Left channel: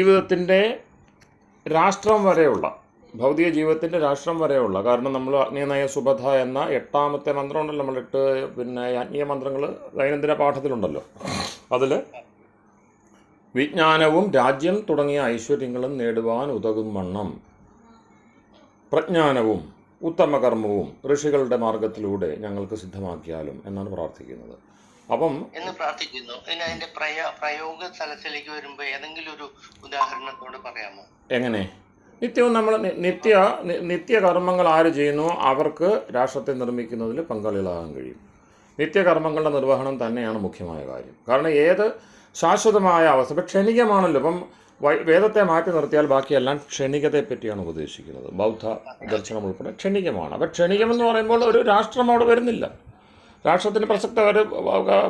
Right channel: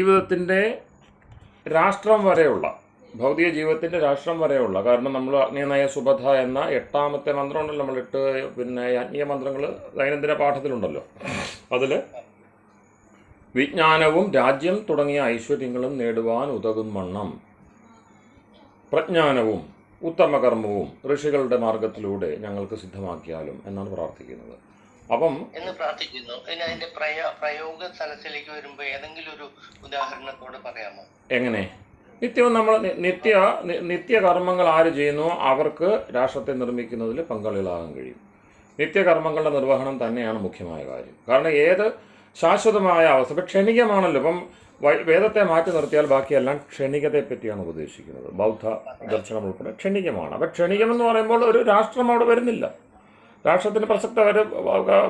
ജീവിതത്തിൻ്റെ രാഷ്ട്രം വരെയുള്ള ഭൗതിക ജീവിതത്തിൻ്റെ രാഷ്ട്രം വരെയുള്ള കാരണം നമ്മൾ അഗ്നിനയ സുബധ എന്ന 8ാമത്തെ മന്ത്രം ഉണ്ടല്ലോ, നമ്മൾ 8 ആത്മീയ മന്ത്രങ്ങൾ ദൈനംദിന പാഠത്തിലുണ്ടല്ലോ. അതിൽ വിജ്ഞാനവും രാജ്യം തുടങ്ങിയ ഐശ്വര്യങ്ങളും നേടുവാൻ ഉതകും വണ്ണം പ്രജ്ഞാനവും ഉത്തമകർമ്മവും ഋഷികളുടെ മാർഗത്തിലൂടെ ഞങ്ങൾക്ക് സിദ്ധമാക്കിയാലും എന്നാണ് പ്രാർത്ഥിക്കുന്നത്. അപ്പം എന്ന് പ്രാർത്ഥിക്കുന്നു. ഇനി അതിന്റെ പ്രയോഗ സ്ഥലത്തിലേക്ക് വരുമ്പോൾ ഏതെങ്കിലും ഒരു ഉദാഹരണത്തോട് പറയാമോ? എങ്ങനെ? നിത്യവും നമ്മൾ നിത്യകർമ്മങ്ങൾ ആര് ചെയ്യുന്നു അവർക്ക് രാഷ്ട്രത്തെ നിർമ്മിക്കുന്നതിൽ പങ്കാളികളാകാൻ കഴിയും. നിത്യകർമ്മങ്ങളുടെ നിർവഹണം തന്നെയാണ് മുഖ്യമായ കാര്യം. കാരണം ഏത് ശാശ്വതമായ അവസ്ഥ ഇപ്പം ക്ഷണികമാണല്ലോ. ഇപ്പം വേദത്തെ മാറ്റി നിർത്തിയാൽ ബാക്കിയെല്ലാം ക്ഷണികതയെ പറ്റിയാണ് ഉപദേശിക്കുന്നത്. ബൗദ്ധ ദർശനം ഉൾപ്പെടെ ക്ഷണികമാണ്. അപ്പം ക്ഷണികമെന്ന് പറയുമ്പോൾ ഒരു രാഷ്ട്രം അവിടെ വരുന്നില്ല. രാഷ്ട്രത്തിന് പ്രസക്ത അവർ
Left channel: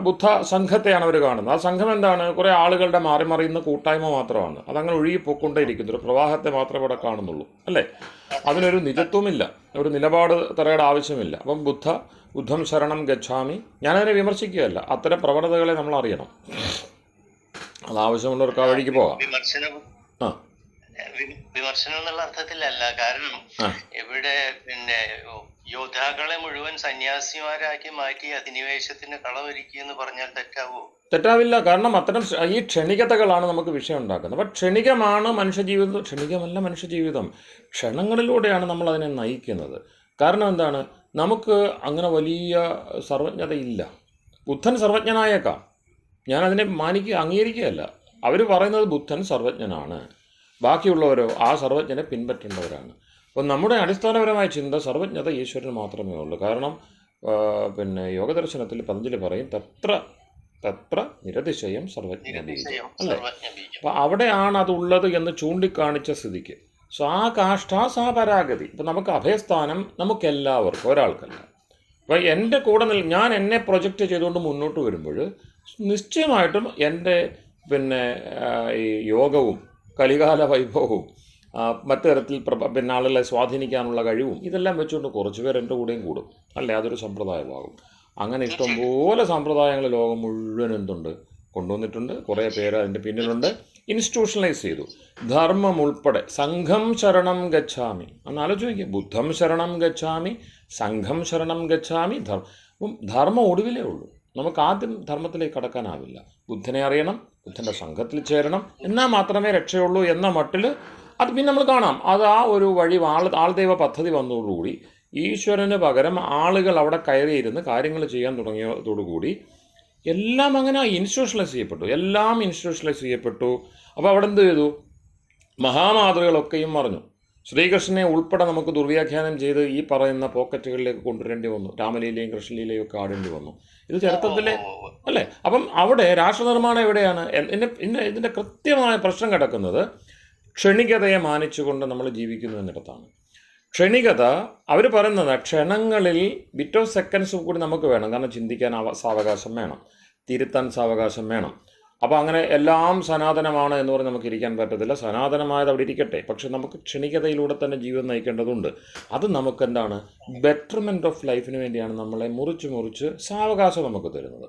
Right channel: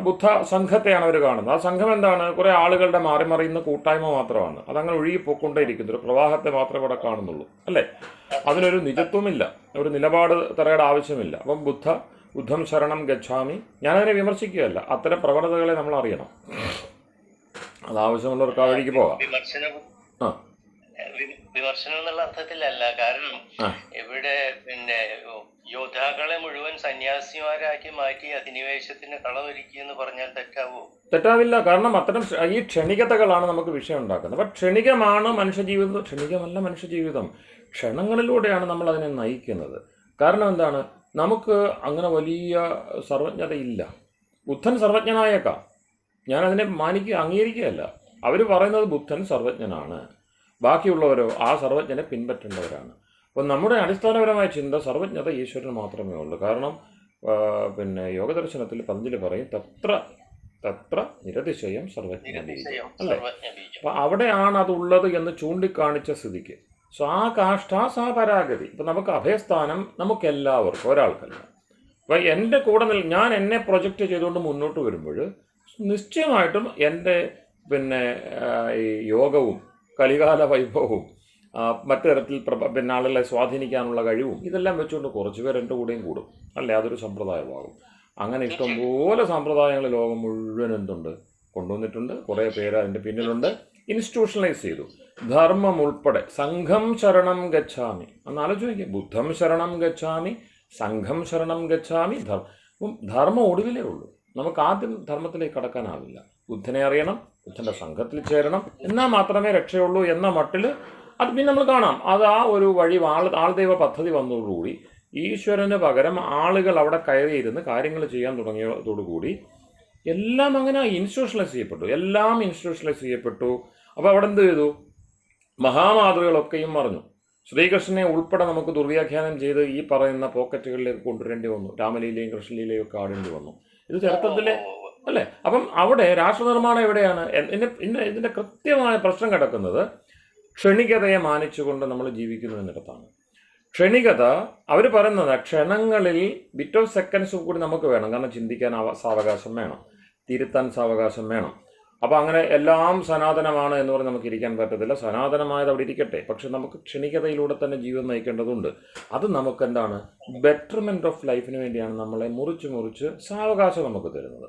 ബുദ്ധ സംഘത്തെയാണ് അവർ കാണുന്നത്. ആ സംഘം എന്താണ്? കുറേ ആളുകളുടെ മാറിമറിയുന്ന കൂട്ടായ്മ മാത്രമാണ്. അതങ്ങനെ ഒഴുകിപ്പോയിക്കൊണ്ടേയിരിക്കുന്നു. ഒരു പ്രവാഹത്തെ മാത്രമേ അവിടെ കാണുന്നുള്ളൂ, അല്ലേ? അതിനൊരു നിജത്വമില്ല, ഒരു നിലപാട് തറയുടെ ആവശ്യമില്ല. അപ്പം ബുദ്ധം ശരണം ഗച്ഛാമി, ഞാനതിനെ വിമർശിക്കുകയല്ല. അത്തരം പ്രവണതകളെ നമ്മൾ അറിയണം. അത് ആവശ്യമുള്ളവർക്ക് ആ വഴിക്ക് പോകാം. വിമർശനം എന്നുള്ള അർത്ഥത്തിലല്ല. കാരണം ഇവിടെ യോദ്ധാക്കളെ മുഴുവൻ സന്യാസിമാരാക്കി മാറ്റി അധിനിവേശത്തിന് കളമൊരുക്കി എന്ന് പറഞ്ഞാൽ തെറ്റാവോ? തെറ്റാവില്ല. കാരണം അത്തരം ഈ ക്ഷണികതകളാണ് നമുക്ക് വിഷയം ഉണ്ടാക്കുന്നത്. അപ്പം ക്ഷണികമാണ് മനുഷ്യജീവിതം, ക്ഷണികമല്ല മനുഷ്യജീവിതം. ക്ഷണങ്ങളിലൂടെയാണ് നമ്മൾ അതിനെ നയിക്കുന്നത്. കാരണം എന്താണ്? നമുക്ക് അങ്ങനെ വലിയ സർവജ്ഞതയില്ല. ബുദ്ധൻ സർവജ്ഞനായേക്കാം, ഞാനതിനെ അംഗീകരിക്കുകയല്ല. അവർ പറയുന്നത് ബുദ്ധൻ സർവജ്ഞനാണ്, ബാക്കിയുള്ളവരോ ആ സർവജ്ഞനെ പിൻപറ്റേണ്ടവരാണ്. അപ്പം നമ്മുടെ അടിസ്ഥാനപരമായ ചിന്ത സർവജ്ഞത ഈശ്വരന് മാത്രമേ ഉള്ളൂ. കാരണം യോഗദർശനത്തിൽ പതഞ്ജലി പറയും തത്ര നിരതിശയം സർവജ്ഞബീജം, അല്ലേ? അപ്പം അവിടെയാണ് അതുള്ളത് എന്ന് ചൂണ്ടിക്കാണിച്ച സ്ഥിതിക്ക് സാ കാഷ്ഠ സാ പരാഗതി. ഇപ്പം നമുക്ക് അഭയസ്ഥാനം നമുക്കെല്ലാവർക്കും, ഒരാൾക്കല്ല. അപ്പം എൻ്റെ കൂടെ ഞാൻ എന്നെ പ്രൊജക്റ്റ് ചെയ്തുകൊണ്ട് മുന്നോട്ട് വരുമ്പോൾ നിശ്ചയമായിട്ടും എൻ്റെ ഈ യോഗവും കലികാല വൈഭവവും മറ്റു തരത്തിൽ ആളുകളെ സ്വാധീനിക്കാനുള്ള കഴിവും ഇതെല്ലാം വെച്ചുകൊണ്ട് കുറച്ച് പേർ എൻ്റെ കൂടെയും കൂടും, അല്ലേ? അതൊരു സമ്പ്രദായമാകും. അങ്ങനെ ഇഷ്ടംപോലെ സമ്പ്രദായങ്ങൾ ലോകം മുഴുവൻ എന്തുണ്ട് കൊണ്ടുവന്നിട്ടുണ്ട്. കുറേ പേര് അതിൻ്റെ പിന്നിലുണ്ട്. ഇൻസ്റ്റിറ്റ്യൂഷണലൈസ് ചെയ്തു. ധർമ്മം ഉൾപ്പെടെ സംഘം ശരണം ഗച്ഛാമി എന്ന് ആലോചിക്കുക. ബുദ്ധം ശരണം ഗച്ഛാമി, സംഘം ശരണം ഗച്ഛാമി. ധർമ്മം ഒടുവിലേ ഉള്ളൂ. നമുക്ക് ആദ്യം ധർമ്മത്തിലേക്ക് കടക്കാനാവില്ല. ബുദ്ധനെ അറിയണം, ബുദ്ധൻ്റെ സംഘത്തിൽ ചേരണം, എന്നാൽ മാത്രമേ രക്ഷയുള്ളൂ എന്ന മട്ടിൽ അത് പിന്നെ നമ്മൾ കാണാം. അത് ആ ഒരു വഴി ആൾദൈവ പദ്ധതി വന്നതോടുകൂടി ഈശ്വരന് പകരം ആളുകൾ അവിടെ കയറിയിരുന്ന് കാര്യങ്ങൾ ചെയ്യാൻ തുടങ്ങിയതോടുകൂടി എല്ലാം അങ്ങനെ ഇൻസ്റ്റിറ്റ്യൂഷണലൈസ് ചെയ്യപ്പെട്ടു. അപ്പോൾ അവിടെ എന്ത് ചെയ്തു? മഹാമാതൃകളൊക്കെയും മറിഞ്ഞു. ശ്രീകൃഷ്ണനെ ഉൾപ്പെടെ നമുക്ക് ദുർവ്യാഖ്യാനം ചെയ്ത് ഈ പറയുന്ന പോക്കറ്റുകളിലേക്ക് കൊണ്ടുവരേണ്ടി വന്നു. രാമലീലയും കൃഷ്ണലീലയും ഒക്കെ ആടേണ്ടി വന്നു. ഇത് ചരിത്രത്തിലെ, അല്ലേ? അപ്പം അവിടെ രാഷ്ട്രനിർമ്മാണം എവിടെയാണ്? ഇതിൻ്റെ കൃത്യമായ പ്രശ്നം കിടക്കുന്നത് ക്ഷണികതയെ മാനിച്ചുകൊണ്ട് നമ്മൾ ജീവിക്കുന്നു എന്നിടത്താണ്. ക്ഷണികത അവർ പറയുന്നത് ക്ഷണങ്ങളിൽ ബിറ്റ് ഓഫ് സെക്കൻഡ്സ് കൂടി നമുക്ക് വേണം. കാരണം ചിന്തിക്കാൻ സാവകാശം വേണം, തിരുത്താൻ സാവകാശം വേണം. അപ്പോൾ അങ്ങനെ എല്ലാം സനാതനമാണ് എന്ന് പറഞ്ഞ് നമുക്ക് ഇരിക്കാൻ പറ്റത്തില്ല. സനാതനമായത് അവിടെ ഇരിക്കട്ടെ, പക്ഷെ നമുക്ക് ക്ഷണികതയിലൂടെ തന്നെ ജീവിതം നയിക്കേണ്ടതുണ്ട്. അത് നമുക്ക് എന്താണ്? ബെറ്റർമെൻറ്റ് ഓഫ് ലൈഫിന് വേണ്ടിയാണ് നമ്മളെ മുറിച്ച് സാവകാശം നമുക്ക് തരുന്നത്.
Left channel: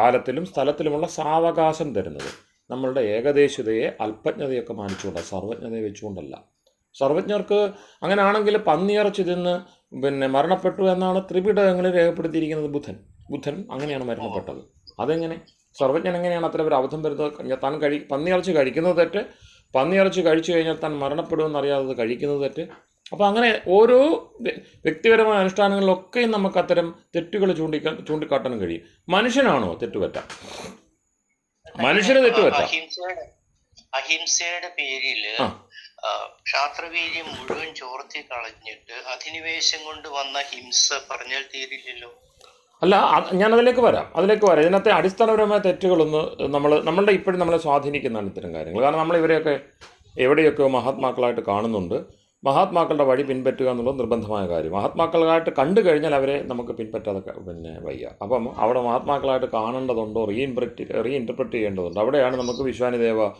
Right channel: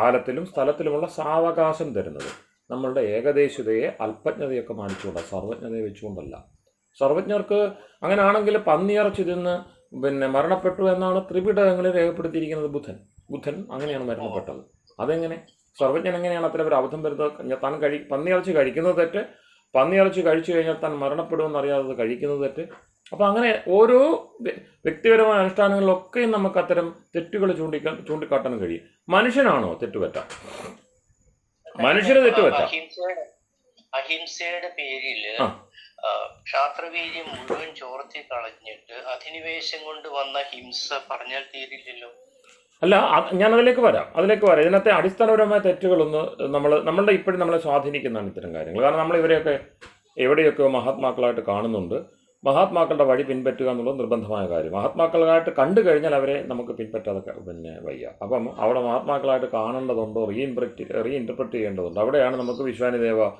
കാലത്തിലും സ്ഥലത്തിലുമുള്ള സാവകാശം തരുന്നത് നമ്മളുടെ ഏകദേശതയെ അല്പജ്ഞതയൊക്കെ മാനിച്ചുകൊണ്ടാണ്, സർവജ്ഞതയെ വെച്ചുകൊണ്ടല്ല. സർവജ്ഞർക്ക് അങ്ങനെയാണെങ്കിൽ പന്നിയിറച്ചി തിന്ന് മരണപ്പെട്ടു എന്നാണ് ത്രിപിടകങ്ങളിൽ രേഖപ്പെടുത്തിയിരിക്കുന്നത്. ബുദ്ധൻ അങ്ങനെയാണ് മരണപ്പെട്ടത്. അതെങ്ങനെ? സർവജ്ഞൻ എങ്ങനെയാണ് അത്ര ഒരു അബദ്ധം വരുന്നത്? താൻ പന്നിയിറച്ചി കഴിക്കുന്നത് തെറ്റ്, പന്നിയിറച്ചി കഴിച്ചു കഴിഞ്ഞാൽ താൻ മരണപ്പെടുമെന്ന് അറിയാതെ കഴിക്കുന്നത് തെറ്റ്. അപ്പോൾ അങ്ങനെ ഓരോ വ്യക്തിപരമായ അനുഷ്ഠാനങ്ങളിലൊക്കെയും നമുക്ക് അത്തരം തെറ്റുകൾ ചൂണ്ടിക്കാട്ടാൻ കഴിയും. മനുഷ്യനാണോ തെറ്റുപറ്റാം? മനുഷ്യന് തെറ്റുപറ്റാം. അഹിംസയുടെ പേരിൽ ക്ഷാത്രവീര്യം മുഴുവൻ ചോർത്തി കളഞ്ഞിട്ട് അധിനിവേശം കൊണ്ട് വന്ന ഹിംസ പറഞ്ഞാൽ തീരില്ലല്ലോ. അല്ല, ഞാൻ അതിലേക്ക് വരാം. ഇതിനകത്തെ അടിസ്ഥാനപരമായ തെറ്റുകളൊന്ന് നമ്മളുടെ ഇപ്പോഴും നമ്മളെ സ്വാധീനിക്കുന്നതാണ് ഇത്തരം കാര്യങ്ങൾ. കാരണം നമ്മൾ ഇവരെയൊക്കെ എവിടെയൊക്കെയോ മഹാത്മാക്കളായിട്ട് കാണുന്നുണ്ട്. മഹാത്മാക്കളുടെ വഴി പിൻപറ്റുക എന്നുള്ളത് നിർബന്ധമായ കാര്യം. മഹാത്മാക്കളായിട്ട് കണ്ടു കഴിഞ്ഞാൽ അവരെ നമുക്ക് പിൻപറ്റാതെ വയ്യ. അപ്പം അവിടെ മഹാത്മാക്കളായിട്ട് കാണേണ്ടതുണ്ടോ, റീഇൻറ്റർപ്രറ്റ് ചെയ്യേണ്ടതുണ്ട്. അവിടെയാണ് നമുക്ക് വിശ്വാനിദേവ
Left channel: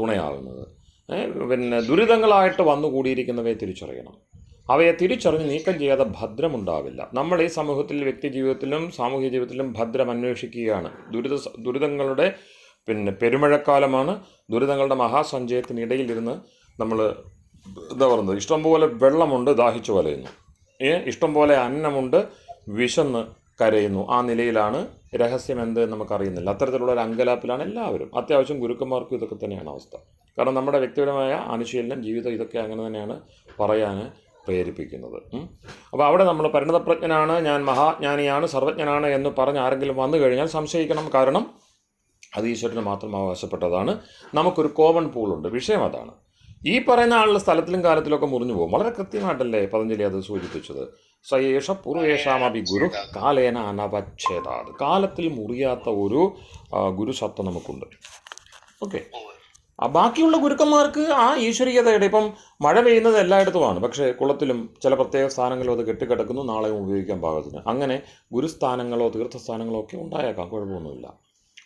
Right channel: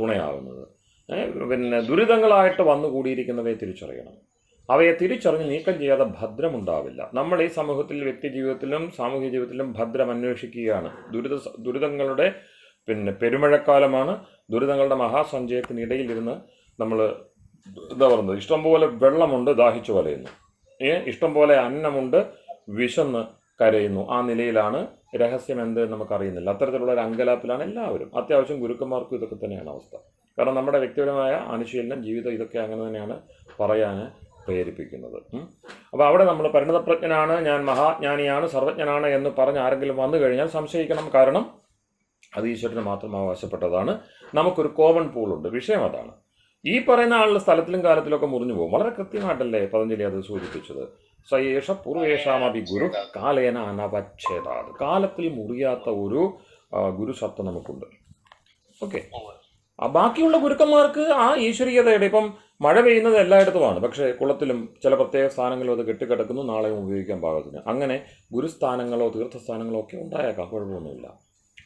തുണയാകുന്നത്. ദുരിതങ്ങളായിട്ട് വന്നുകൂടിയിരിക്കുന്നവയെ തിരിച്ചറിയണം. അവയെ തിരിച്ചറിഞ്ഞ് നീക്കം ചെയ്യാതെ ഭദ്രമുണ്ടാവില്ല. നമ്മൾ ഈ സമൂഹത്തിൽ വ്യക്തി ജീവിതത്തിലും സാമൂഹിക ജീവിതത്തിലും ഭദ്രം അന്വേഷിക്കുകയാണ്. ദുരിതങ്ങളുടെ പിന്നെ പെരുമഴക്കാലമാണ്, ദുരിതങ്ങളുടെ മഹാസഞ്ചയത്തിനിടയിലിരുന്ന് നമ്മൾ എന്താ പറയുന്നത്, ഇഷ്ടംപോലെ വെള്ളമുണ്ട്, ദാഹിച്ചു വലയുന്നു, ഇഷ്ടംപോലെ അന്നമുണ്ട്, വിശന്ന് കരയുന്നു. ആ നിലയിലാണ്. രഹസ്യം എന്ത് നമുക്കറിയുന്നില്ല. അത്തരത്തിലുള്ള ഒരു അങ്കലാപ്പിലാണ് എല്ലാവരും. അത്യാവശ്യം ഗുരുക്കന്മാർക്കും ഇതൊക്കെ തന്നെയാണ് അവസ്ഥ. കാരണം നമ്മുടെ വ്യക്തിപരമായ അനുശീലനം, ജീവിതം, ഇതൊക്കെ അങ്ങനെ തന്നെയാണ് പറയാൻ പ്രേരിപ്പിക്കുന്നത്. അപ്പോൾ അവിടെ നമ്മൾ പരിണതപ്രജ്ഞനാണ്, ഞാൻ മഹാജ്ഞാനിയാണ്, സർവജ്ഞനാണ് എന്ന് പറഞ്ഞ് ആരെങ്കിലും വന്നു കഴിഞ്ഞാൽ സംശയിക്കണം. കാരണം അത് ഈശ്വരന് മാത്രം അവകാശപ്പെട്ടതാണ്. നമുക്കൊരു കോമൺ പൂളുണ്ട്. വിഷയം അതാണ്. ഈ പറയുന്ന ആളുടെ സ്ഥലത്തിലും കാലത്തിലൊക്കെ മുറിഞ്ഞു പോകും. വളരെ കൃത്യമായിട്ടല്ലേ പതഞ്ജലി അത് സൂചിപ്പിച്ചത്. സയേഷ പൂർവേഷാമപി ഗുരു കാലേന അനവച്ഛേദാത്. കാലത്തിൽ മുറിയാത്ത ഒരു ഗുരുസത്ത നമുക്കുണ്ട്. ഓക്കെ. ബാക്കിയുള്ള ഗുരുക്കന്മാർക്ക് ആ ഈശ്വരീയതയുടെ, ഇപ്പം മഴ പെയ്യുന്നത് എല്ലായിടത്തുമാണ്, പക്ഷേ കുളത്തിലും ചില പ്രത്യേക സ്ഥാനങ്ങളും അത് കെട്ടിക്കിടക്കുന്നു, നാളെയും ഉപയോഗിക്കാൻ പാകത്തിന്. അങ്ങനെ ഗുരുസ്ഥാനങ്ങളോ തീർത്ഥസ്ഥാനങ്ങളോ ഒക്കെ ഉണ്ടായേക്കാം, കുഴപ്പമൊന്നുമില്ല.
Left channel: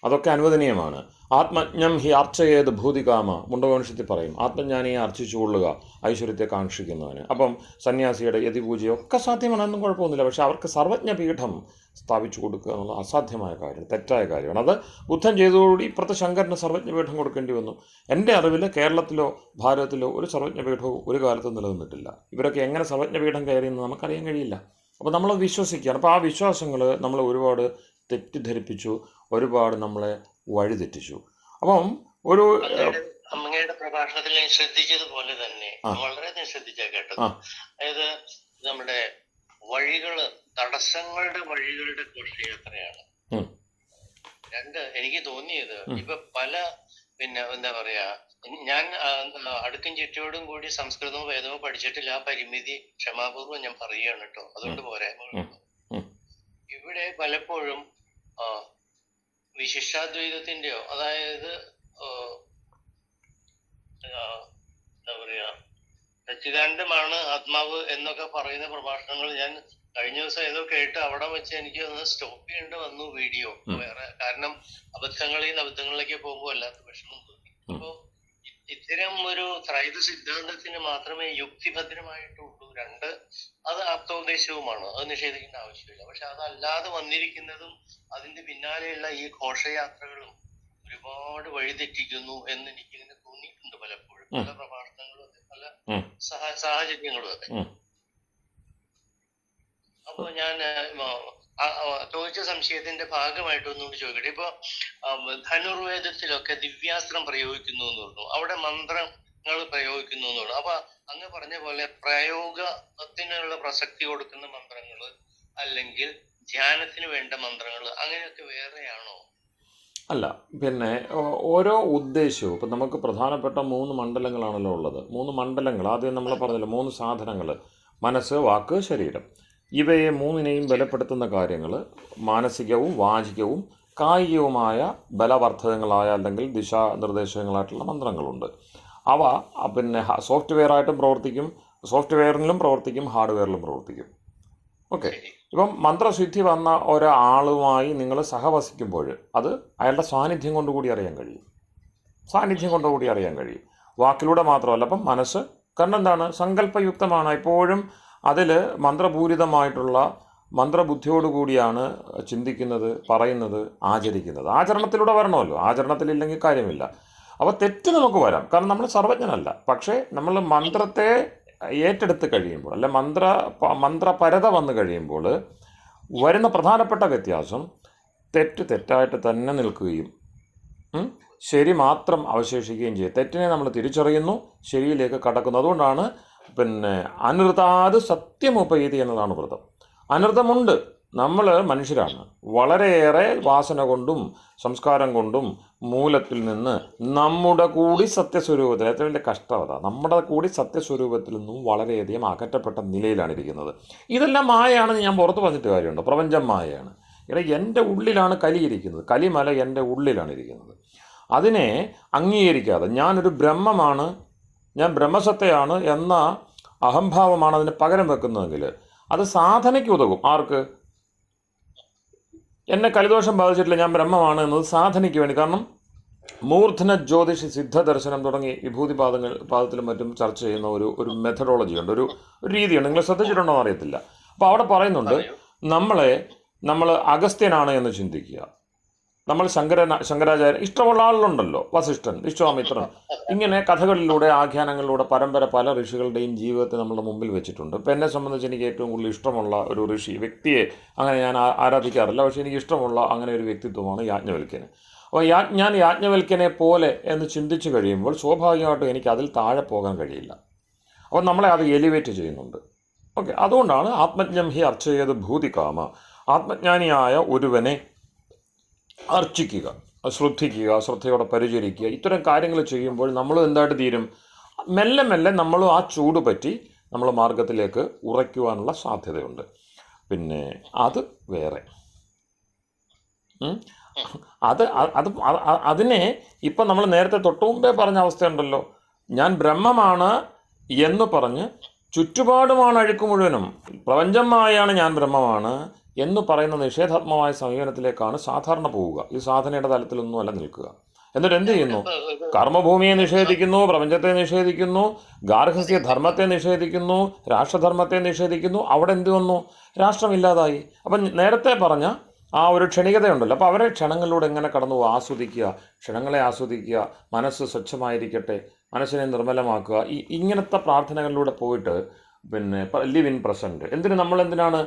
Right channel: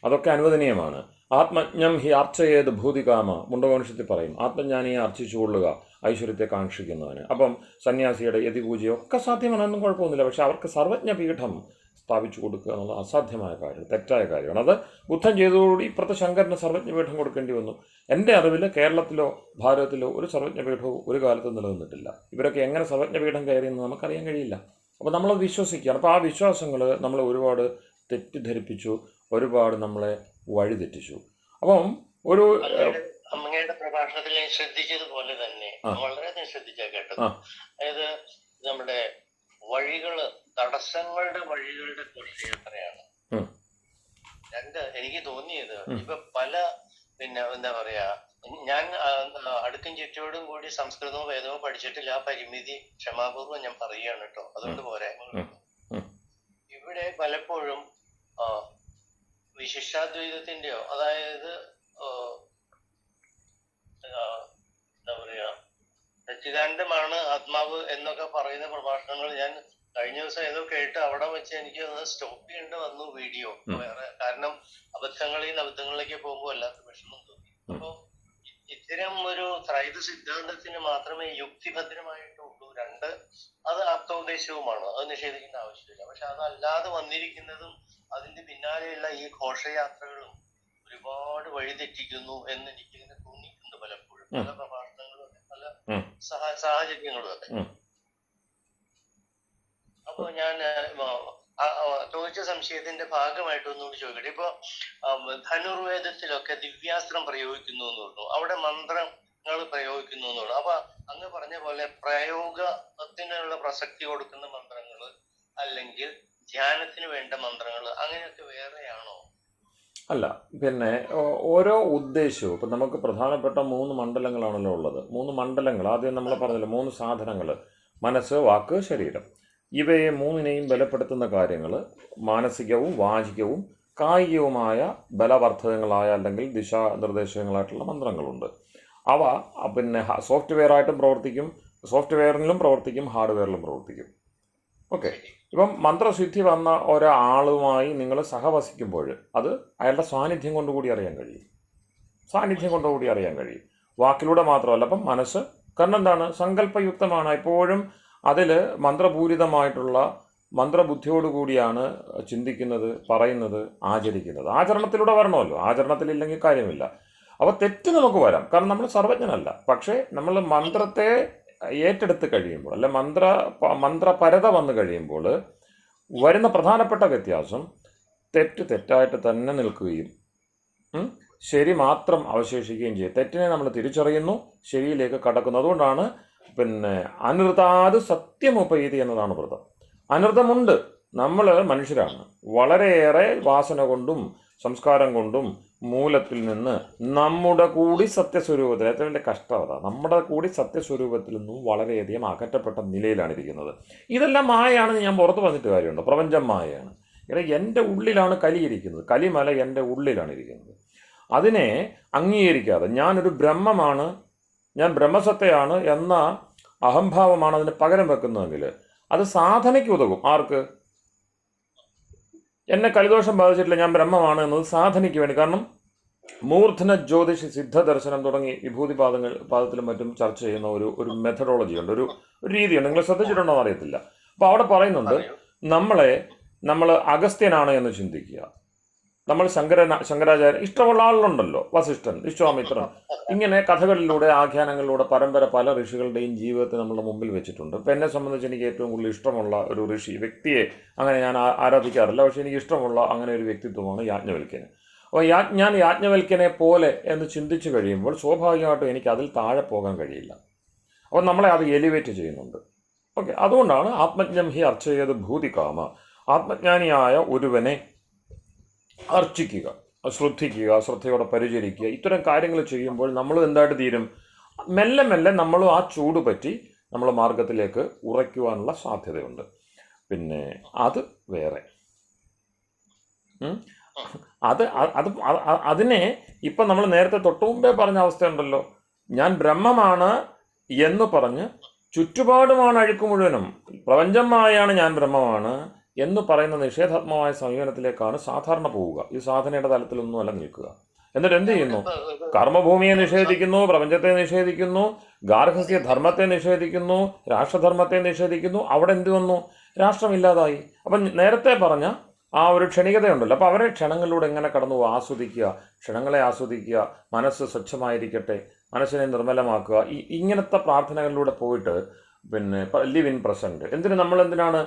അതൊക്കെ അനുവദനീയമാണ്. ആത്മജ്ഞം ഹി അർച്ചയേത് ഭൂതികാമ, മുണ്ടകോണിഷ്യത്തിൽ പറയും, ആത്മജ്ഞാനിയെ അർച്ചിച്ചു കൊള്ളുക ഐശ്വര്യത്തെ കാക്ഷിക്കുന്നവന്. അപ്പം സന്യാസിയുടെ യതിപൂജയൊക്കെ സാധ്യമാണെന്നും കുഴപ്പമൊന്നുമില്ല. പക്ഷെ അവർക്ക് സർവജ്ഞപീഠം സ്ഥാപിച്ചു കൊടുക്കുക എന്നുള്ള അസാധ്യമായ കാര്യം, തെറ്റായ കാര്യമാണ്. അത് ബുദ്ധൻ ചെയ്തതോടുകൂടി ഇപ്പുറത്തെ ശങ്കരന് സർവജ്ഞപീഠം കൊടുക്കേണ്ടി വന്നു. എൻ്റെ അറിവിൽ കേരളത്തിലോ ഭാരതത്തിലോ ഒരു സർവജ്ഞപീഠവും ഒരു കാലത്തും നിലനിന്നിട്ടില്ല. ഇവരൊക്കെ എങ്ങനെ സർവജ്ഞപീഠം കയറിയെന്ന് നമുക്കറിയാൻ കഴിയില്ല. അപ്പോൾ നമ്മളത് വിശ്വസിക്കുകയാണ്. അപ്പോൾ ആ വിശ്വാസങ്ങൾ നമ്മളെ ഒരുപാട് തെറ്റിദ്ധരിപ്പിച്ചു, ഒരുപാട് നമ്മളെ വഴിതെറ്റിച്ചു. അപ്പം ഒരു അങ്ങയുടെ പ്രഭാഷണത്തിൽ ഞാൻ ശ്രദ്ധിച്ചതുപോലെ തന്നെ വളരെ ശ്രദ്ധിച്ചാ കേട്ടത്. അതായത് നമ്മുടെ വഴികള്, തടസ്സങ്ങളുടെ വഴികളുടെ ഘോഷയാത്രയാണ്. രണ്ട്, എനിക്ക് തോന്നിയത് ഇപ്പൊ പല എന്താ പറയാ, ഞാൻ അടുക്കും ചുറ്റോടും കൂടി സംസ്കൃതവും വേദവും പഠിച്ചിട്ടില്ല. ആ പരിമിതി ക്ഷമാപൂർവ്വം ഞാൻ പറയുകയാണ് കേട്ടോ, അതുകൊണ്ട് പോരായ്മകളുണ്ട്. ഇവിടെ പലപ്പോഴും വിശിഷ്ടാദ്വൈതത്തിന്റെയോ, അതായത് എന്താ പറയാ, സച്ചിദാനന്ദമാണ് ആത്മാവ് എന്നൊക്കെ പറയുന്ന പ്രഭാഷണങ്ങൾ ഞാൻ കഴിഞ്ഞ ദിവസം ഏതോ കേട്ട് അവിടെ വെച്ച് എനിക്ക് ഒന്ന് സ്റ്റോപ്പ് ചെയ്യേണ്ടി വന്നു വീഡിയോ. വേറെ കാരണം അബദ്ധങ്ങളിലേക്ക് പോകുമ്പോൾ അല്ലാത്ത വിഷമം തോന്നി. അപ്പോ ഇത്തരം ഒരു ത്രൈത സിദ്ധാന്തത്തിന് മാത്രമേ യുക്തിഭദ്രമായിട്ടുള്ളൂ. രണ്ട്, അത് ആപ്തോദ്ദേശവുമാണ്, അത് നിഷേധിക്കേണ്ട ആവശ്യമില്ല. പക്ഷെ അതല്ലാതെ വന്നിരിക്കുന്നതും അതിന്റെ പിന്നാലെയുള്ള ഈ ഘോഷയാത്രകളും ഒരുപാട് വഴിതെറ്റിക്കുന്നു എന്ന് എനിക്കിങ്ങനെ തോന്നിയിട്ടുണ്ട് പലപ്പോഴും, പല പ്രഭാഷണങ്ങളും അതെ, പല സാഹചര്യങ്ങളും അതെ. അപ്പൊ ഞാൻ ചോദിച്ച സംശയത്തിന്റെ ഭാഗമായിട്ട് ഒന്നുകൂടി ചോദിക്കട്ടെ. ഇപ്പൊ ധനുർവേദത്തിലൊക്കെ ദിവ്യാസ്ത്രം പ്രയോഗിക്കുന്നു എന്ന് പറഞ്ഞു, അവിടെ മന്ത്രങ്ങൾ പ്രയോഗിക്കുന്നു എന്ന് പറഞ്ഞു. അപ്പൊ അങ്ങ് പറഞ്ഞ പോലെ പ്രയോഗത്തിനുള്ള പ്രസക്തി കൊടുക്കുന്ന മന്ത്രങ്ങള് അല്ലെങ്കിൽ ധ്യാനത്തിന് വേണ്ട മന്ത്രങ്ങൾ അങ്ങനെയൊക്കെ വേറെയാണോ? അല്ല, പിന്നെ ഓരോ ഉദ്ദേശവും, ഇപ്പം നമുക്ക് പ്രധാനപ്പെട്ട 3 മണ്ഡലങ്ങളാണല്ലോ ഉള്ളത്. 3 മണ്ഡലങ്ങൾ ആദ്യം നമ്മൾ പറഞ്ഞല്ലോ, 3 സാധനങ്ങൾ: മനസ്സ്, വാക്ക്, ശരീരം. ഇവയെ 3നെയും ബലപ്പെടുത്തുന്ന കാര്യങ്ങൾ മാനസികവും വാചികവും കായികവുമായ ബലവർദ്ധകങ്ങളായ അല്ലെങ്കിൽ ദിശാനിർദ്ദേശങ്ങളായിട്ടുള്ള മന്ത്രങ്ങളുണ്ട്. അവ പിന്നെ സോഫ്റ്റ്വെയറായിട്ടും പ്രവർത്തിക്കും, സോഫ്റ്റ്വെയറിലും പ്രവർത്തിക്കും, ഹാർഡ്വെയറിലും പ്രവർത്തിക്കും. ഓക്കെ. ഇപ്പം മന്ത്രസിദ്ധി വന്ന ഒരാളുമായി നിങ്ങൾ സഹവസിക്കുമ്പോൾ അത് അയാളുടെ സാന്നിധ്യം കൊണ്ടുകൂടി അറിയാൻ കഴിയും. വാക്കിലൂടെ മാത്രമല്ല. അപ്പം മനസ്സ്, കാരണം എന്താണ്, സങ്കല്പയുക്തമാണ്. എപ്പോഴും അതിൽ മന്ത്രപൂരിതമായിട്ടുള്ള മന്ത്രബുദ്ധിയോടുകൂടിയാണ് ചിന്തിക്കുന്നത്, പറയുന്നത്, ആചരിക്കുന്നത്. ആചരണത്തിലൂടെ വരണമല്ലോ, ആചരണത്തിലില്ലെങ്കിൽ കാര്യമില്ല. അപ്പോൾ തെറ്റ് നമുക്ക് വരാം, കാരണം നമ്മൾ സർവജ്ഞനല്ല. പക്ഷേ നമ്മൾ മന്ത്രത്തെ ഏറ്റെടുത്ത് കഴിയുമ്പോൾ, അല്ലെ മന്ത്രപരത വന്നു കഴിയുമ്പോൾ വരുന്ന പ്രധാനപ്പെട്ട വ്യത്യാസം തെറ്റായിട്ട് തന്നെ നിൽക്കുകയും ശരി മാത്രം അവശേഷിക്കുകയും ചെയ്യും. തെറ്റിനെ നമ്മൾ തിരിച്ചറിയുന്നു, ശരിയിലേക്ക് കടക്കുന്നു. അതുകൊണ്ടാണ് അനൃതാത് സത്യമുപൈതി എന്നതാണ് വ്രതം. അനൃതമുണ്ട്, നമ്മൾ മനുഷ്യരാണ്. വളരെയേറെ വാസന കൊണ്ടും സംസ്കാരം കൊണ്ടും മൂലത്തിൽ നിന്ന് നമ്മുടെ കൂടി സത്യസ്വരൂപത്തിൽ, ഏറ്റവും വലിയ കഷ്ടം അതാ, നമ്മുടെ കൂടി സത്യസ്വരൂപത്തിൽ നിന്നും വളരെയധികം അകറ്റപ്പെട്ട നിലയിലാണ് ഇരിക്കുന്നത്. ഇതെല്ലാം മായയാണെന്ന് ഞാൻ പുറത്ത് പറഞ്ഞിട്ട് കാര്യമുണ്ട്. പ്രപഞ്ചം മായയാണ്. ഇവിടെ എൻ്റെ ഉള്ളിലാണ് കലിയിരിക്കുന്നത്. കലിമല എൻ്റെ ഉള്ളിലാണ് ഇരിക്കുന്നത്. അതിനെ അംഗീകരിക്കാതെ ഞാനൊരു ബ്രഹ്മമാണ്, ഞാൻ ബ്രഹ്മസത്തയാണ് എന്ന അഹംഭാവമാണ് അതിന് പകരം വെക്കുന്നതെങ്കിൽ അത് സാധനയ്ക്ക് ഉതകും. ആർക്ക്? എന്നെ കലിദോഷം ബാധിച്ചിട്ടില്ല, ഞാൻ ബ്രഹ്മമാണ് എന്നത് സാധനയ്ക്ക് വേണ്ടി. കാരണം മൂർധന ജ്യോതിഷി സിദ്ധ ദർശനം തുടങ്ങി വിഭൂതി പാദത്തിലും മറ്റും ചർച്ച ചെയ്യുന്ന ഒരു മെത്തഡോളജി ഉണ്ട്, ഒരു രീതിയുണ്ട്. നിങ്ങൾ ശ്രദ്ധിച്ചിട്ടുണ്ടോ എന്ന് അറിയത്തില്ല. അപ്പോൾ അവിടെ പറയുന്നുണ്ട്, നമ്മൾ അഗസ്ത്യനാണ് എന്ന് ചിന്തിക്കുക. നമ്മൾ ശങ്കരാചാര്യ ഇഷ്ടമുള്ള ആളുകളുണ്ടല്ലോ, വസിഷ്ഠൻ, വിശ്വാമിത്രൻ, ഇങ്ങനെ കഥകളിലൂടെ ആഖ്യാനങ്ങളിലൂടെ പരമ്പര പല ഋഷികളുടെയും ജീവിതത്തെ നമ്മളുടെ മുമ്പിൽ വെച്ചിട്ടുണ്ട്. ഇപ്പം എന്നെ സംബന്ധിച്ച് എനിക്ക് ഏറ്റവും കൂടുതൽ ഇഷ്ടമുള്ള ഒരു ഋഷി വ്യക്തിയെ അങ്ങനെ ഞാൻ ആരാധിക്കാറില്ല, പക്ഷേ എനിക്ക് ഇഷ്ടമുള്ള അങ്ങനെ ഒരു വ്യക്തിത്വമാണ് യാജ്ഞവൽക്യന്. അപ്പോൾ ഞാൻ യാജ്ഞവൽക്യനെ പോലെ എന്ന് ചിന്തിച്ച് കഴിയുമ്പോൾ സ്വാഭാവികമായിട്ടും എനിക്ക് അതിൽ താഴെ പോകാൻ കഴിയില്ല. അപ്പോൾ നമ്മളെ അത് എലിവേറ്റ് ചെയ്യുന്നുണ്ട്. ഓക്കെ, അതുകൊണ്ടാണ് ആത്മജ്ഞം ഹി അർച്ചയത് ഭൂതികാമ, ആത്മജ്ഞാനിയായ ഒരുവനെ അർച്ചിക്കുക, ശ്രദ്ധിക്കുക, ശ്രദ്ധയോടെ പരിചരിക്കുക, ഇത്തരം കാര്യങ്ങൾ ചെയ്യുമ്പോൾ നമ്മൾ എന്തായിട്ട് തീരും? മെല്ലെ മെല്ലെ നമ്മളും ആ ചൂട് പറ്റി നമ്മൾ മാർഗത്തിലേക്ക് ഉറയ്ക്കുവാനുള്ള സാധ്യതയുണ്ട്. പിന്നെ അത് വേറെ അതിനെ ഇപ്പം നമ്മൾ നേരത്തെ തൊട്ടു മുമ്പേ പറഞ്ഞ അവസ്ഥയുണ്ടല്ലോ, ഞാൻ ബ്രഹ്മമാണ് എന്ന് പറഞ്ഞ് ചുറ്റുപാടുമാണ് അഴുക്ക് മുഴുവനും, പ്രപഞ്ചമായാണ് ഞാൻ ബ്രഹ്മമാണ് എന്ന് പറയുന്ന നിഷേധാത്മകമായ സമീപനത്തിലേക്കാണ് സാധാരണ പോവുക. ഈ സാധനയുടെ തലത്തിലൊന്നുമല്ല നിൽക്കുക. എന്നിട്ട് എന്ത് ചെയ്യുന്നു? കർമ്മഭൂമിയെ നിഷേധിക്കുന്നു, പ്രപഞ്ചത്തെ നിഷേധിക്കുന്നു, ഗാർഹസ്ഥ്യ ധർമ്മത്തെ നിഷേധിക്കുന്നു, രാഷ്ട്രധർമ്മത്തെ നിഷേധിക്കുന്നു. അവിടെ എന്ത് വന്നു? രാഷ്ട്രമില്ലാതായി. അപ്പം നേരത്തെ പറഞ്ഞ ആ ഒരു ക്ഷണികതയുണ്ടല്ലോ, അപ്പോൾ അവരെ ക്ഷണങ്ങളിലൂടെ എങ്ങനെ കടന്നു ആസ്വദിക്കുക, ക്ഷണങ്ങളെ ആസ്വദിക്കുക, മനസ്സ് സ്വച്ഛമായിരിക്കട്ടെ, മനസ്സിനെ നിർമ്മലമാക്കുക, ഇങ്ങനത്തെ പ്രാർത്ഥനകളിലൂടെ പോയിട്ട് പിന്നെ ലിവ് ഇൻ പ്രസൻറ്റ്. എന്തിനാണ്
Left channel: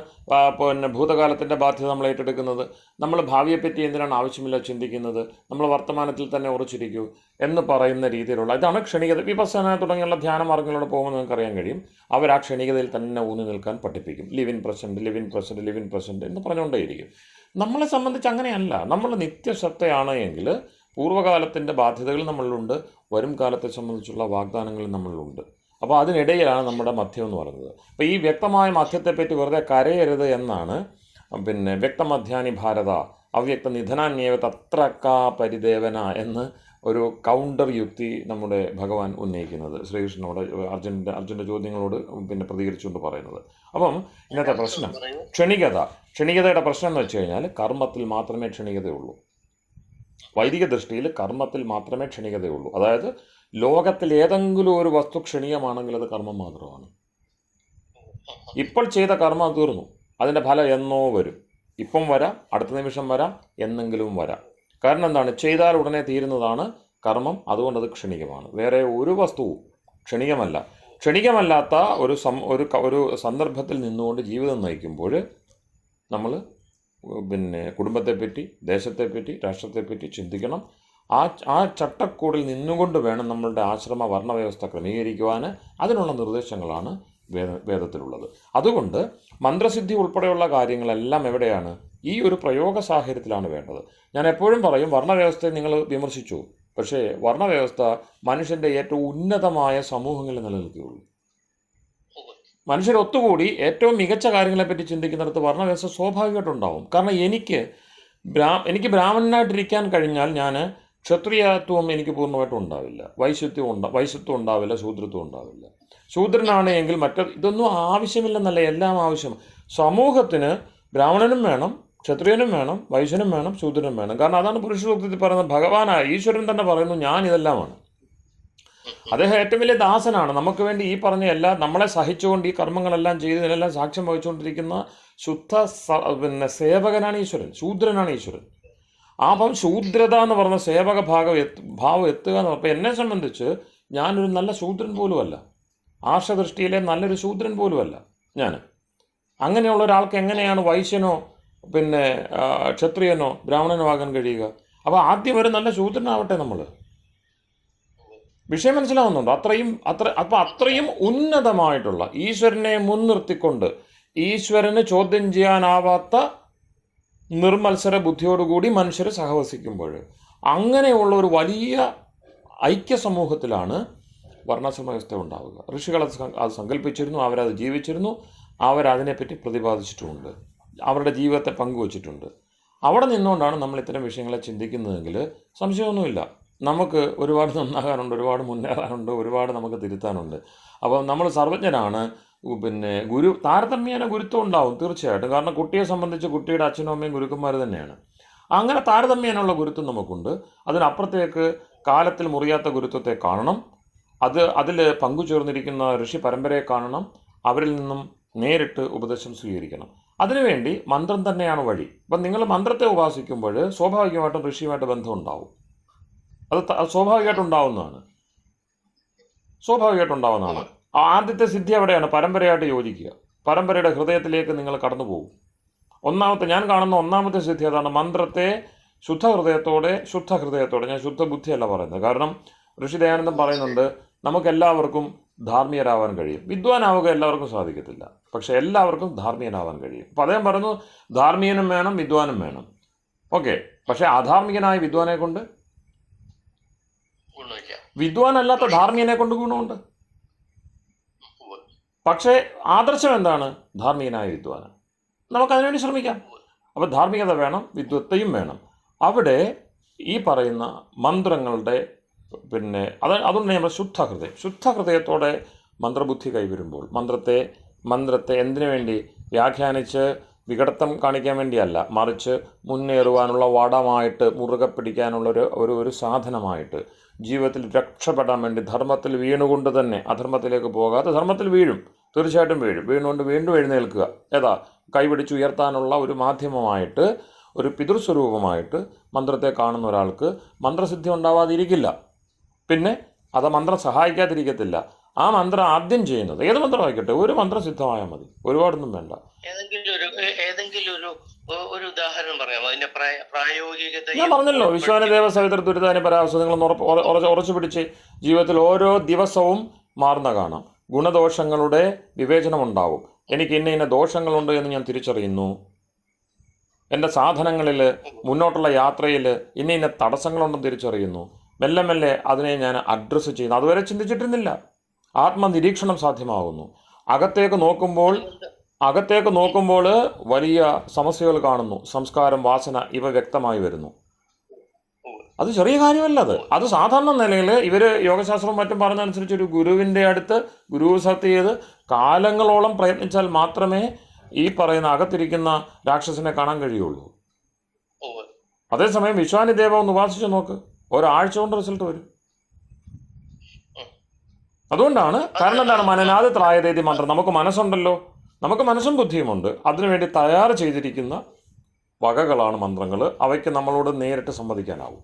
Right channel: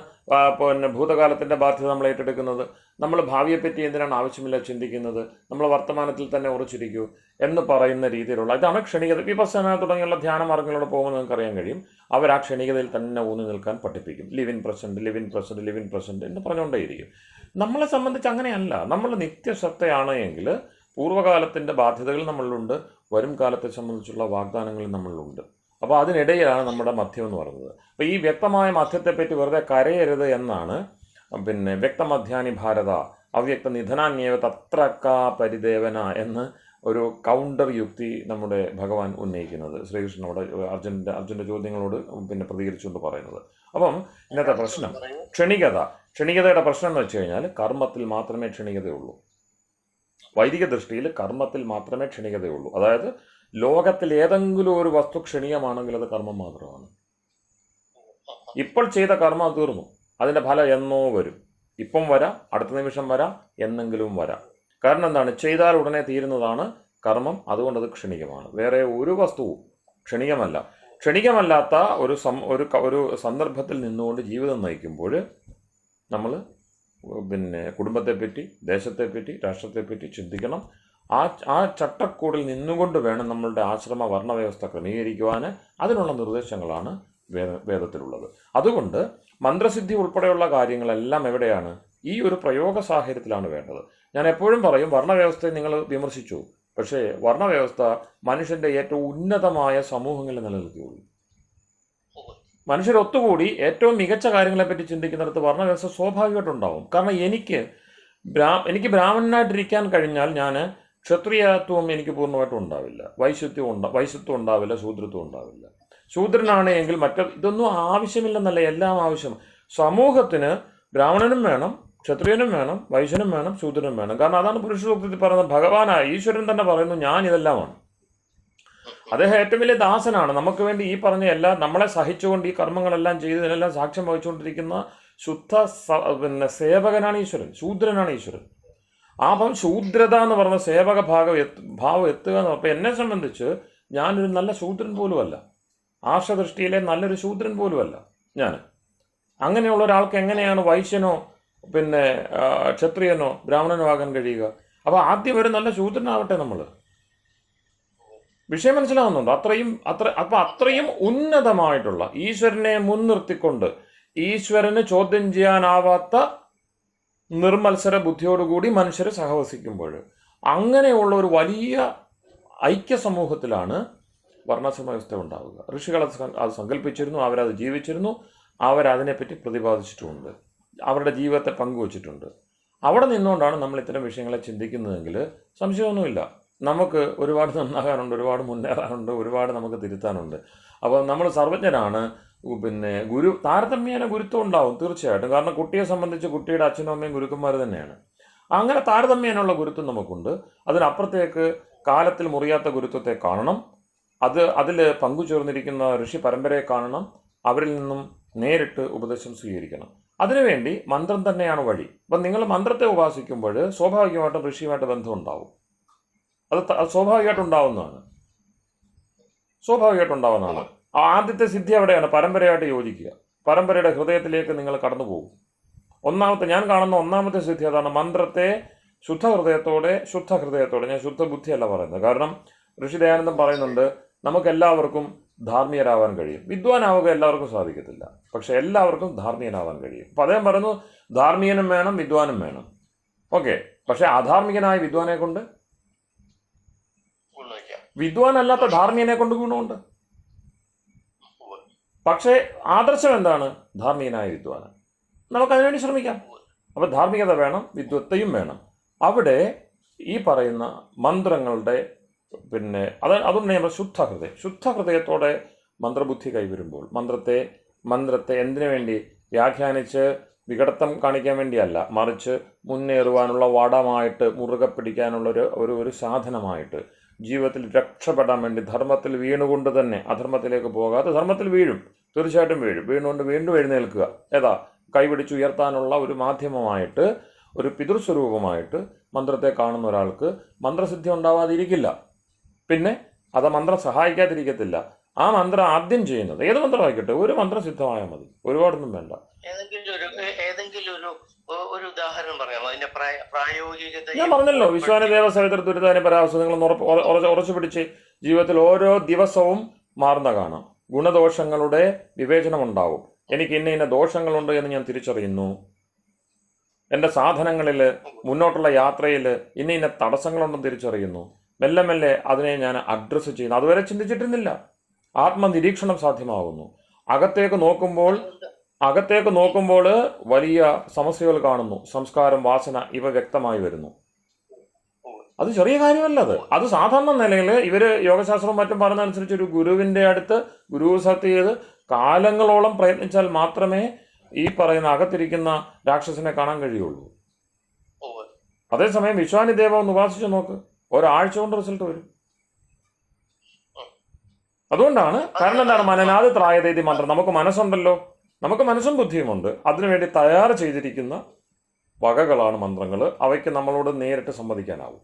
പിന്നെ ഭൂതകാലത്തിൻ്റെ ബാധ്യത നമ്മൾ ഏറ്റെടുക്കുന്നത്? നമ്മൾ ഭാവിയെപ്പറ്റി എന്തിനാണ് ആവശ്യമില്ല ചിന്തിക്കുന്നത്? നമ്മൾ വർത്തമാനത്തിൽ തന്നെ ഉറച്ചിരിക്കൂ എന്ന് പറയുന്ന രീതിയിലുള്ള ഇതാണ് ക്ഷണികത. വിപස්සന തുടങ്ങിയുള്ള ധ്യാന മാർഗങ്ങളിലൂടെ പോകുമ്പോൾ നിങ്ങൾക്ക് അറിയാൻ കഴിയും, അവർ ആ ക്ഷണികതയിൽ തന്നെ ഊന്നി നിൽക്കാൻ പഠിപ്പിക്കും. Live in present, live in present, live in present എന്ന് പറഞ്ഞുകൊണ്ടേയിരിക്കും. നമ്മളെ സംബന്ധിച്ച് അങ്ങനെയല്ല. നമ്മൾ നിത്യസത്തയാണ് എങ്കിൽ പൂർവ്വകാലത്തിൻ്റെ ബാധ്യതകൾ നമ്മളിലുണ്ട്, വരും കാലത്തെ സംബന്ധിച്ചുള്ള വാഗ്ദാനങ്ങൾ നമ്മളിലുണ്ട്. അപ്പോൾ അതിനിടയിലാണ് നമ്മുടെ മധ്യം എന്ന് പറയുന്നത്. അപ്പോൾ ഈ വ്യക്തമായ മധ്യത്തെപ്പറ്റി വെറുതെ കരയരുത് എന്നാണ് പിന്നെ വ്യക്തമധ്യാനി ഭാരത അവ്യക്ത നിധനാന്യേവ തത്രക്കാ പരിദേവന എന്ന് ഒരു കൗണ്ടർ യുക്തി നമ്മുടെ ഭഗവാൻ ഉന്നയിക്കുന്നത്, ശ്രീകൃഷ്ണനോട് അർജുൻ്റെ ചോദ്യങ്ങളോട് പിന്നെ പ്രതികരിച്ചുകൊണ്ട് പറയുന്നത്. അപ്പം ഇന്നത്തെ പ്രശ്നം ക്ഷണികതയുടെ പ്രശ്നം എന്ന് വെച്ച് കഴിഞ്ഞാൽ കർമ്മത്തിൽ മാത്രമേ ക്ഷണികതയുള്ളൂ. വൈദിക ദൃഷ്ടിയിൽ കർമ്മത്തിൽ മാത്രമേ ക്ഷണികതയുള്ളൂ. അതായത് ലോകത്തിൽ ഏതെങ്കിലും ഒരു വസ്തു ക്ഷണീയമാണെങ്കിൽ അത് കർമ്മം മാത്രമാണ്. ഇപ്പോൾ ചെയ്ത കർമ്മം തീർന്നു, അതിൻ്റെ ഫലം എന്നോ വരും. ഇപ്പം വരാം, അടുത്ത നിമിഷം വരാം, എന്നെങ്കിലും വരാം. കാരണം എന്താണ്? ചെയ്താൽ ഉടനെ തീരുന്നതാണ് കർമ്മം, അതുകൊണ്ടത് ക്ഷണികമാണ്. വേറെ ഒരു വസ്തുവും ക്ഷണികമല്ലാത്ത ഒരു സന്ദർഭത്തിൽ നിന്നുകൊണ്ട് ജീവിതം നയിക്കുമ്പോൾ നമ്മൾ പിന്നെ കുടുംബത്തെപ്പറ്റി, ദേശത്തെപ്പറ്റി, രാഷ്ട്രത്തെപ്പറ്റി ചിന്തിക്കണം. ആ ചട്ടക്കൂടിൽ നിന്നുകൊണ്ട് വേണം നമ്മളുടെ ആശ്രമ വർണ്ണവ്യവസ്ഥ ക്രമീകരിക്കുവാൻ. അതിനുള്ള നിർദ്ദേശങ്ങളാണ് വേദത്തിലുള്ളത്. അതുകൊണ്ട് മന്ത്രസിദ്ധി ഉൾപ്പെടെയുള്ള കാര്യങ്ങളെല്ലാം എവിടെയാണ്? ഈ ഒരു പ്രയോഗ സാഹചര്യത്തിലാണ് വേണ്ടത്. ഞാൻ എപ്പോഴും പറയും, വർണ്ണവ്യവസ്ഥയെ നിങ്ങൾ വിമർശിച്ചു, പക്ഷേ വർണ്ണവ്യവസ്ഥ മനുഷ്യൻ്റെ ഏറ്റവും ഉന്നതമായ സമൂഹങ്ങളിൽ നിലനിൽക്കുകയുള്ളൂ. മനുഷ്യരൊത്തുകൂടി ഏറ്റവും മികച്ച കാര്യങ്ങളെപ്പറ്റി ചിന്തിക്കുന്നിടത്ത് വർണ്ണവ്യവസ്ഥ സ്വാഭാവികമായിട്ടുണ്ടാവും. കാരണം എനിക്ക് ബ്രാഹ്മണനായിട്ടിരിക്കാൻ കഴിഞ്ഞാൽ ഞാൻ ക്ഷത്രിയത്വം എനിക്ക് പൂർണ്ണമായിട്ടും ഉണ്ടാവില്ല, വൈശ്യത്വം ഉണ്ടാവില്ല, ശൂദ്രത്വം ഉണ്ടാവില്ല. ശൂദ്രനാണെങ്കിൽ ഇതൊന്നും ആവശ്യമില്ലെന്നല്ല, എല്ലാം ആവശ്യം. സമൂഹത്തിന് ബ്രാഹ്മണനും വേണം, ക്ഷത്രിയനും വേണം, വൈശ്യനും വേണം, ശൂദ്രനും വേണം. കാരണം അതാണ് പുരുഷസൂക്തത്തിൽ പറയുന്നത്. ഭഗവാനായ ഈശ്വരൻ തന്നെ പറയുന്നു, ഞാൻ ഇതെല്ലാമാണ്. അദ്ദേഹം ഏറ്റവും വലിയ ദാസനാണ്. നമുക്ക് വേണ്ടി ഈ പറഞ്ഞ നമ്മളെ സഹിച്ചുകൊണ്ട് ഈ കർമ്മങ്ങളെല്ലാം ചെയ്ത് ഇതിനെല്ലാം സാക്ഷ്യം വഹിച്ചുകൊണ്ടിരിക്കുന്ന ശുദ്ധ പിന്നെ സേവകനാണ് ഈശ്വരൻ, ശൂദ്രനാണ് ഈശ്വരൻ. ആ ഭാവം ശൂദ്രത എന്ന് പറഞ്ഞ സേവക ഭാവം എത്തുക എന്ന് പറഞ്ഞപ്പോൾ എന്നെ സംബന്ധിച്ച് ഞാനൊരു നല്ല ശൂദ്രൻ പോലുമല്ല, ആർഷദൃഷ്ടിയിലെ നല്ലൊരു ശൂദ്രൻ പോലുമല്ല ഞാൻ. അങ്ങനെയുള്ള ഒരാൾക്ക് എങ്ങനെയാണ് വൈശ്യനോ പിന്നെ ക്ഷത്രിയനോ ബ്രാഹ്മണനോ ആകാൻ കഴിയുക? അപ്പോൾ ആദ്യം ഒരു നല്ല ശൂദ്രനാവട്ടെ നമ്മൾ. വിഷയം മനസ്സിലാവുന്നുണ്ടോ? അത്രയും ഉന്നതമായിട്ടുള്ള ഈശ്വരനെ മുൻനിർത്തിക്കൊണ്ട് ഈശ്വരന് ചോദ്യം ചെയ്യാനാവാത്ത നിർമത്സര ബുദ്ധിയോടുകൂടി മനുഷ്യർ സഹവസിക്കുമ്പോൾ അങ്ങനെയുള്ള ഒരു വലിയ ഐക്യ സമൂഹത്തിലാണ് വർണ്ണാശ്രമ വ്യവസ്ഥ ഉണ്ടാവുക. ഋഷികൾ അത് സങ്കല്പിച്ചിരുന്നു, അവരത് ജീവിച്ചിരുന്നു, അവരതിനെപ്പറ്റി പ്രതിപാദിച്ചിട്ടുമുണ്ട്, അവരുടെ ജീവിതത്തെ പങ്കുവച്ചിട്ടുണ്ട്. അവിടെ നിന്നുകൊണ്ടാണ് നമ്മൾ ഇത്തരം വിഷയങ്ങളെ ചിന്തിക്കുന്നതെങ്കിൽ സംശയമൊന്നുമില്ല, നമുക്ക് ഒരുപാട് നന്നാകാനുണ്ട്, ഒരുപാട് മുന്നേറാനുണ്ട്, ഒരുപാട് നമുക്ക് തിരുത്താനുണ്ട്. അപ്പോൾ നമ്മൾ സർവജ്ഞരാണ്. പിന്നെ താരതമ്യേന ഗുരുത്വം ഉണ്ടാവും തീർച്ചയായിട്ടും. കാരണം കുട്ടിയെ സംബന്ധിച്ച് കുട്ടിയുടെ അച്ഛനും അമ്മയും ഗുരുക്കന്മാർ തന്നെയാണ്. അങ്ങനെ താരതമ്യേനുള്ള ഗുരുത്വം നമുക്കുണ്ട്. അതിനപ്പുറത്തേക്ക് കാലത്തിൽ മുറിയാത്ത ഗുരുത്വത്തെ കാണണം. അതിൽ പങ്കുചേർന്നിരിക്കുന്ന ഋഷി പരമ്പരയെ കാണണം. അവരിൽ നിന്നും നേരിട്ട് ഉപദേശം സ്വീകരിക്കണം. അതിനുവേണ്ടി മന്ത്രം തന്നെയാണ് വഴി. അപ്പം നിങ്ങൾ മന്ത്രത്തെ ഉപാസിക്കുമ്പോൾ സ്വാഭാവികമായിട്ടും ഋഷിയുമായിട്ട് ബന്ധം ഉണ്ടാവും. അത് സ്വാഭാവികമായിട്ടുണ്ടാവുന്നതാണ്. സ്വാഭാവികമായിട്ടുണ്ടാവുന്നതാണ്. ആദ്യത്തെ സിദ്ധി അവിടെയാണ്, പരമ്പരയായിട്ട് യോജിക്കുക. പരമ്പരയുടെ ഹൃദയത്തിലേക്ക് നിങ്ങൾ കടന്നു പോകും. ഞാൻ കാണുന്ന ഒന്നാമത്തെ സിദ്ധി അതാണ്. മന്ത്രത്തെ ശുദ്ധ ഹൃദയത്തോടെ, ഞാൻ ശുദ്ധ ബുദ്ധിയല്ല പറയുന്നത്. കാരണം ഋഷി ദയാനന്ദൻ പറയുന്നുണ്ട്, നമുക്കെല്ലാവർക്കും ധാർമ്മികരാവാൻ കഴിയും. വിദ്വാനാവുക എല്ലാവർക്കും സാധിക്കത്തില്ല, പക്ഷെ എല്ലാവർക്കും ധാർമ്മികനാവാൻ കഴിയും. അപ്പം അദ്ദേഹം പറയുന്നു, ധാർമ്മികനും വേണം, വിദ്വാനും വേണം. ഓക്കെ, പക്ഷെ അധാർമികനായ വിദ്വാനെ കൊണ്ട്, വിദ്വാനല്ലാത്ത ധാർമ്മികനെ കൊണ്ട് ഗുണമുണ്ട്. പക്ഷേ ആദർശം എന്താണ്? ധാർമ്മികനായ വിദ്വാന്. നമുക്കതിനുവേണ്ടി ശ്രമിക്കാം. അപ്പോൾ ധാർമ്മികത വേണം, വിദ്വത്തെയും വേണം. അവിടെ ഈ പറയുന്ന മന്ത്രങ്ങളുടെ അതുകൊണ്ട് നമ്മൾ ശുദ്ധഹൃദയത്തോടെ മന്ത്രബുദ്ധി കൈവരുമ്പോൾ, മന്ത്രത്തെ എന്തിനു വേണ്ടി വ്യാഖ്യാനിച്ച് വികടത്തം കാണിക്കാൻ വേണ്ടിയല്ല, മറിച്ച് മുന്നേറുവാനുള്ള വടമായിട്ട്, മുറുകെ പിടിക്കാനുള്ള ഒരു സാധനമായിട്ട്, ജീവിതത്തിൽ രക്ഷപ്പെടാൻ വേണ്ടി, ധർമ്മത്തിൽ വീണുകൊണ്ട് തന്നെ അധർമ്മത്തിലേക്ക് പോകാതെ, ധർമ്മത്തിൽ വീഴും, തീർച്ചയായിട്ടും വീഴും, വീണുകൊണ്ട് വീണ്ടും എഴുന്നേൽക്കുക, കൈപിടിച്ചുയർത്താനുള്ള ഒരു മാധ്യമമായിട്ട്, ഒരു പിതൃസ്വരൂപമായിട്ട് മന്ത്രത്തെ കാണുന്ന ഒരാൾക്ക് മന്ത്രസിദ്ധി ഉണ്ടാവാതിരിക്കില്ല. പിന്നെ അത് മന്ത്രം സഹായിക്കാതിരിക്കത്തില്ല. ആ മന്ത്രം ആദ്യം ചെയ്യുന്നത്, ഏത് മന്ത്രമായിക്കോട്ടെ, ഒരു മന്ത്രം സിദ്ധമായാൽ മതി, ഒരുപാടൊന്നും വേണ്ട. ഒരു ഉദാഹരണം പറയാമോ അതിന്റെ പ്രായോഗികത? ഞാൻ പറഞ്ഞല്ലോ, വിശ്വാനദേവ സവിതർ ദുരിതാന പരാവസ്ഥ നിങ്ങൾ ഉറച്ചു പിടിച്ച് ജീവിതത്തിൽ ഓരോ ദിവസവും മാറുന്ന കാണാം. ഗുണദോഷങ്ങളുടെ വിവേചനമുണ്ടാവും. എനിക്ക് ഇന്ന ദോഷങ്ങളുണ്ട് എന്ന് ഞാൻ തിരിച്ചറിയുന്നു. എൻ്റെ സാധനങ്ങളിൽ, മുന്നോട്ടുള്ള യാത്രയിൽ ഇന്ന തടസ്സങ്ങളുണ്ടെന്ന് തിരിച്ചറിയുന്നു. മെല്ലെ മെല്ലെ അതിനെ ഞാൻ അഡ്രസ്സ് ചെയ്യുന്നു. അതുവരെ ചിന്തിച്ചിട്ടിരുന്നില്ല. ആത്മനിരീക്ഷണം സാധ്യമാകുന്നു. അകത്തേക്ക് നോക്കുമ്പോൾ വലിയ സമസ്യകൾ കാണുന്നു. സംസ്കാരം, വാസന ഇവ വ്യക്തമായി വരുന്നു. അത് ചെറിയ കാര്യമല്ലത്. അത് സാധാരണ നിലയിൽ ഇവർ യോഗശാസ്ത്രവും മറ്റും പറഞ്ഞതനുസരിച്ച് ഒരു ഗുരുവിൻ്റെ അടുത്ത് ഗുരു സത്യ ചെയ്ത് കാലങ്ങളോളം പ്രയത്നിച്ചാൽ മാത്രമേ ഈ പറയുന്ന അകത്തിരിക്കുന്ന രാക്ഷസനെ കാണാൻ കഴിയുള്ളൂ. അതേസമയം വിശ്വാനിദേവ ഒന്ന് ഉപാസിച്ച് നോക്ക്, ഒരാഴ്ച കൊണ്ട് റിസൾട്ട് വരും. അതുകൊണ്ടാണ്, കാരണം എന്താണ്? മനനാത് ത്രായതേതി മന്ത്രം. നമുക്ക് മനസ്സുണ്ടല്ലോ, നമുക്ക് മനസ്സും ബുദ്ധിയുമുണ്ട്. അതിനുവേണ്ടി തയ്യാറ് ചെയ്തിരിക്കുന്ന വകകളാണ് മന്ത്രങ്ങൾ. അവയ്ക്ക് നമ്മളോട് നേരിട്ട് സംവദിക്കാനാവും.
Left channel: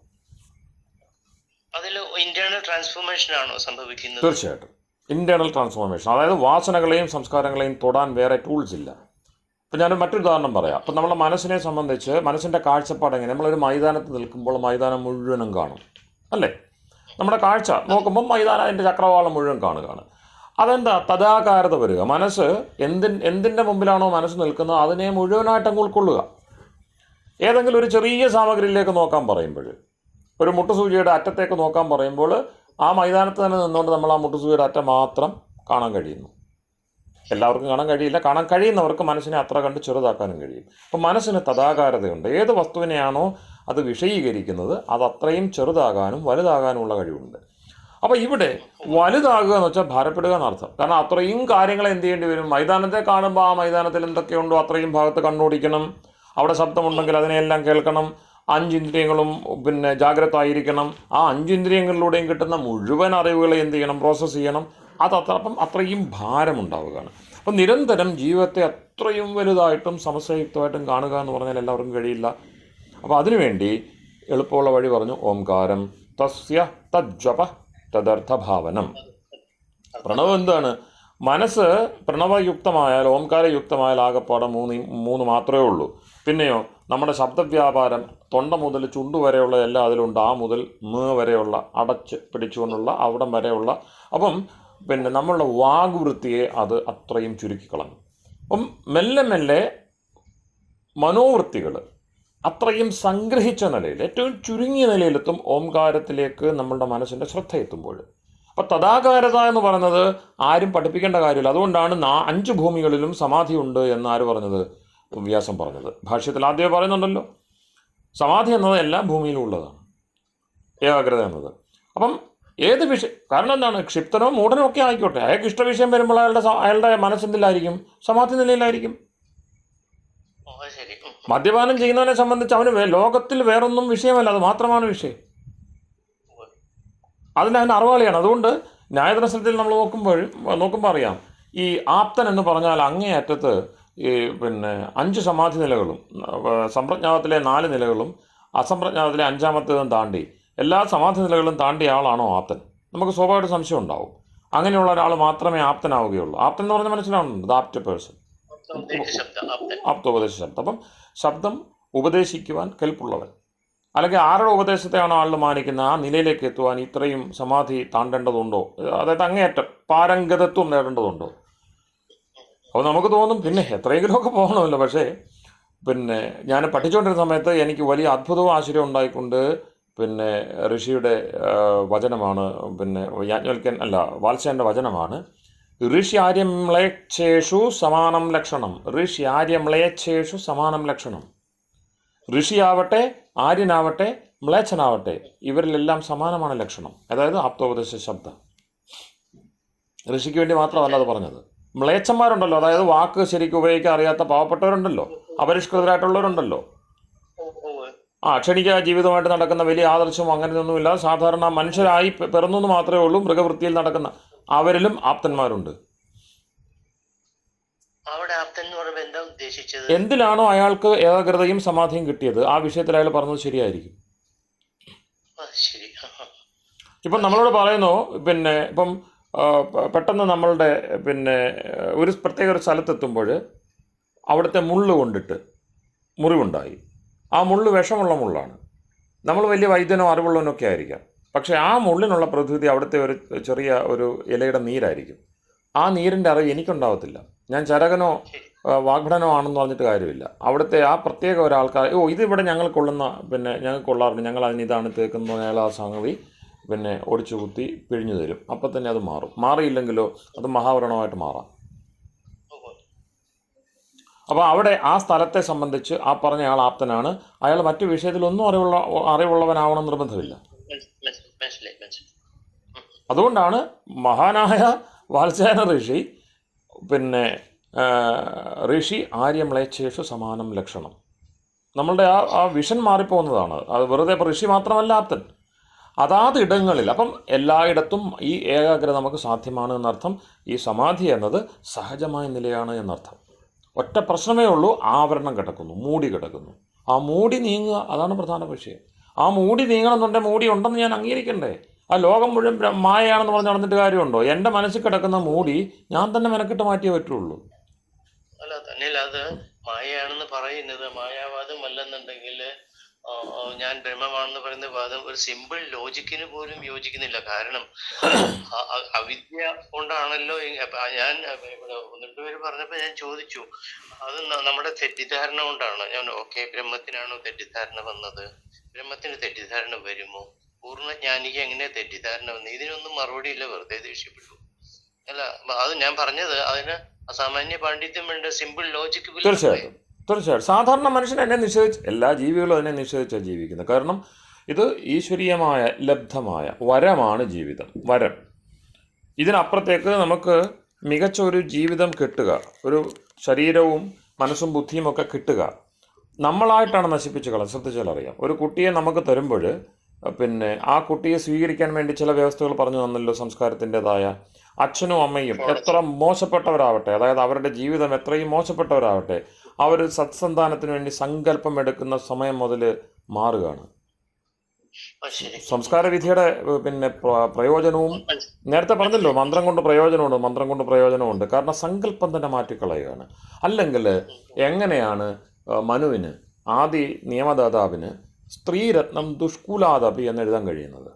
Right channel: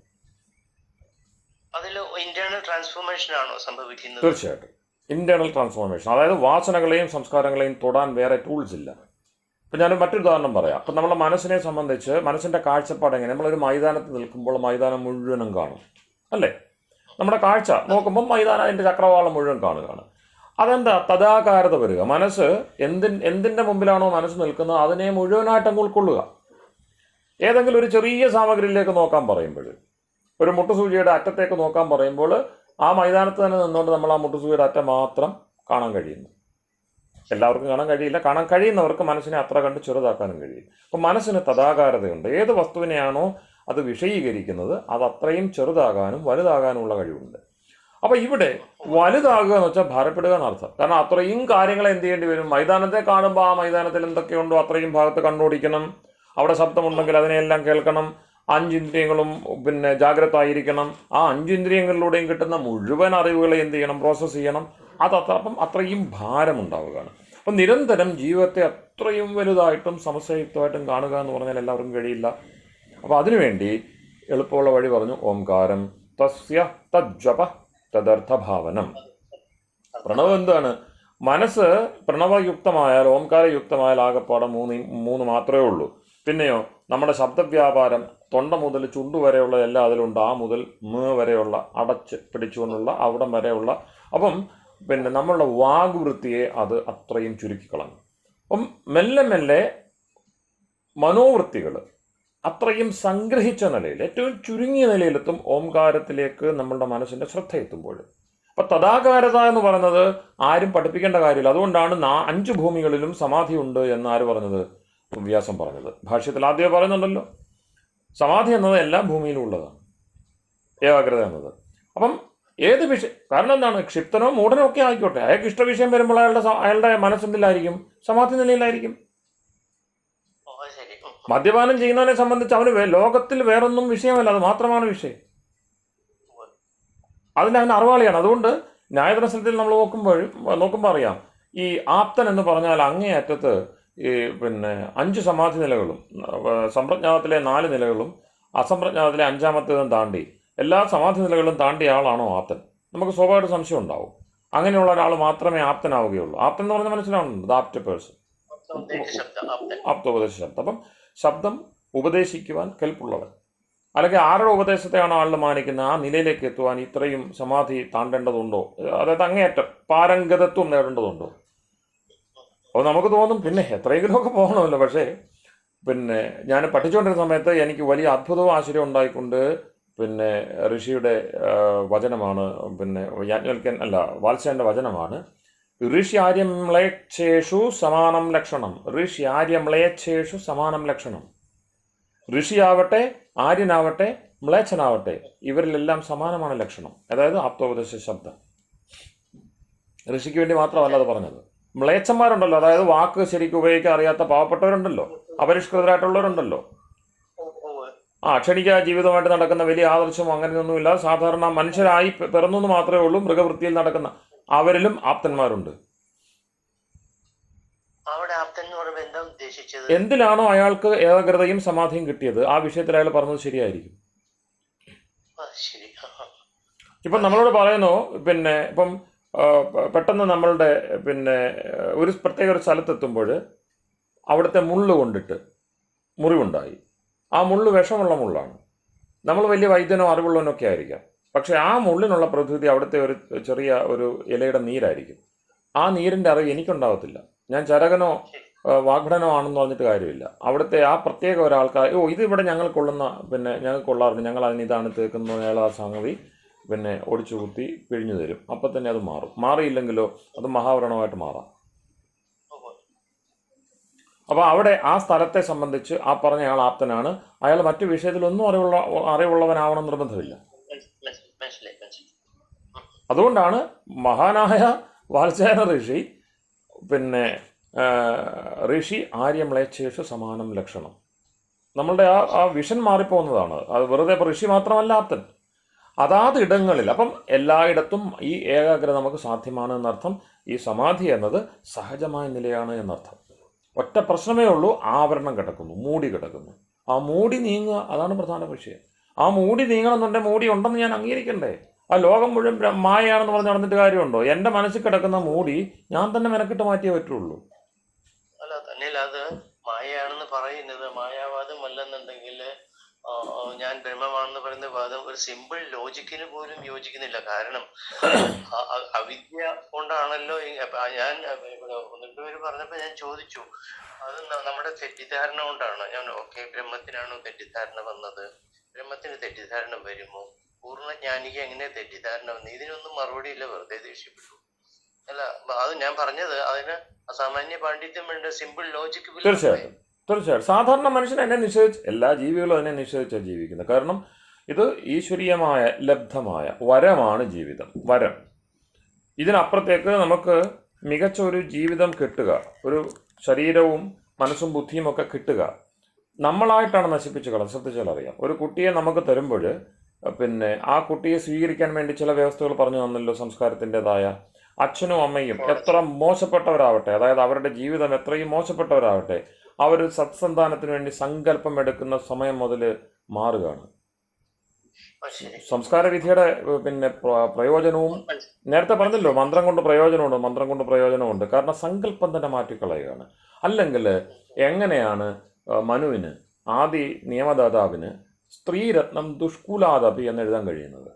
തീർച്ചയായിട്ടും ഇന്റേണൽ ട്രാൻസ്ഫോർമേഷൻ, അതായത് വാസനകളെയും സംസ്കാരങ്ങളെയും തൊടാൻ വേറെ ടൂൾസ് ഇല്ല. ഇപ്പം ഞാൻ മറ്റൊരു ഉദാഹരണം പറയാം. അപ്പം നമ്മുടെ മനസ്സിനെ സംബന്ധിച്ച് മനസ്സിൻ്റെ കാഴ്ചപ്പാട് എങ്ങനെ? നമ്മളൊരു മൈതാനത്ത് നിൽക്കുമ്പോൾ മൈതാനം മുഴുവനും കാണും, അല്ലേ? നമ്മുടെ കാഴ്ച നോക്കുമ്പോൾ മൈതാനം, അതിൻ്റെ ചക്രവാളം മുഴുവൻ കാണുകയാണ്. അതെന്താ? തദാകാരത വരിക. മനസ്സ് എന്തിൻ്റെ മുമ്പിലാണോ മനസ്സ് നിൽക്കുന്നത് അതിനെ മുഴുവനായിട്ട് ഉൾക്കൊള്ളുക. ഏതെങ്കിലും ഒരു ചെറിയ സാമഗ്രിയിലേക്ക് നോക്കാൻ പറയുമ്പോൾ, ഒരു മുട്ടുസൂചിയുടെ അറ്റത്തേക്ക് നോക്കാൻ പറയുമ്പോൾ, ആ മൈതാനത്ത് തന്നെ നിന്നുകൊണ്ട് നമ്മൾ ആ മുട്ടുസൂചിയുടെ അറ്റം മാത്രം കാണാൻ കഴിയുന്നു. എല്ലാവർക്കും കാണാൻ കഴിയില്ല. കാണാൻ കഴിയുന്നവർക്ക് മനസ്സിനെ അത്ര കണ്ട് ചെറുതാക്കാനും കഴിയും. അപ്പം മനസ്സിന് തദാകാരതയുണ്ട്. ഏത് വസ്തുവിനെയാണോ അത് വിഷയീകരിക്കുന്നത് അത് അത്രയും ചെറുതാകാനും വലുതാകാനുമുള്ള കഴിവുണ്ട്. അപ്പോൾ ഇവിടെ വലുതാകുക എന്ന് വെച്ചാൽ ഭാരപ്പെടുക എന്നർത്ഥം. കാരണം അത്രയും കാര്യങ്ങൾ എന്ത് ചെയ്യേണ്ടി വരും? മൈതാനത്തെ കാണുമ്പോൾ ആ മൈതാനത്തിൽ എന്തൊക്കെയുണ്ടോ അത്രയും ഭാഗത്ത് കണ്ണോടിക്കണം. അവിടെ ശബ്ദമുണ്ടെങ്കിൽ അതിനെല്ലാം കേൾക്കണം. 5 ഇന്ദ്രിയങ്ങളും ജാഗ്രത ആയിരിക്കണം. ആ 5 ഇന്ദ്രിയങ്ങളിലൂടെയും കിട്ടുന്ന മുഴുവൻ അറിവുകളെ എന്ത് ചെയ്യണം? പ്രോസസ്സ് ചെയ്യണം. അപ്പം അത്രയും ഭാരമുണ്ടാവുകയാണ്. അപ്പം നിരന്തരം ജീവിതത്തെ അത്രയും വലുതായിട്ടും സമസ്യയുക്തമായിട്ടും കാണുക എന്ന് പറഞ്ഞാൽ എല്ലാവർക്കും കഴിയില്ല. അപ്പോൾ അതിനുവേണ്ടി എളുപ്പമുള്ള വഴി പറഞ്ഞു, ഓംകാരം തസ്യ തജ്ജപ തദർത്ഥഭാവനം. പ്രണവം എന്താണ്? മനസ്സ് പ്രണവയുക്തമായാൽ, ഓംകാരയുക്തമായാൽ ആകെപ്പാടെ മൂന്ന് മാത്രമേ ഉള്ളൂ. പിന്നെയോ നമ്മുടെ ശബ്ദവ്യാപാരം തൊണ്ട മുതൽ ചുണ്ടു വരെയുള്ള എല്ലാം അതിലുണ്ട്. ആ മുതൽ വരെയുള്ള അടച്ച് പിടിച്ചുകൊണ്ടുള്ള അവിടം വരെയുള്ള. അപ്പം നമ്മളുടെ വാഗ്വൃത്തിയെ അത് അത്രയും ചുരുക്കിക്കളഞ്ഞു. അപ്പം മെല്ലെ മെല്ലെ മനോവൃത്തികൾ അത്രയും സംഗ്രഹിച്ച നിലയിൽ, ഏറ്റവും ചുരുങ്ങിയ നിലയിലെത്തും ഓംകാരത്തിലേക്ക് നമ്മളുടെ മനസ്സിൻ്റെ ശ്രദ്ധ എത്തുമ്പോൾ. അപ്പം തദാകാരത എന്ന് പറയുന്നത് ആരും പഠിപ്പിക്കേണ്ട കാര്യമില്ല. അതുകൊണ്ടാണ് 5 ഭൂമികളിലും സമാധിയുണ്ട് എന്ന് ആര് പറഞ്ഞത്? വ്യാസം പറഞ്ഞത്. ഭാഷ്യത്തിൽ ആദ്യം പറയുന്നുണ്ടല്ലോ, സമാധി എന്നത് എല്ലാ ഭൂമിയിലും ഉള്ളതാണ്, ഏകാഗ്രത എന്നത്. അപ്പം ഏത് വിഷയം, കാരണം എന്താണ്? ക്ഷിപ്തനോ മൂഢനോ ഒക്കെ ആയിക്കോട്ടെ, അയാൾക്ക് ഇഷ്ടവിഷയം വരുമ്പോൾ അയാളുടെ മനസ്സെന്തിലായിരിക്കും? സമാധി നിലയിലായിരിക്കും. മദ്യപാനം ചെയ്യുന്നവനെ സംബന്ധിച്ച് അവന് ലോകത്തിൽ വേറൊന്നും വിഷയമല്ല, അത് മാത്രമാണ് വിഷയം. അതിന് അറിവാളിയാണ്. അതുകൊണ്ട് ന്യായദർശനത്തിൽ നമ്മൾ നോക്കുമ്പോൾ അറിയാം, ഈ ആപ്തൻ എന്ന് പറഞ്ഞാൽ അങ്ങേയറ്റത്ത് ഈ പിന്നെ 5 സമാധി നിലകളും സമ്പ്രജ്ഞാതത്തിലെ 4 നിലകളും അസംപ്രജ്ഞാതത്തിലെ 5ാമത്തേതും താണ്ടി എല്ലാ സമാധി നിലകളും താണ്ടിയ ആളാണോ ആപ്തൻ? നമുക്ക് സ്വാഭാവിക സംശയം ഉണ്ടാവും. അങ്ങനെയുള്ള ഒരാൾ മാത്രമേ ആപ്തനാവുകയുള്ളൂ. ആപ്തൻ എന്ന് പറഞ്ഞാൽ മനസ്സിലാവുന്നുണ്ട്, ദ ആപ്റ്റ് പേഴ്സൺ, ആപ്തോപദേശ ശബ്ദം. അപ്പം ശബ്ദം ഉപദേശിക്കുവാൻ കെൽപ്പുള്ളവൻ, അല്ലെങ്കിൽ ആരുടെ ഉപദേശത്തെയാണോ ആളുകൾ മാനിക്കുന്നത് ആ നിലയിലേക്ക് എത്തുവാൻ ഇത്രയും സമാധി താണ്ടേണ്ടതുണ്ടോ? അതായത് അങ്ങേയറ്റം പാരംഗതത്വം നേടേണ്ടതുണ്ടോ? അപ്പോൾ നമുക്ക് തോന്നും പിന്നെ എത്രയെങ്കിലുമൊക്കെ പോകണമല്ലോ. പക്ഷേ പിന്നെ ഞാൻ പഠിച്ചുകൊണ്ടിരുന്ന സമയത്ത് എനിക്ക് വലിയ അത്ഭുതവും ആശ്ചര്യവും ഉണ്ടായിക്കൊണ്ട് പിന്നെ ഋഷിയുടെ വചനമാണ്, പിന്നെ യാജ്ഞവൽക്യൻ അല്ല വാത്സ്യായൻ്റെ വചനമാണ്. ഋഷ്യാര്യമേച്ഛേഷു സമാനം ലക്ഷണം. ഋഷ്യാര്യമേച്ഛേഷു സമാനം ലക്ഷണം. ഋഷിയാവട്ടെ, ആര്യനാവട്ടെ, മ്ലേച്ഛനാവട്ടെ, ഇവരിലെല്ലാം സമാനമാണ് ലക്ഷണം. അതായത് ആപ്തോപദേശ ശബ്ദം. ഋഷിക്ക് വേണ്ടി മാത്രമല്ല അത് പറഞ്ഞത്. മ്ലേച്ഛന്മാരുണ്ടല്ലോ, അതായത് വാക്ക് ശരിക്കും ഉപയോഗിക്കാൻ അറിയാത്ത പാവപ്പെട്ടവരുണ്ടല്ലോ, അപരിഷ്കൃതരായിട്ടുള്ളവരുണ്ടല്ലോ, ക്ഷണിക ജീവിതമായിട്ട് നടക്കുന്ന വലിയ ആദർശവും അങ്ങനെയൊന്നുമില്ല, സാധാരണ മനുഷ്യരായി പിറന്നു എന്ന് മാത്രമേ ഉള്ളൂ, മൃഗവൃത്തിയിൽ നടക്കുന്ന അവരിലും ആപ്തന്മാരുണ്ട്. എന്തിലാണോ അയാൾക്ക് ഏകാഗ്രതയും സമാധിയും കിട്ടിയത് ആ വിഷയത്തിൽ അയാൾ പറഞ്ഞത് ശരിയായിരിക്കും. ഇപ്പം നമ്മളോട് പറയുന്നു, പിന്നെ ഇപ്പം പെട്ടെന്ന് നമ്മളുടെ പിന്നെ ഒരു പ്രത്യേക ഒരു സ്ഥലത്തെത്തുമ്പോൾ അവിടുത്തെ മുള്ള് കൊണ്ടിട്ട് മുറിവുണ്ടായി. ആ മുള്ള് വിഷമുള്ള മുള്ളാണ്. നമ്മൾ വലിയ വൈദ്യനോ അറിവുള്ളവനൊക്കെ ആയിരിക്കാം. പക്ഷേ ആ മുള്ളിനുള്ള പ്രതിവിധി അവിടുത്തെ ഒരു ചെറിയ ഒരു ഇലയുടെ നീരായിരിക്കും. ആ നീരിൻ്റെ അറിവ് എനിക്കുണ്ടാവത്തില്ല. ഞാൻ ചരകനോ വാഗ്ഭടനോ ആണെന്ന് പറഞ്ഞിട്ട് കാര്യമില്ല. അവിടുത്തെ ആ പ്രത്യേക ഒരാൾക്കാർ ഇതിവിടെ ഞങ്ങൾക്കൊള്ളുന്ന, പിന്നെ ഞങ്ങൾക്ക് കൊള്ളാറുണ്ട്, ഞങ്ങൾ അതിന് ഇതാണ് തേക്കുന്നത്, അയാൾ ആ സംഗതി പിന്നെ ഒടിച്ചു കുത്തി പിഴിഞ്ഞു തരും. അപ്പം തന്നെ അത് മാറും. മാറിയില്ലെങ്കിലോ അത് മഹാവ്രണമായിട്ട് മാറാം. അപ്പോൾ അവിടെ ആ സ്ഥലത്തെ സംബന്ധിച്ച് ആ പറഞ്ഞ ആൾ ആപ്തനാണ്. അയാൾ മറ്റു വിഷയത്തിലൊന്നും അറിവുള്ളവനാവണം നിർബന്ധമില്ല. അതുകൊണ്ടാണ് മഹാനായ വാത്സ്യായന ഋഷി പിന്നെ ഋഷി ആര്യമേച്ഛേഷു സമാനം ലക്ഷണം. നമ്മളുടെ ആ വിഷൻ മാറിപ്പോകുന്നതാണ്. അത് വെറുതെ ഋഷി മാത്രമല്ല ആപ്തൻ. അതാത് ഇടങ്ങളിൽ, അപ്പം എല്ലായിടത്തും ഈ ഏകാഗ്രത നമുക്ക് സാധ്യമാണ് എന്നർത്ഥം. ഈ സമാധി എന്നത് സഹജമായ നിലയാണ് എന്നർത്ഥം. ഒറ്റ പ്രശ്നമേ ഉള്ളൂ, ആവരണം കിടക്കുന്നു, മൂടി കിടക്കുന്നു. ആ മൂടി നീങ്ങുക, അതാണ് പ്രധാന വിഷയം. ആ മൂടി നീങ്ങണമെന്നുണ്ടെങ്കിൽ മൂടി ഉണ്ടെന്ന് ഞാൻ അംഗീകരിക്കണ്ടേ? ആ ലോകം മുഴുവൻ മായയാണെന്ന് പറഞ്ഞ് നടന്നിട്ട് കാര്യമുണ്ടോ? എൻ്റെ മനസ്സിൽ കിടക്കുന്ന മൂടി ഞാൻ തന്നെ മെനക്കിട്ട് മാറ്റിയേ പറ്റുള്ളൂ. അല്ല തന്നെ അത് മായയാണെന്ന് പറയുന്നത് മായാവാദം അല്ലെന്നുണ്ടെങ്കിൽ ഞാൻ ബ്രഹ്മമാണെന്ന് പറയുന്ന വാദം ഒരു സിമ്പിൾ ലോജിക്കിന് പോലും യോജിക്കുന്നില്ല. കാരണം അവിദ്യ കൊണ്ടാണല്ലോ. ഞാൻ ഇവിടെ 1-2 പേര് പറഞ്ഞപ്പോൾ ഞാൻ ചോദിച്ചു, അത് നമ്മുടെ തെറ്റിദ്ധാരണ കൊണ്ടാണ്. ഞാൻ ബ്രഹ്മത്തിനാണോ തെറ്റിദ്ധാരണ വന്നത്? ബ്രഹ്മത്തിന് തെറ്റിദ്ധാരണ വരുമോ? പൂർണ്ണജ്ഞാനിക്ക് എങ്ങനെ തെറ്റിദ്ധാരണ വന്നു? ഇതിനൊന്നും മറുപടി ഇല്ല, വെറുതെ ദേഷ്യപ്പെട്ടു. അല്ല, അത് ഞാൻ പറഞ്ഞത് അതിന് അസാമാന്യ പാണ്ഡിത്യം വേണ്ട, സിമ്പിൾ ലോജിക്ക്. തീർച്ചയായിട്ടും സാധാരണ മനുഷ്യൻ എന്നെ നിഷേധിച്ച്, എല്ലാ ജീവികളും അതിനെ നിഷേധിച്ചാണ് ജീവിക്കുന്നത്. കാരണം ഇത് ഈശ്വരീയമായ ലബ്ധമായ വരമാണ് ജീവിതം, വരം. ഇതിനപ്പുറത്തേക്ക് നമുക്ക് മികച്ച ഒരു ജീവിതം കിട്ടുക, ഒരു ശരീരവും മനസ്സും ബുദ്ധിയും ഒക്കെ കിട്ടുക നമ്മളായിട്ടാണ് നശിപ്പിച്ച് കളയാൻ. ശ്രദ്ധിച്ചാൽ അറിയാം. ഒരു കുട്ടിയെ നമുക്ക് തരുമ്പോൾ പിന്നെ ആ കുട്ടിയെ സ്വീകരിക്കാൻ വേണ്ടി ചില വ്യവസ്ഥകൾ പറഞ്ഞു തന്നല്ലോ, സംസ്കാരത്തിൻ്റെതായ. അച്ഛനും അമ്മയും എത്ര മോശപ്പെട്ടവരാവട്ടെ, അതായത് അവരുടെ ജീവിതം എത്രയും മോശപ്പെട്ടവരാവട്ടെ, അവർ സത്സന്താനത്തിന് വേണ്ടി സങ്കല്പം എടുക്കുന്ന സമയം മുതൽ മാറുകയാണ്. സംസ്കാര വിധിയുടെ പിന്നെ പ്രയോജനവും നേരത്തെ പറഞ്ഞല്ലോ, മന്ത്രം കൊണ്ട് പ്രയോജനമുണ്ട്. കാരണം സങ്കല്പം തന്നെ മാറ്റിക്കളയുകയാണ്. അല്ലെങ്കിൽ എങ്ങനെയാണ് മനുവിന്, ആദി നിയമദാതാവിന് സ്ത്രീരത്നം ദുഷ്കുലാദപി എന്ന് എഴുതാൻ കഴിയുന്നത്?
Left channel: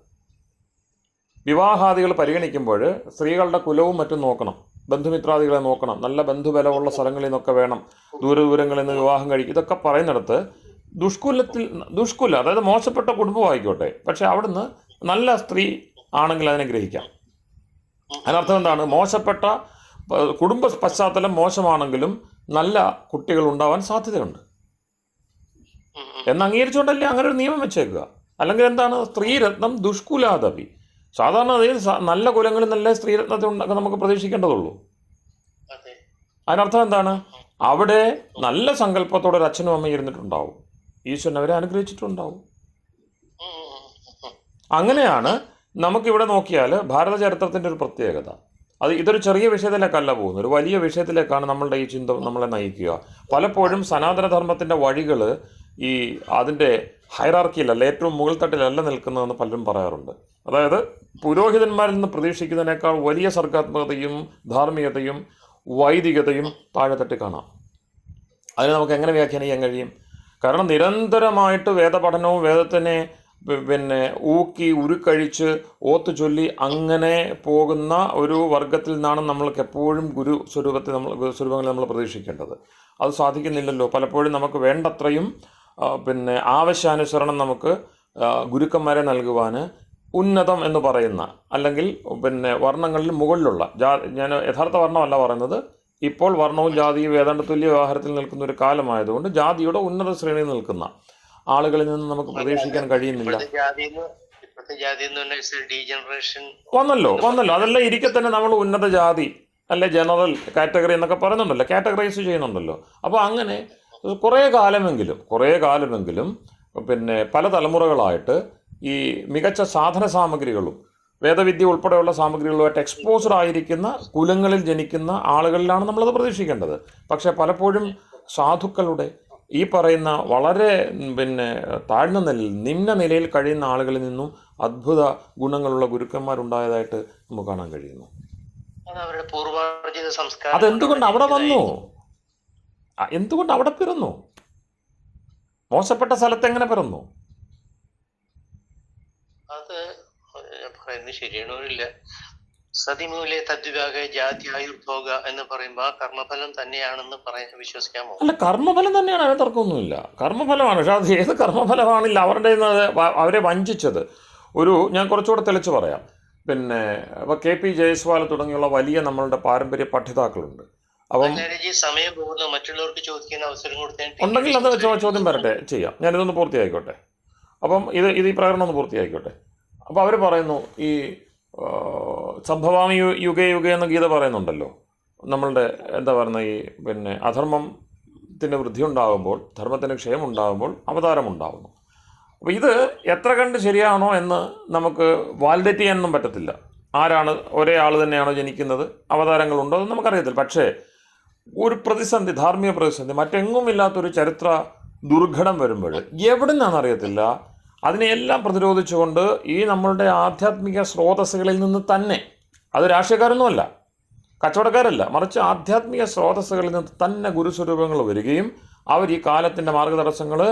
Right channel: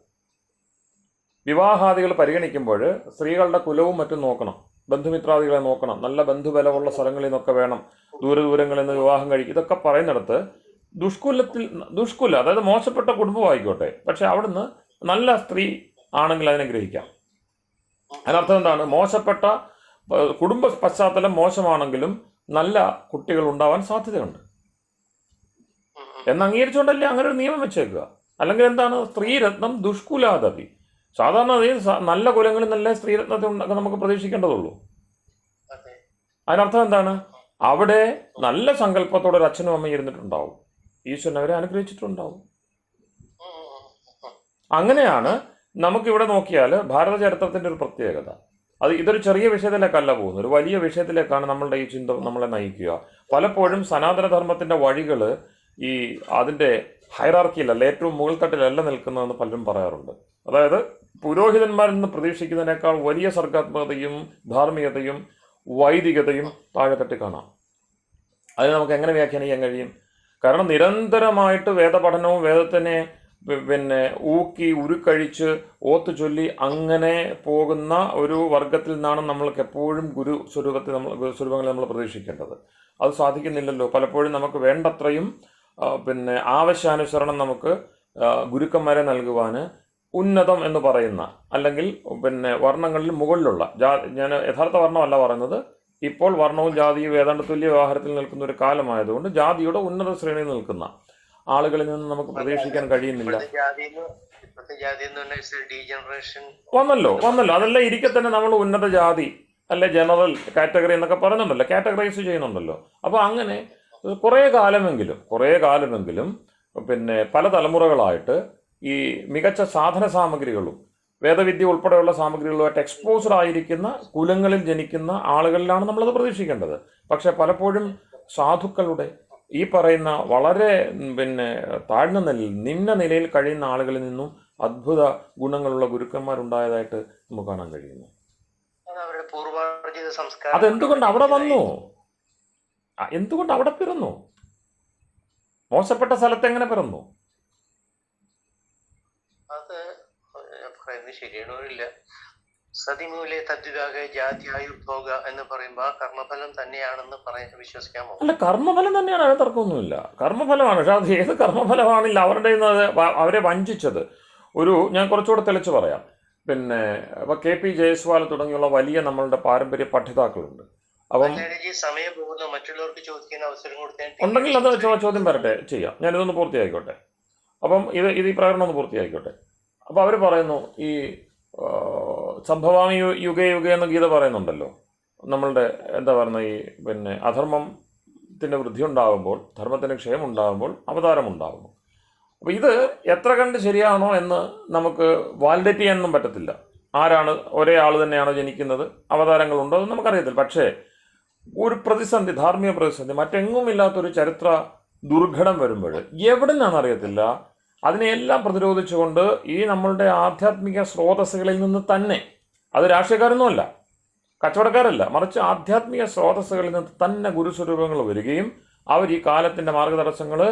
വിവാഹാദികൾ പരിഗണിക്കുമ്പോൾ സ്ത്രീകളുടെ കുലവും മറ്റും നോക്കണം, ബന്ധുമിത്രാദികളെ നോക്കണം, നല്ല ബന്ധുബലമുള്ള സ്ഥലങ്ങളിൽ നിന്നൊക്കെ വേണം, ദൂരങ്ങളിൽ നിന്ന് വിവാഹം കഴിക്കും. ഇതൊക്കെ പറയുന്നിടത്ത് ദുഷ്കുല അതായത് മോശപ്പെട്ട കുടുംബമായിക്കോട്ടെ, പക്ഷെ അവിടുന്ന് നല്ല സ്ത്രീ ആണെങ്കിൽ അതിനെ ഗ്രഹിക്കാം. അതിനർത്ഥം എന്താണ്? മോശപ്പെട്ട കുടുംബ പശ്ചാത്തലം മോശമാണെങ്കിലും നല്ല കുട്ടികൾ ഉണ്ടാവാൻ സാധ്യതയുണ്ട് എന്ന് അംഗീകരിച്ചുകൊണ്ടല്ലേ അങ്ങനെ ഒരു നിയമം വെച്ചേക്കുക. അല്ലെങ്കിൽ എന്താണ്? സ്ത്രീരത്നം ദുഷ്കുലാദപി. സാധാരണ നല്ല കുലങ്ങളിൽ നല്ല സ്ത്രീരത്നത്തെ നമുക്ക് പ്രതീക്ഷിക്കേണ്ടതുള്ളൂ. അതിനർത്ഥം എന്താണ്? അവിടെ നല്ല സങ്കല്പത്തോടെ ഒരു അച്ഛനും അമ്മയും ഇരുന്നിട്ടുണ്ടാവും, ഈശ്വരൻ അവരെ അനുഗ്രഹിച്ചിട്ടുണ്ടാവും. അങ്ങനെയാണ് നമുക്കിവിടെ നോക്കിയാൽ ഭാരത ചരിത്രത്തിൻ്റെ ഒരു പ്രത്യേകത. ഇതൊരു ചെറിയ വിഷയത്തിലേക്കല്ല പോകുന്നത്, ഒരു വലിയ വിഷയത്തിലേക്കാണ് നമ്മളുടെ ഈ ചിന്ത നമ്മളെ നയിക്കുക. പലപ്പോഴും സനാതനധർമ്മത്തിൻ്റെ വഴികൾ ഈ അതിൻ്റെ ഹൈറാർക്കിയിലല്ല, ഏറ്റവും മുകൾത്തട്ടിലല്ല നിൽക്കുന്നതെന്ന് പലരും പറയാറുണ്ട്. അതായത് പുരോഹിതന്മാരിൽ നിന്ന് പ്രതീക്ഷിക്കുന്നതിനേക്കാൾ വലിയ സർഗാത്മകതയും ധാർമ്മികതയും വൈദികതയും താഴെത്തട്ടി കാണാം. അതിന് നമുക്ക് എങ്ങനെ വ്യാഖ്യാനിക്കാൻ കഴിയും? കാരണം നിരന്തരമായിട്ട് വേദപഠനവും വേദത്തിനെ പിന്നെ ഊക്കി ഉരുക്കഴിച്ച് ഓത്തു ചൊല്ലി അങ്ങനെ പോകുന്ന ഒരു വർഗത്തിൽ നിന്നാണ് നമ്മൾക്ക് എപ്പോഴും ഗുരു സ്വരൂപങ്ങളിൽ നമ്മൾ പ്രതീക്ഷിക്കേണ്ടത്. അത് സാധിക്കുന്നില്ലല്ലോ. പലപ്പോഴും നമുക്ക് വേണ്ടത്രയും പിന്നെ ആവശ്യാനുസരണം നമുക്ക് ഗുരുക്കന്മാരെ നൽകുവാൻ ഉന്നതം എന്ന് പറയുന്ന, അല്ലെങ്കിൽ പിന്നെ വർണ്ണങ്ങളിൽ മുകളിലുള്ള ഞാൻ യഥാർത്ഥ വർണ്ണമല്ല പറയുന്നത്, ഇപ്പോൾ വർണ്ണവും ജാതിയും ഏതാണ്ട് തുല്യ വ്യവഹാരത്തിൽ നിൽക്കുന്ന ഒരു കാലമായതുകൊണ്ട് ജാതിയുടെ ഉന്നത ശ്രേണിയിൽ നിൽക്കുന്ന ആളുകളിൽ നിന്ന് നമുക്ക് പ്രതീക്ഷിക്കാൻ കഴിയുന്നില്ല. വന്നല്ലോ. അതെല്ലാം ഇരിക്കെ തന്നെ നമ്മൾ ഉന്നത ജാതി അല്ലെ ജനറൽ കാറ്റഗറി എന്നൊക്കെ പറയുന്നുണ്ടല്ലോ, കാറ്റഗറൈസ് ചെയ്യുന്നുണ്ടല്ലോ. അപ്പോൾ അങ്ങനെ കുറേ കാലമെങ്കിലും പിന്നെ പല തലമുറകളായിട്ട് ഈ മികച്ച സാധന സാമഗ്രികളും വേദവിദ്യ ഉൾപ്പെടെയുള്ള സാമഗ്രികളുമായിട്ട് എക്സ്പോസ്ഡ് ആയിരിക്കുന്ന കുലങ്ങളിൽ ജനിക്കുന്ന ആളുകളിലാണ് നമ്മളത് പ്രതീക്ഷിക്കേണ്ടത്. പക്ഷെ പലപ്പോഴും സാധുക്കളുടെ ഈ പറയുന്ന വളരെ പിന്നെ താഴ്ന്ന നിലയിൽ, നിമ്ന നിലയിൽ കഴിയുന്ന ആളുകളിൽ നിന്നും അദ്ഭുത ഗുണങ്ങളുള്ള ഗുരുക്കന്മാരുണ്ടായതായിട്ട് നമുക്ക് കാണാൻ കഴിയുന്നു. അതെന്തുകൊണ്ട് അവിടെ വന്നു? എന്തുകൊണ്ട് അവിടെ പിറന്നു? മോശപ്പെട്ട സ്ഥലത്ത് എങ്ങനെ പിറന്നു? അത് പറയുന്നത് ശരിയാണോന്നില്ല. സതിമൂലെ തദ്വിഭാഗ ജാത്യായുർഭോഗ എന്ന് പറയുമ്പോൾ ആ കർമ്മഫലം തന്നെയാണെന്ന് വിശ്വസിക്കാമോ? അല്ല, കർമ്മഫലം തന്നെയാണ്, അതിന് തർക്കമൊന്നുമില്ല. കർമ്മഫലമാണ്. പക്ഷെ അത് ഏത് കർമ്മഫലമാണില്ല അവരുടെ അവരെ വഞ്ചിച്ചത്. ഞാൻ കുറച്ചുകൂടെ തെളിച്ച് പറയാം. പിന്നെ ഇപ്പോൾ KP ജയസ്വാൾ തുടങ്ങിയുള്ള വലിയ നമ്മളുടെ പാരമ്പര്യ പഠിതാക്കളുണ്ട്. അപ്പം സമയം പോകുന്ന മറ്റുള്ളവർക്ക് ചോദിക്കുന്ന അവസരം ഉണ്ടെങ്കിൽ അത് ചോദ്യം വരട്ടെ, ചെയ്യാം. ഞാനിതൊന്ന് പൂർത്തിയായിക്കോട്ടെ. അപ്പം ഇത് ഈ പ്രകടനം ഒന്ന് പൂർത്തിയായിക്കോട്ടെ. അപ്പോൾ അവർ പറയുന്നു, ഈ സംഭവാമി യുഗേ യുഗേ എന്ന് ഗീത പറയുന്നുണ്ടല്ലോ. നമ്മളുടെ എന്താ പറയുന്നത്, ഈ പിന്നെ അധർമ്മത്തിൻ്റെ വൃദ്ധി ഉണ്ടാകുമ്പോൾ, ധർമ്മത്തിൻ്റെ ക്ഷയം ഉണ്ടാകുമ്പോൾ അവതാരം ഉണ്ടാകുന്നു. അപ്പോൾ ഇത് എത്ര കണ്ട് ശരിയാണോ എന്ന് നമുക്ക് വാലിഡേറ്റ് ചെയ്യാനൊന്നും പറ്റത്തില്ല. ആരാണ്, ഒരേ ആൾ തന്നെയാണോ ജനിക്കുന്നത്, അവതാരങ്ങളുണ്ടോ എന്ന് നമുക്കറിയത്തില്ല. പക്ഷേ ഒരു പ്രതിസന്ധി, ധാർമ്മിക പ്രതിസന്ധി, മറ്റെങ്ങുമില്ലാത്തൊരു ചരിത്ര ദുർഘടം വരുമ്പോൾ എവിടെ നിന്നാണെന്നറിയത്തില്ല, അതിനെയെല്ലാം പ്രതിരോധിച്ചുകൊണ്ട് ഈ നമ്മളുടെ ആധ്യാത്മിക സ്രോതസ്സുകളിൽ നിന്ന് തന്നെ, അത് രാഷ്ട്രീയക്കാരൊന്നുമല്ല, കച്ചവടക്കാരല്ല, മറിച്ച് ആധ്യാത്മിക സ്രോതസ്സുകളിൽ നിന്ന് തന്നെ ഗുരുസ്വരൂപങ്ങൾ വരികയും അവർ ഈ കാലത്തിൻ്റെ മാർഗതടസ്സങ്ങൾ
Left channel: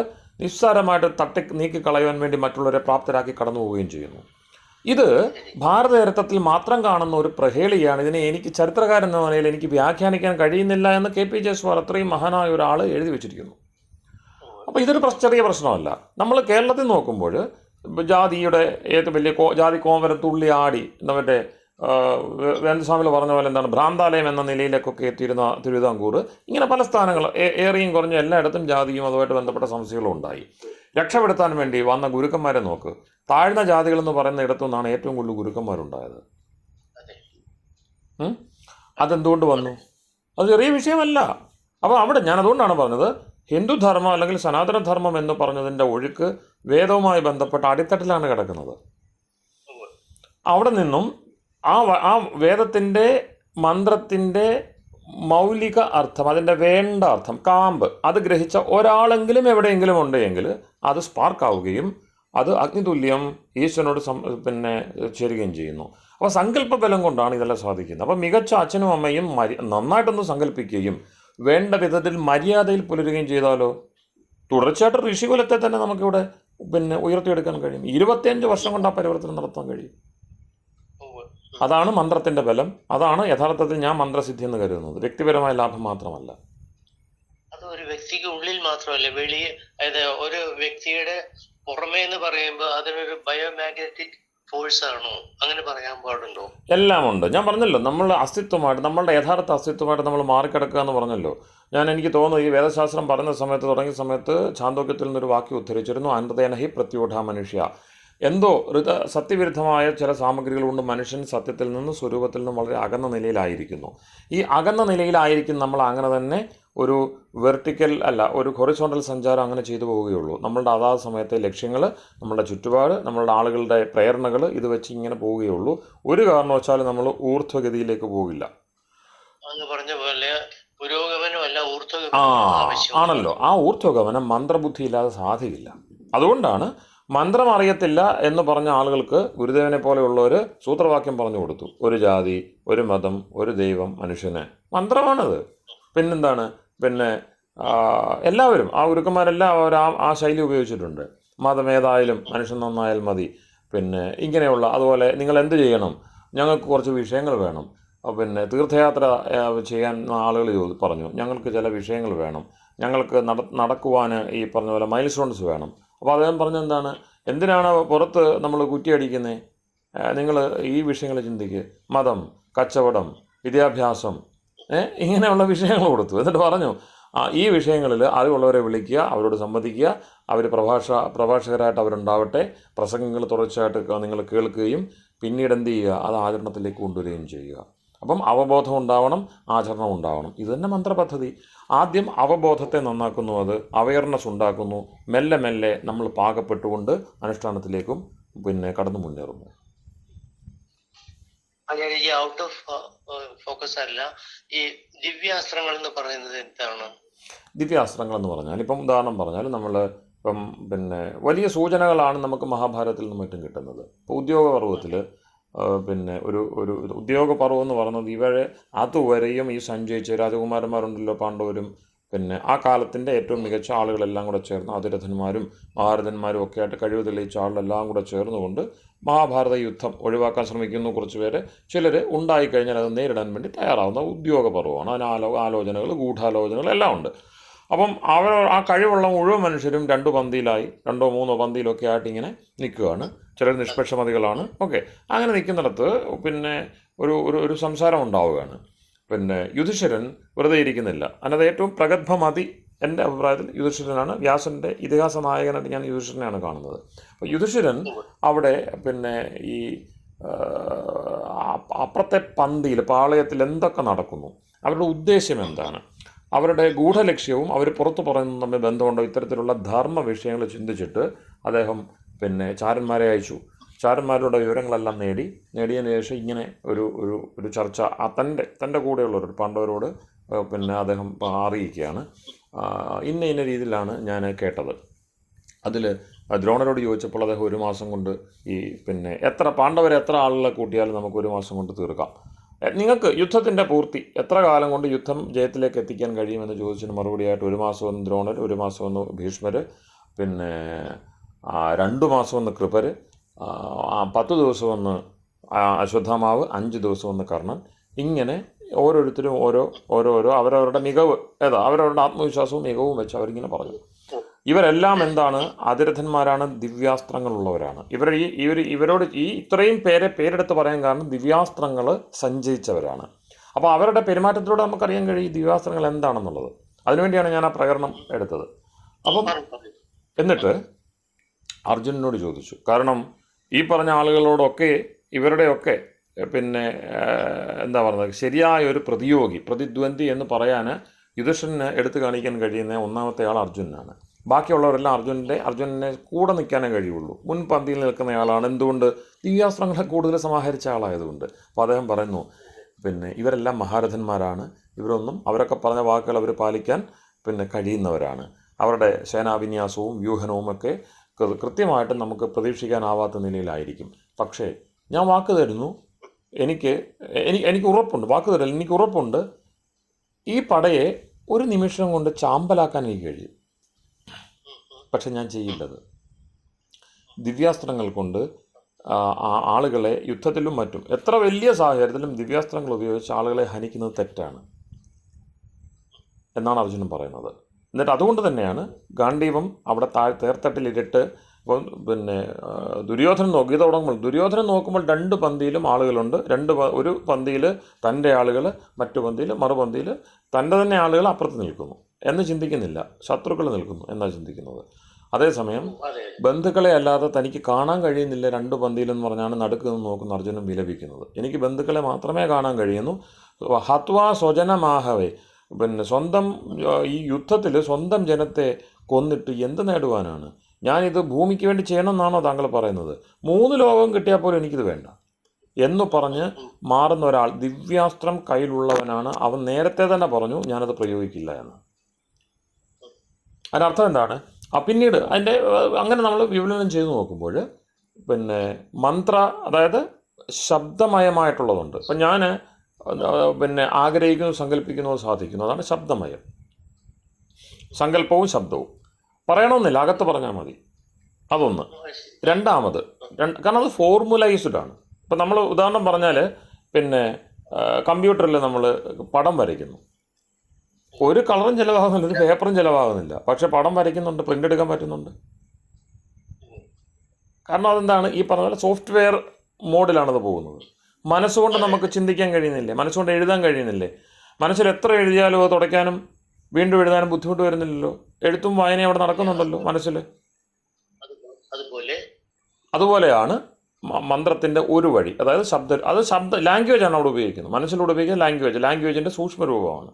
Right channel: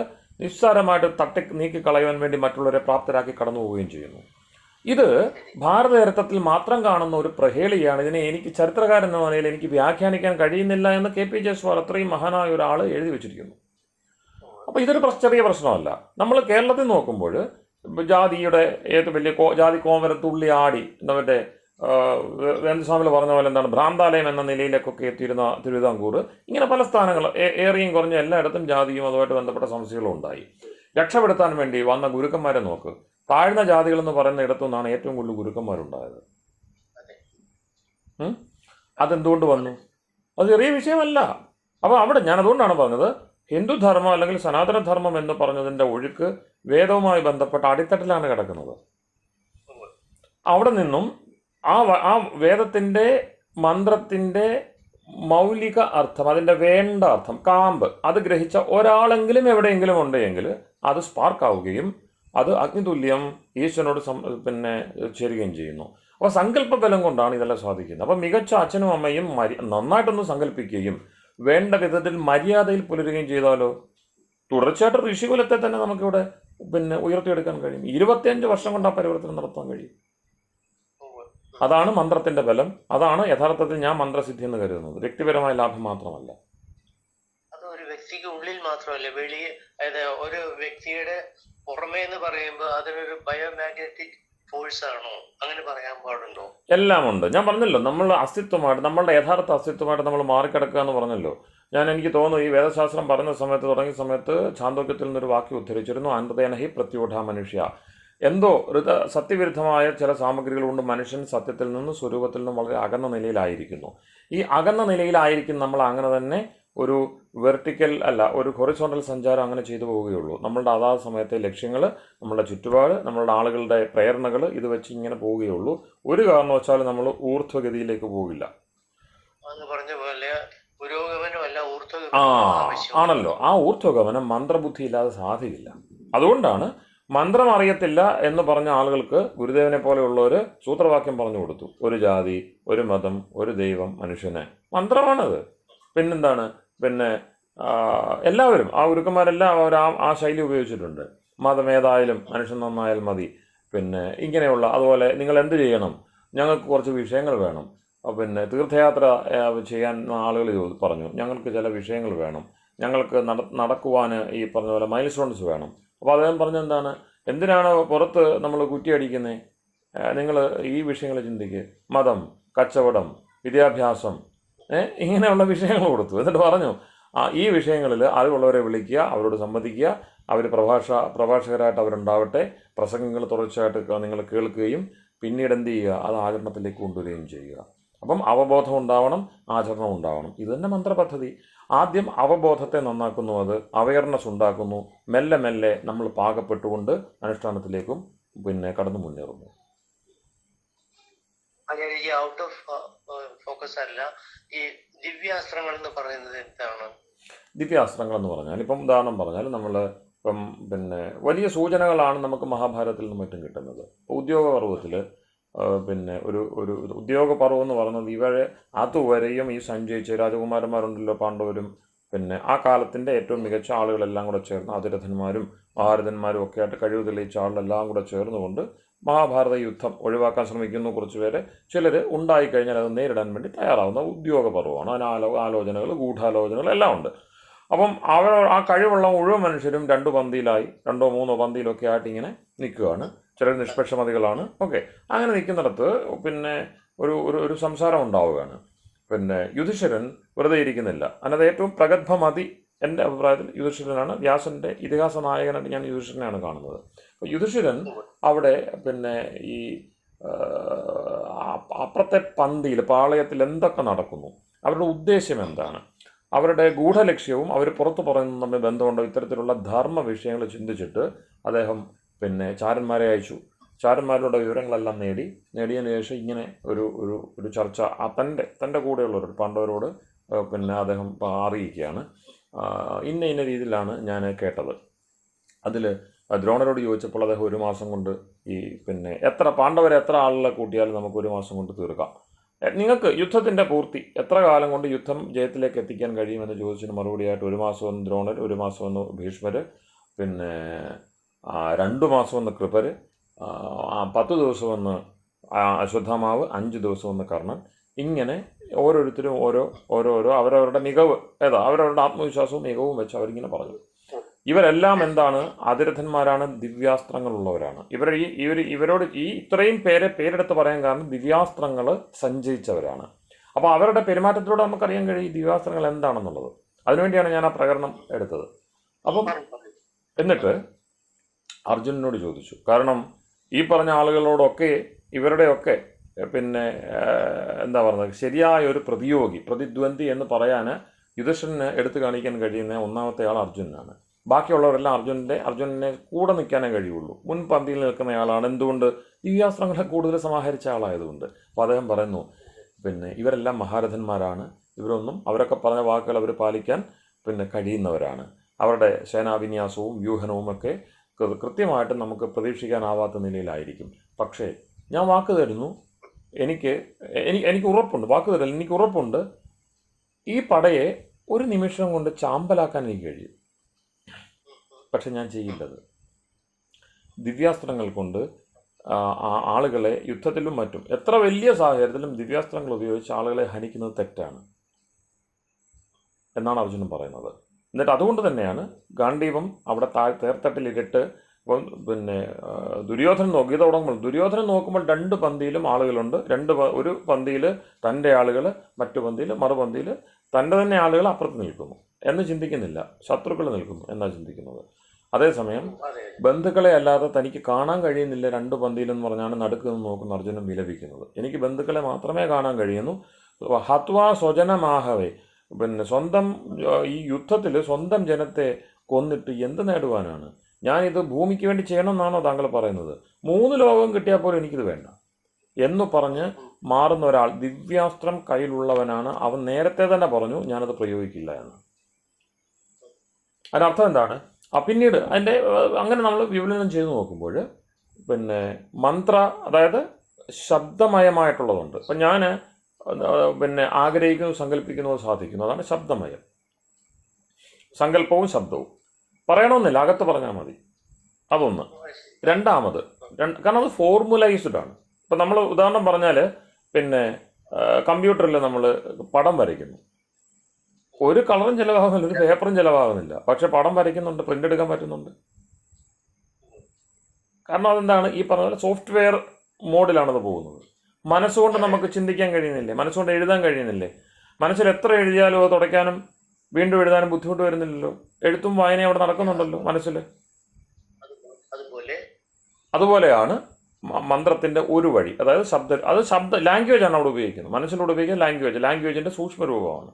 നിസ്സാരമായിട്ട് നീക്കിക്കളയാൻ വേണ്ടി മറ്റുള്ളവരെ പ്രാപ്തരാക്കി കടന്നു പോവുകയും ചെയ്യുന്നു. ഇത് ഭാരതചരിത്രത്തിൽ മാത്രം കാണുന്ന ഒരു പ്രഹേളിയാണ്. ഇതിനെ എനിക്ക് ചരിത്രകാരൻ എന്ന നിലയിൽ എനിക്ക് വ്യാഖ്യാനിക്കാൻ കഴിയുന്നില്ല എന്ന് KP ജയസ്വാൾ അത്രയും മഹാനായ ഒരാൾ എഴുതി വെച്ചിരിക്കുന്നു. അപ്പോൾ ഇതൊരു ചെറിയ പ്രശ്നമല്ല. നമ്മൾ കേരളത്തിൽ നോക്കുമ്പോൾ ജാതിയുടെ വലിയ ജാതി കോമരം തുള്ളി ആടി നമ്മുടെ വേന്ദ്സ്വാമികൾ പറഞ്ഞ പോലെ എന്താണ് ഭ്രാന്താലയം എന്ന നിലയിലേക്കൊക്കെ എത്തിയിരുന്ന തിരുവിതാംകൂർ, ഇങ്ങനെ പല സ്ഥാനങ്ങൾ ഏറിയും കുറഞ്ഞ എല്ലായിടത്തും ജാതിയും അതുമായിട്ട് ബന്ധപ്പെട്ട സമസ്യകളും ഉണ്ടായി. രക്ഷപ്പെടുത്താൻ വേണ്ടി വന്ന ഗുരുക്കന്മാരെ നോക്ക്. താഴ്ന്ന ജാതികൾ എന്ന് പറയുന്ന ഇടത്തു നിന്നാണ് ഏറ്റവും കൂടുതൽ ഗുരുക്കന്മാരുണ്ടായത്. അതെന്തുകൊണ്ട് വന്നു? അത് ചെറിയ വിഷയമല്ല. അപ്പോൾ അവിടെ ഞാൻ അതുകൊണ്ടാണ് പറഞ്ഞത്, ഹിന്ദുധർമ്മം അല്ലെങ്കിൽ സനാതനധർമ്മം എന്ന് പറഞ്ഞതിൻ്റെ ഒഴുക്ക് വേദവുമായി ബന്ധപ്പെട്ട അടിത്തട്ടിലാണ് കിടക്കുന്നത്. അവിടെ നിന്നും ആ വേദത്തിൻ്റെ മന്ത്രത്തിൻ്റെ മൗലിക അർത്ഥം, അതിൻ്റെ വേണ്ട അർത്ഥം, കാമ്പ്, അത് ഗ്രഹിച്ച ഒരാളെങ്കിലും എവിടെയെങ്കിലും ഉണ്ടെങ്കിൽ അത് സ്പാർക്കാവുകയും അത് അഗ്നിതുല്യം ഈശ്വരനോട് പിന്നെ ചേരുകയും ചെയ്യുന്നു. അപ്പോൾ സങ്കല്പ ബലം കൊണ്ടാണ് ഇതെല്ലാം സാധിക്കുന്നത്. അപ്പോൾ മികച്ച അച്ഛനും അമ്മയും നന്നായിട്ടൊന്ന് സങ്കല്പിക്കുകയും വേണ്ട വിധത്തിൽ മര്യാദയിൽ പുലരുകയും ചെയ്താലോ തുടർച്ചയായിട്ട് ഋഷികുലത്തെ തന്നെ നമുക്കിവിടെ പിന്നെ ഉയർത്തിയെടുക്കാൻ കഴിയും. 25 വർഷം കൊണ്ട് ആ പരിവർത്തനം നടത്താൻ കഴിയും. അതാണ് മന്ത്രത്തിൻ്റെ ബലം. അതാണ് യഥാർത്ഥത്തിൽ ഞാൻ മന്ത്രസിദ്ധി എന്ന് കരുതുന്നത്. വ്യക്തിപരമായ ലാഭം മാത്രമല്ല. അത് ഒരു വ്യക്തിക്ക് ഉള്ളിൽ മാത്രമല്ല, വെളിയെ, അതായത് ഒരു വ്യക്തിയുടെ പുറമേ എന്ന് പറയുമ്പോൾ അതിനൊരു ബയോമാഗ്നറ്റിക് ഫോഴ്സ് ആണോ, അങ്ങനെ പറയാൻ പാടുണ്ടോ? എല്ലാം ഉണ്ട്. ഞാൻ പറഞ്ഞല്ലോ, നമ്മളുടെ അസ്തിത്വമായിട്ട്, നമ്മളുടെ യഥാർത്ഥ അസ്തിത്വമായിട്ട് നമ്മൾ മാറിക്കിടക്കുക എന്ന് പറഞ്ഞല്ലോ. എനിക്ക് തോന്നുന്നു ഈ വേദശാസ്ത്രം പറഞ്ഞ സമയത്ത്, തുടങ്ങിയ സമയത്ത് ഛാന്തോക്യത്തിൽ നിന്നൊരു വാക്യം ഉദ്ധരിച്ചിരുന്നു, അനൃതേന ഹി പ്രത്യൂഢ മനുഷ്യ. എന്തോ സത്യവിരുദ്ധമായ ചില സാമഗ്രികൾ കൊണ്ട് മനുഷ്യൻ സത്യത്തിൽ നിന്ന് സ്വരൂപത്തിൽ നിന്നും വളരെ അകന്ന നിലയിലായിരിക്കുന്നു. ഈ അകന്ന നിലയിലായിരിക്കും നമ്മൾ അങ്ങനെ തന്നെ ഒരു വെർട്ടിക്കൽ അല്ല, ഒരു ഹൊറിസോണ്ടൽ സഞ്ചാരം അങ്ങനെ ചെയ്തു പോവുകയുള്ളൂ. നമ്മളുടെ അതാത് സമയത്തെ ലക്ഷ്യങ്ങൾ, നമ്മളുടെ ചുറ്റുപാട്, നമ്മളുടെ ആളുകളുടെ പ്രേരണകൾ ഇത് വെച്ച് ഇങ്ങനെ പോവുകയുള്ളൂ. ഒരു കാരണവശാലും നമ്മൾ ഊർധ്വഗതിയിലേക്ക് പോകില്ല. പറഞ്ഞ പോലെ പുരോഗമനമല്ല ആ ആണല്ലോ, ആ ഊർധ്വഗമനം മന്ത്രബുദ്ധി ഇല്ലാതെ സാധിക്കില്ല. അതുകൊണ്ടാണ് മന്ത്രം അറിയത്തില്ല എന്ന് പറഞ്ഞ ആളുകൾക്ക് ഗുരുദേവനെ പോലെയുള്ളവർ സൂത്രവാക്യം പറഞ്ഞു കൊടുത്തു. ഒരു ജാതി, ഒരു മതം, ഒരു ദൈവം, മനുഷ്യന്. മന്ത്രമാണത്. പിന്നെന്താണ്, പിന്നെ എല്ലാവരും ആ ഗുരുക്കന്മാരെല്ലാം അവർ ആ ശൈലി ഉപയോഗിച്ചിട്ടുണ്ട്. മതമേതായാലും മനുഷ്യൻ നന്നായാൽ മതി. പിന്നെ ഇങ്ങനെയുള്ള, അതുപോലെ നിങ്ങൾ എന്ത് ചെയ്യണം, ഞങ്ങൾക്ക് കുറച്ച് വിഷയങ്ങൾ വേണം. പിന്നെ തീർത്ഥയാത്ര ചെയ്യാൻ ആളുകൾ പറഞ്ഞു, ഞങ്ങൾക്ക് ചില വിഷയങ്ങൾ വേണം, ഞങ്ങൾക്ക് നടക്കുവാൻ ഈ പറഞ്ഞ പോലെ മൈൽ സ്റ്റോൺസ് വേണം. അപ്പോൾ അദ്ദേഹം പറഞ്ഞെന്താണ്, എന്തിനാണ് പുറത്ത് നമ്മൾ കുറ്റിയടിക്കുന്നത്, നിങ്ങൾ ഈ വിഷയങ്ങൾ ചിന്തിക്കുക. മതം, കച്ചവടം, വിദ്യാഭ്യാസം, ഇങ്ങനെയുള്ള വിഷയങ്ങൾ കൊടുത്തു. എന്നിട്ട് പറഞ്ഞു, ഈ വിഷയങ്ങളിൽ അറിവുള്ളവരെ വിളിക്കുക, അവരോട് സംവദിക്കുക, അവർ പ്രഭാഷകരായിട്ട് അവരുണ്ടാവട്ടെ, പ്രസംഗങ്ങൾ തുടർച്ചയായിട്ട് നിങ്ങൾ കേൾക്കുകയും പിന്നീട് എന്ത് ചെയ്യുക, അത് ആചരണത്തിലേക്ക് കൊണ്ടുവരികയും ചെയ്യുക. അപ്പം അവബോധം ഉണ്ടാവണം, ആചരണം ഉണ്ടാവണം. ഇത് തന്നെ മന്ത്രപദ്ധതി. ആദ്യം അവബോധത്തെ നന്നാക്കുന്നു, അത് അവയർനെസ് ഉണ്ടാക്കുന്നു. മെല്ലെ മെല്ലെ നമ്മൾ പാകപ്പെട്ടുകൊണ്ട് അനുഷ്ഠാനത്തിലേക്കും പിന്നെ കടന്നു മുന്നേറുന്നു. ഈ ഔട്ട് ഓഫ് ഫോക്കസ് അല്ല, ഈ ദിവ്യാസ്ത്രങ്ങൾ എന്ന് പറയുന്നത് എന്താണ്? ദിവ്യാസ്ത്രങ്ങൾ എന്ന് പറഞ്ഞാൽ, ഇപ്പം ഉദാഹരണം പറഞ്ഞാൽ, നമ്മൾ ഇപ്പം പിന്നെ വലിയ സൂചനകളാണ് നമുക്ക് മഹാഭാരതത്തിൽ നിന്നും മറ്റും കിട്ടുന്നത്. ഇപ്പോൾ ഉദ്യോഗപർവ്വത്തിൽ പിന്നെ ഒരു ഉദ്യോഗപർവ്വം എന്ന് പറയുന്നത് ഇവരെ അതുവരെയും ഈ സഞ്ചയിച്ച രാജകുമാരന്മാരുണ്ടല്ലോ, പാണ്ഡവരും, പിന്നെ ആ കാലത്തിൻ്റെ ഏറ്റവും മികച്ച ആളുകളെല്ലാം കൂടെ ചേർന്ന് അതിരഥന്മാരും മഹാരഥന്മാരും ഒക്കെ ആയിട്ട് കഴിവ് തെളിയിച്ച ആളുകളെല്ലാം കൂടെ ചേർന്നുകൊണ്ട് മഹാഭാരത യുദ്ധം ഒഴിവാക്കാൻ ശ്രമിക്കുന്നു കുറച്ച് പേര്. ചിലർ ഉണ്ടായിക്കഴിഞ്ഞാൽ അത് നേരിടാൻ വേണ്ടി തയ്യാറാവുന്ന ഉദ്യോഗപർവ്വമാണ്. അതിന് ആലോചനകൾ, ഗൂഢാലോചനകൾ എല്ലാം ഉണ്ട്. അപ്പം ആ കഴിവുള്ള മുഴുവൻ മനുഷ്യരും രണ്ടോ മൂന്നോ പന്തിയിലൊക്കെ ആയിട്ട് ഇങ്ങനെ നിൽക്കുകയാണ്. ചിലർ നിഷ്പക്ഷമതികളാണ്. ഓക്കെ, അങ്ങനെ നിൽക്കുന്നിടത്ത് പിന്നെ ഒരു സംസാരം ഉണ്ടാവുകയാണ്. പിന്നെ യുധിഷ്ഠിരൻ വെറുതെ ഇരിക്കുന്നില്ല. അതിനകത്ത് ഏറ്റവും പ്രഗത്ഭമതി എൻ്റെ അഭിപ്രായത്തിൽ യുധിഷ്ഠിരനാണ്. വ്യാസൻ്റെ ഇതിഹാസ നായകനായിട്ട് ഞാൻ യുധിഷ്ഠിരനെയാണ് കാണുന്നത്. അപ്പോൾ യുധിഷ്ഠിരൻ അവിടെ പിന്നെ ഈ അപ്പുറത്തെ പന്തിയിൽ, പാളയത്തിൽ എന്തൊക്കെ നടക്കുന്നു, അവരുടെ ഉദ്ദേശ്യം എന്താണ്, അവരുടെ ഗൂഢലക്ഷ്യവും അവർ പുറത്തു പറയുന്നതും തമ്മിൽ ബന്ധമുണ്ടോ, ഇത്തരത്തിലുള്ള ധർമ്മ വിഷയങ്ങൾ ചിന്തിച്ചിട്ട് അദ്ദേഹം പിന്നെ ചാരന്മാരെ അയച്ചു. ചാരന്മാരുടെ വിവരങ്ങളെല്ലാം നേടിയതിനു ശേഷം ഇങ്ങനെ ഒരു ചർച്ച തൻ്റെ കൂടെയുള്ളവർ പാണ്ഡവരോട് പിന്നെ അദ്ദേഹം അറിയിക്കുകയാണ്. ഇന്ന രീതിയിലാണ് ഞാൻ കേട്ടത്. അതിൽ ദ്രോണരോട് ചോദിച്ചപ്പോൾ അദ്ദേഹം 1 മാസം കൊണ്ട് ഈ പിന്നെ പാണ്ഡവരെ എത്ര ആളുകളെ കൂട്ടിയാലും നമുക്ക് 1 മാസം കൊണ്ട് തീർക്കാം, നിങ്ങൾക്ക് യുദ്ധത്തിൻ്റെ പൂർത്തി എത്ര കാലം കൊണ്ട് യുദ്ധം ജയത്തിലേക്ക് എത്തിക്കാൻ കഴിയുമെന്ന് ചോദിച്ചതിന് മറുപടിയായിട്ട് 1 മാസം എന്ന് ദ്രോണർ, 1 മാസം എന്ന് ഭീഷ്മർ, പിന്നെ 2 മാസം എന്ന് കൃപർ, 10 ദിവസം എന്ന് അശ്വത്ഥാമാവ്, 5 ദിവസം എന്ന് കർണൻ. ഇങ്ങനെ ഓരോരുത്തരും ഓരോരോ അവരവരുടെ മികവ് അവരവരുടെ ആത്മവിശ്വാസവും മികവും വെച്ച് അവരിങ്ങനെ പറഞ്ഞു. ഇവരെല്ലാം എന്താണ്, അതിരഥന്മാരാണ്, ദിവ്യാസ്ത്രങ്ങളുള്ളവരാണ്. ഇവരോട് ഇത്രയും പേരെടുത്ത് പറയാൻ കാരണം ദിവ്യാസ്ത്രങ്ങൾ സഞ്ചയിച്ചവരാണ്. അപ്പോൾ അവരുടെ പെരുമാറ്റത്തിലൂടെ നമുക്കറിയാൻ കഴിയും ദിവ്യാസ്ത്രങ്ങൾ എന്താണെന്നുള്ളത്. അതിനുവേണ്ടിയാണ് ഞാൻ ആ പ്രകടനം എടുത്തത്. അപ്പം എന്നിട്ട് അർജുനനോട് ചോദിച്ചു, കാരണം ഈ പറഞ്ഞ ആളുകളോടൊക്കെ ഇവരുടെയൊക്കെ പിന്നെ എന്താ പറയുന്നത്, ശരിയായ ഒരു പ്രതിദ്വന്ദ്വി എന്ന് പറയാൻ യുധിഷ്ഠിരന് എടുത്തു കാണിക്കാൻ കഴിയുന്ന ഒന്നാമത്തെ ആൾ അർജുനനാണ്. ബാക്കിയുള്ളവരെല്ലാം അർജുനനെ കൂടെ നിൽക്കാനേ കഴിയുള്ളൂ. മുൻപന്തിയിൽ നിൽക്കുന്നയാളാണ്. എന്തുകൊണ്ട്? ദിവ്യാസ്ത്രങ്ങളെ കൂടുതൽ സമാഹരിച്ച ആളായതുകൊണ്ട്. അപ്പോൾ അദ്ദേഹം പറയുന്നു, പിന്നെ ഇവരെല്ലാം മഹാരഥന്മാരാണ്. ഇവരൊന്നും അവരൊക്കെ പറഞ്ഞ വാക്കുകൾ അവർ പാലിക്കാൻ പിന്നെ കഴിയുന്നവരാണ്. അവരുടെ സേനാവിന്യാസവും വ്യൂഹനവും ഒക്കെ കൃത്യമായിട്ട് നമുക്ക് പ്രതീക്ഷിക്കാനാവാത്ത നിലയിലായിരിക്കും. പക്ഷേ ഞാൻ വാക്ക് തരുന്നു, എനിക്ക് ഉറപ്പുണ്ട്, വാക്ക് തരൽ എനിക്ക് ഉറപ്പുണ്ട്, ഈ പടയെ ഒരു നിമിഷം കൊണ്ട് ചാമ്പലാക്കാൻ എനിക്ക് കഴിയും. പക്ഷെ ഞാൻ ചെയ്യേണ്ടത് ദിവ്യാസ്ത്രങ്ങൾ കൊണ്ട് ആളുകളെ യുദ്ധത്തിലും മറ്റും എത്ര വലിയ സാഹചര്യത്തിലും ദിവ്യാസ്ത്രങ്ങൾ ഉപയോഗിച്ച് ആളുകളെ ഹനിക്കുന്നത് തെറ്റാണ് എന്നാണ് അർജുനൻ പറയുന്നത്. എന്നിട്ട് അതുകൊണ്ട് തന്നെയാണ് ഗാണ്ഡീവം അവിടെ തേർത്തട്ടിലിട്ട് ഇപ്പം പിന്നെ ദുര്യോധനൻ നോക്കി തുടങ്ങുമ്പോൾ ദുര്യോധനൻ നോക്കുമ്പോൾ 2 പന്തിയിലും ആളുകളുണ്ട്. ഒരു പന്തിയിൽ തൻ്റെ ആളുകൾ, മറ്റു പന്തിയിൽ മറുപന്തിയിൽ തൻ്റെ തന്നെ ആളുകൾ അപ്പുറത്ത് നിൽക്കുന്നു എന്ന് ചിന്തിക്കുന്നില്ല, ശത്രുക്കൾ നിൽക്കുന്നു എന്നാണ് ചിന്തിക്കുന്നത്. അതേസമയം ബന്ധുക്കളെ അല്ലാതെ തനിക്ക് കാണാൻ കഴിയുന്നില്ല 2 പന്തിയിലെന്ന് പറഞ്ഞാണ് നടുക്ക് നിന്ന് നോക്കുന്ന അർജുനൻ വിലപിക്കുന്നത്. എനിക്ക് ബന്ധുക്കളെ മാത്രമേ കാണാൻ കഴിയുന്നു. ഹത്വാ സ്വജനമാഹവേ, പിന്നെ സ്വന്തം ഈ യുദ്ധത്തിൽ സ്വന്തം ജനത്തെ കൊന്നിട്ട് എന്ത് നേടുവാനാണ്? ഞാനിത് ഭൂമിക്ക് വേണ്ടി ചെയ്യണമെന്നാണോ താങ്കൾ പറയുന്നത്? 3 ലോകം കിട്ടിയാൽ പോലും എനിക്കിത് വേണ്ട എന്ന് പറഞ്ഞ് മാറുന്ന ഒരാൾ, ദിവ്യാസ്ത്രം കയ്യിലുള്ളവനാണ്. അവൻ നേരത്തെ തന്നെ പറഞ്ഞു ഞാനത് പ്രയോഗിക്കില്ല എന്ന്. അതിനർത്ഥം എന്താണ്? പിന്നീട് അതിൻ്റെ അങ്ങനെ നമ്മൾ വിവരണം ചെയ്ത് നോക്കുമ്പോൾ പിന്നെ മന്ത്ര, അതായത് ശബ്ദമയമായിട്ടുള്ളതുണ്ട്. അപ്പം ഞാൻ പിന്നെ ആഗ്രഹിക്കുന്നു, സങ്കല്പിക്കുന്നത് സാധിക്കുന്നു, അതാണ് ശബ്ദമയം. സങ്കല്പവും ശബ്ദവും പറയണമെന്നില്ല, അകത്ത് പറഞ്ഞാൽ മതി. അതൊന്ന്. രണ്ടാമത്, കാരണം അത് ഫോർമുലൈസ്ഡ് ആണ്. ഇപ്പം നമ്മൾ ഉദാഹരണം പറഞ്ഞാൽ പിന്നെ കമ്പ്യൂട്ടറിൽ നമ്മൾ പടം വരയ്ക്കുന്നു. ഒരു കളറും ചിലവാകുന്നില്ല, ഒരു പേപ്പറും ചിലവാകുന്നില്ല, പക്ഷെ പടം വരയ്ക്കുന്നുണ്ട്, പ്രിൻ്റ് എടുക്കാൻ പറ്റുന്നുണ്ട്. കാരണം അതെന്താണ്? ഈ പറഞ്ഞ പോലെ സോഫ്റ്റ്വെയർ മോഡിലാണത് പോകുന്നത്. മനസ്സുകൊണ്ട് നമുക്ക് ചിന്തിക്കാൻ കഴിയുന്നില്ലേ? മനസ്സുകൊണ്ട് എഴുതാൻ കഴിയുന്നില്ലേ? മനസ്സിൽ എത്ര എഴുതിയാലും അത് തുടയ്ക്കാനും വീണ്ടും എഴുതാനും ബുദ്ധിമുട്ട് വരുന്നില്ലല്ലോ. എഴുത്തും വായനയും അവിടെ നടക്കുന്നുണ്ടല്ലോ മനസ്സിൽ. അതുപോലെയാണ് മന്ത്രത്തിൻ്റെ ഒരു വഴി, അതായത് ശബ്ദ ലാംഗ്വേജ് ആണ് അവിടെ ഉപയോഗിക്കുന്നത്. മനസ്സിലൂടെ ഉപയോഗിക്കുന്ന ലാംഗ്വേജിൻ്റെ സൂക്ഷ്മരൂപമാണ്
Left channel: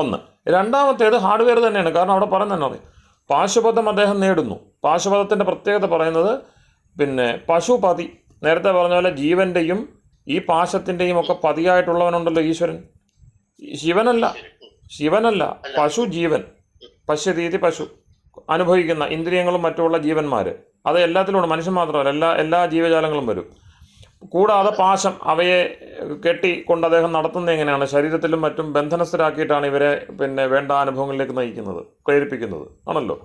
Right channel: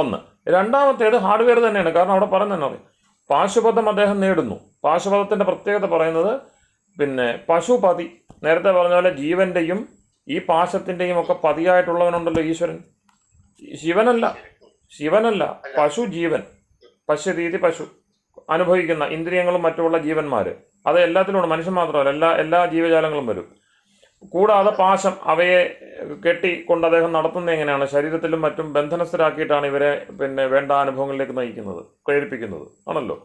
ഒന്ന്. രണ്ടാമത്തേത് ഹാർഡ്വെയർ തന്നെയാണ്. കാരണം അവിടെ പറയുന്നതെന്ന് പറയും, പാശുപതം അദ്ദേഹം നേടുന്നു. പാശുപതത്തിൻ്റെ പ്രത്യേകത പറയുന്നത് പിന്നെ പശുപതി, നേരത്തെ പറഞ്ഞ പോലെ ജീവൻ്റെയും ഈ പാശത്തിൻ്റെയും ഒക്കെ പതിയായിട്ടുള്ളവനുണ്ടല്ലോ ഈശ്വരൻ. ശിവനല്ല, പശു ജീവൻ. പശുരീതി പശു അനുഭവിക്കുന്ന ഇന്ദ്രിയങ്ങളും മറ്റുമുള്ള ജീവന്മാർ, അത് എല്ലാത്തിലുമുണ്ട്. മനുഷ്യൻ മാത്രമല്ല, എല്ലാ ജീവജാലങ്ങളും വരും. കൂടാതെ പാശം, അവയെ കെട്ടിക്കൊണ്ട് അദ്ദേഹം നടത്തുന്നത് എങ്ങനെയാണ്? ശരീരത്തിലും മറ്റും ബന്ധനസ്ഥരാക്കിയിട്ടാണ് ഇവരെ പിന്നെ വേണ്ട അനുഭവങ്ങളിലേക്ക് നയിക്കുന്നത്, പ്രേരിപ്പിക്കുന്നത് ആണല്ലോ.